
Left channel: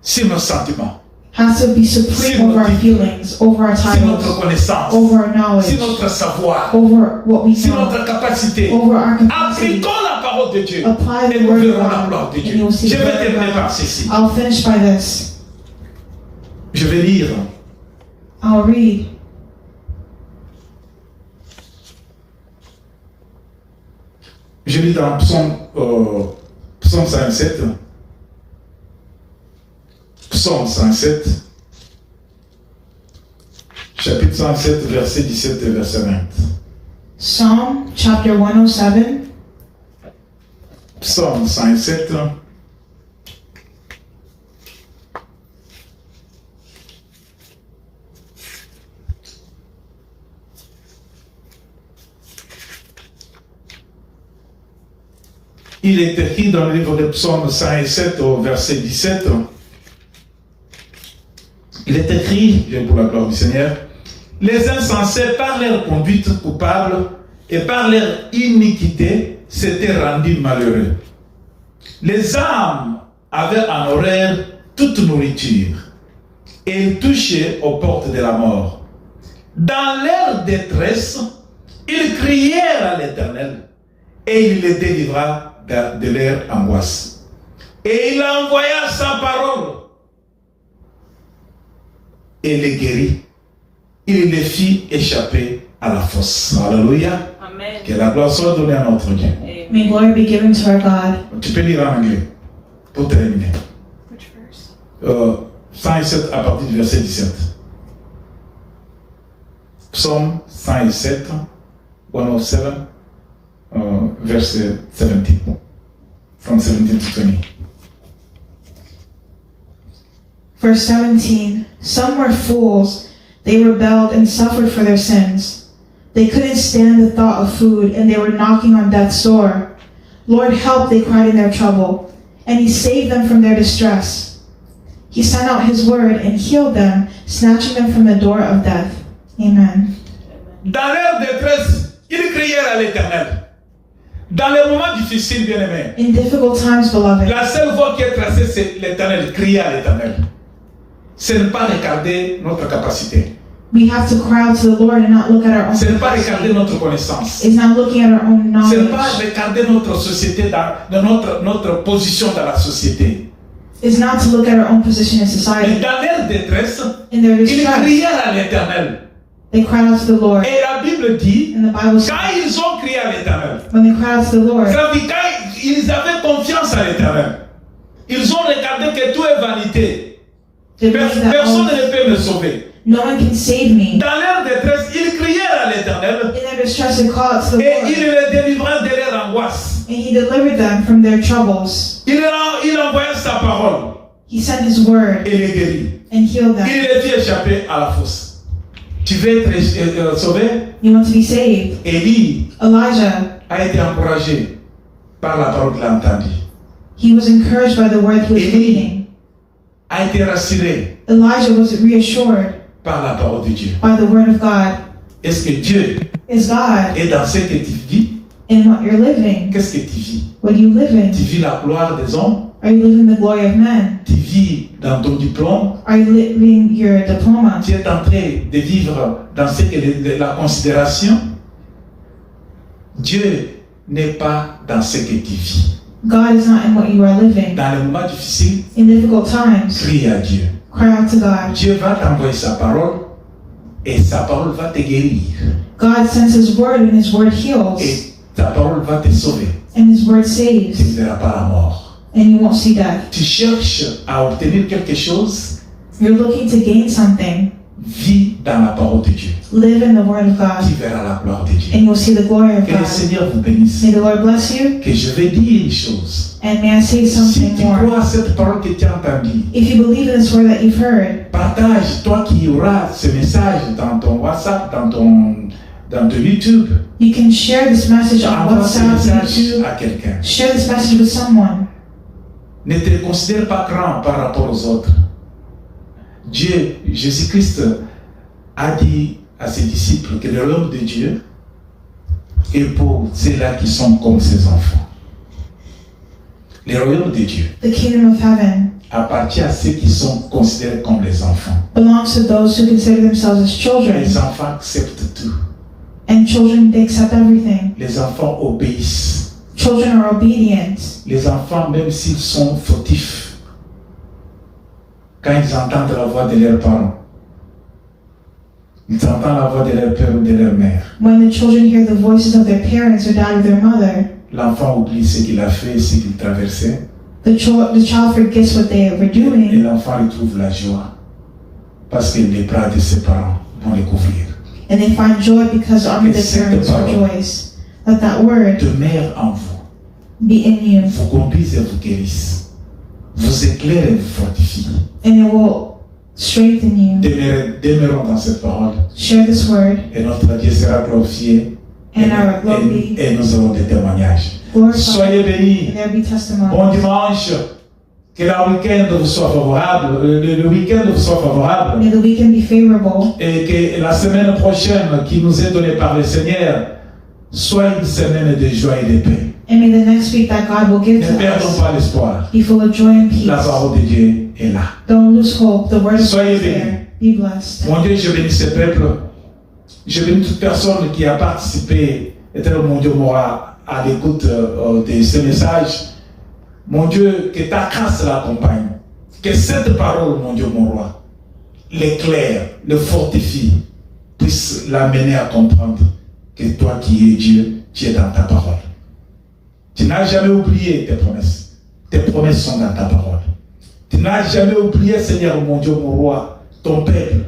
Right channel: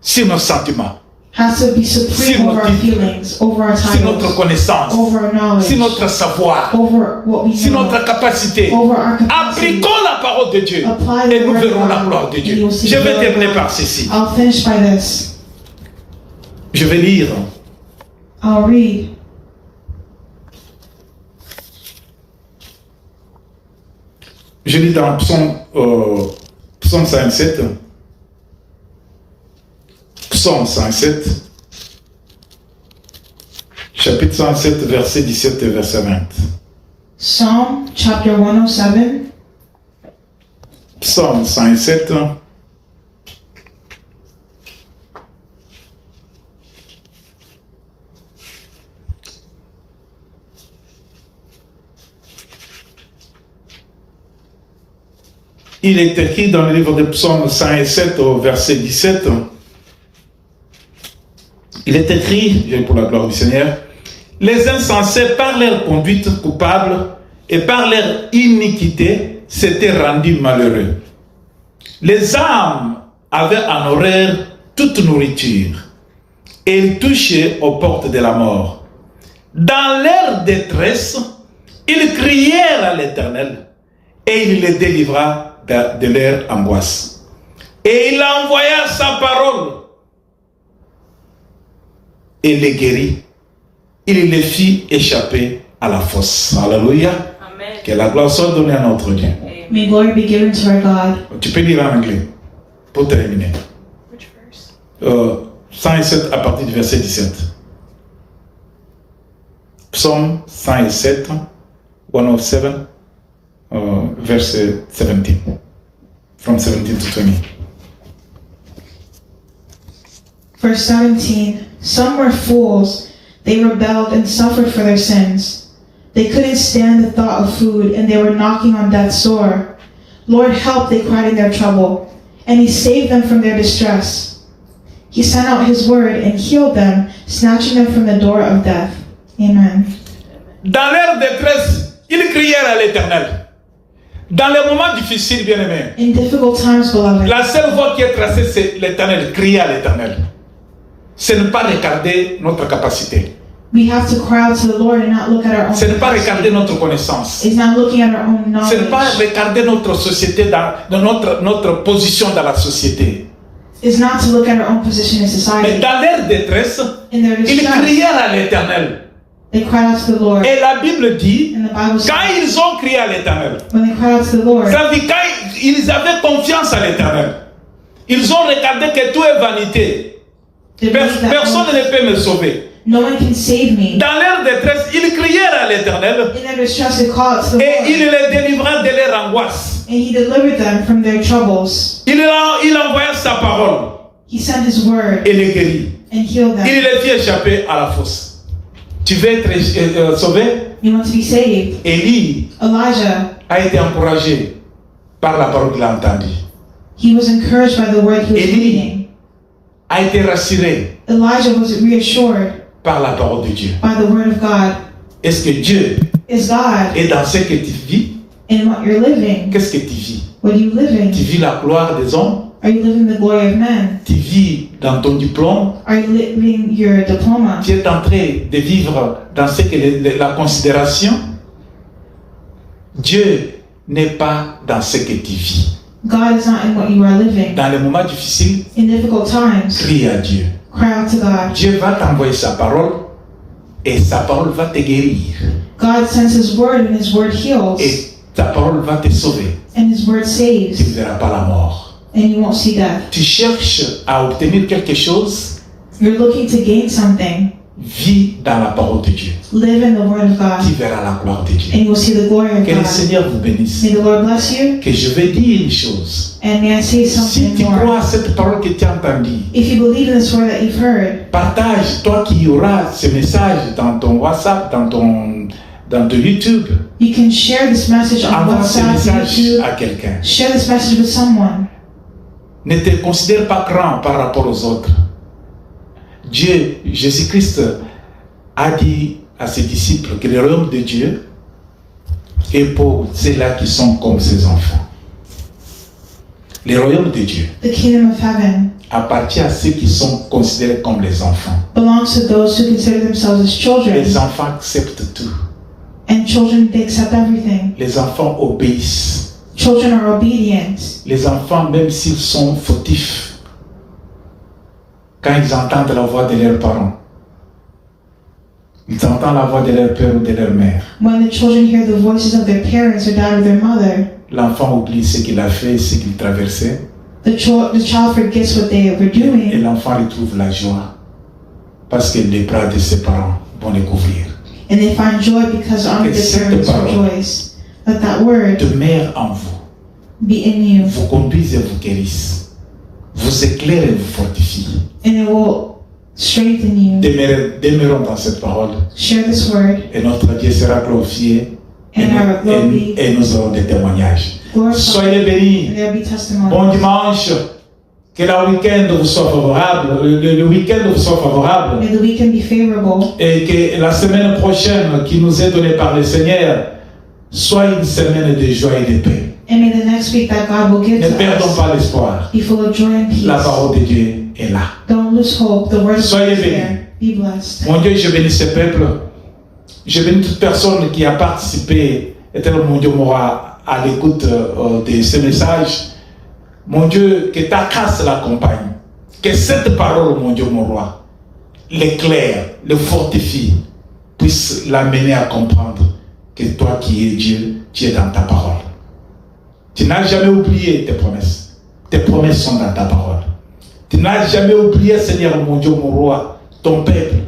sur nos sentiments, has to be supreme Sur over our notre- feelings, over our sur notre titles, connaissance, over our knowledge, sur notre savoir, over what we sur know, notre capacité. over our capacity. Appliquons la parole de Dieu Apply the et nous word of verrons la God, gloire de and Dieu. you'll see Je the vais glory of terminer God. par ceci. I'll finish by this. Je vais lire I'll read Je lis dans Psaume 107. Psaume 107. Chapitre 107, verset 17 et verset 20. Psalm chapter 107. Psaume 107. Il est écrit dans le livre de Psaume 107 au verset 17. Il est écrit, j'ai pour la gloire du Seigneur, les insensés par leur conduite coupable et par leur iniquité s'étaient rendus malheureux. Les âmes avaient en horreur toute nourriture et ils touchaient aux portes de la mort. Dans leur détresse, ils crièrent à l'Éternel et il les délivra de leur angoisse. Et il envoya sa parole et les guérit. Il les fit échapper à la fosse. Alléluia. Amen. Que la gloire soit donnée à notre Dieu. May glory be given to our God. Tu peux lire en anglais pour terminer. Which verse? 107 à partir du verset 17. Psaume 107, 107, verset 17. From 17 to 20. Verse 17. Some were fools. They rebelled and suffered for their sins. They couldn't stand the thought of food, and they were knocking on death's door. Lord, help, they cried in their trouble, and He saved them from their distress. He sent out His word and healed them, snatching them from the door of death. Amen. Dans leur détresse, ils crièrent à l'Éternel. Dans les moments difficiles, bien-aimés, In difficult times, beloved, la seule voie qui est tracée, c'est l'Éternel, crier à l'Éternel. C'est ne pas regarder notre capacité. we have to cry out to the Lord and not look at our own C'est ne pas capacity. regarder notre connaissance. It's not looking at our own C'est ne pas knowledge. regarder notre société, dans notre position dans la société. It's not to look at our own position in Mais society. dans leur détresse, In their ils distress, crièrent à l'Éternel. they cried out to the Lord. Et la Bible dit, And the Bible says, quand ils ont crié à l'Éternel, when they cried out to the Lord, ça veut dire quand ils avaient confiance à l'Éternel, ils ont regardé que tout est vanité. they believed that Personne ne peut me sauver. no one can save me. Dans leur détresse, ils crièrent à l'Éternel In their distress, they called out to the et Lord, il les délivra de leur angoisse. and He delivered them from their troubles. Il envoya sa parole He sent His word et les guérit. and healed Il them. les fit échapper à la fosse. Tu veux être sauvé? You want to be saved? Élie Elijah, a été encouragé par la parole qu'il a entendue. he was encouraged by the word he was Élie reading. a été rassuré Elijah was reassured par la parole de Dieu. by the word of God. Est-ce que Dieu Is God est dans ce que tu vis? in what you're living? Qu'est-ce que tu vis? What are you Tu living? vis la gloire des hommes? Are you living the glory of men? Tu vis dans ton diplôme? Are you living your diploma? Tu es en train de vivre dans ce que la considération? Dieu n'est pas dans ce que tu vis. God is not in what you are living. Dans les moments difficiles, In difficult times, crie à Dieu. cry out to God. Dieu va t'envoyer sa parole et sa parole va te guérir. God sends His word and His word heals Et ta parole va te sauver. and His word Tu saves ne verras pas la mort. and you won't see death. Tu cherches à obtenir quelque chose, You're looking to gain something. vis dans la parole de Dieu. Live in the word of God Tu verras la gloire de Dieu. and you'll see the glory of Que le God. Seigneur vous bénisse. May the Lord bless you, Que je vais dire une chose. and may I say Si something tu more. crois à cette parole que tu as entendue, If you believe in this word that you've heard, partage, toi qui auras ce message dans ton WhatsApp, dans ton YouTube, you can share this message on envoie ce WhatsApp, message YouTube. à quelqu'un. Share this message with someone. Ne te considère pas grand par rapport aux autres. Dieu, Jésus-Christ, a dit à ses disciples que le royaume de Dieu est pour ceux-là qui sont comme ses enfants. Le royaume de Dieu The kingdom of heaven appartient à ceux qui sont considérés comme les enfants. belongs to those who consider themselves as children, Les enfants acceptent tout. and children, they accept everything. Les enfants obéissent. Children are obedient. Les enfants, même s'ils sont fautifs, quand ils entendent la voix de leurs parents, ils entendent la voix de leur père ou de leur mère, When the children hear the voices of their parents or that of their mother, l'enfant oublie ce qu'il a fait, ce qu'il traversait. The child forgets what they were Et doing, l'enfant retrouve la joie parce que les bras de ses parents vont les couvrir. and they find joy because under the parents rejoice. Let that word Demeure en vous, be in you, vous conduise et vous guérisse, vous éclaire et vous fortifie. and it will strengthen you. Demeurons dans cette parole Share this word, et notre Dieu sera glorifié and our will be et nous aurons des témoignages. glorified. Soyez bénis. There will be testimony. Bon dimanche. Que le week-end vous soit favorable. Le week-end vous soit favorable. May the weekend be favorable, Et que la semaine prochaine qui nous est donnée par le Seigneur soit une semaine de joie et de paix. and may the next week that God will give Ne to perdons us pas l'espoir. be full of joy and La peace. parole de Dieu est là. Don't lose hope. The word of God Soyez is bénis. there. Be blessed. Mon Dieu, je bénis ce peuple. Je bénis toute personne qui a participé, éternel mon Dieu, moi, à l'écoute de ce message. Mon Dieu, que ta grâce l'accompagne. Que cette parole, mon Dieu, mon roi, l'éclaire, le fortifie, puisse l'amener à comprendre que toi qui es Dieu, tu es dans ta parole. Tu n'as jamais oublié tes promesses. Tes promesses sont dans ta parole. Tu n'as jamais oublié, Seigneur, mon Dieu, mon roi, ton peuple,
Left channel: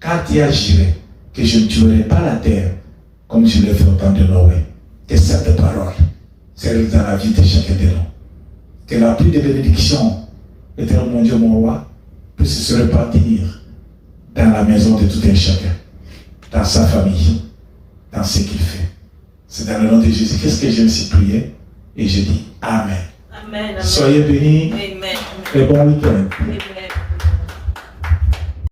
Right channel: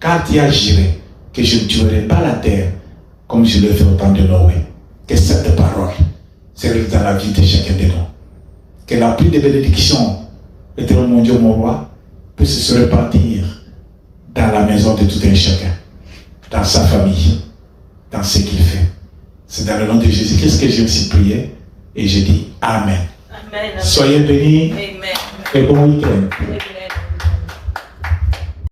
car tu as juré que je ne tuerai pas la terre comme je l'ai fait au temps de Noé. Que cette parole se réalise dans la vie de chacun de nous. Que la pluie de bénédiction, éternel mon Dieu, mon roi, puisse se répartir dans la maison de tout un chacun, dans sa famille, dans ce qu'il fait. C'est dans le nom de Jésus-Christ que j'ai ainsi prié et je dis Amen. Amen. Soyez bénis Amen. et bon week-end. Amen.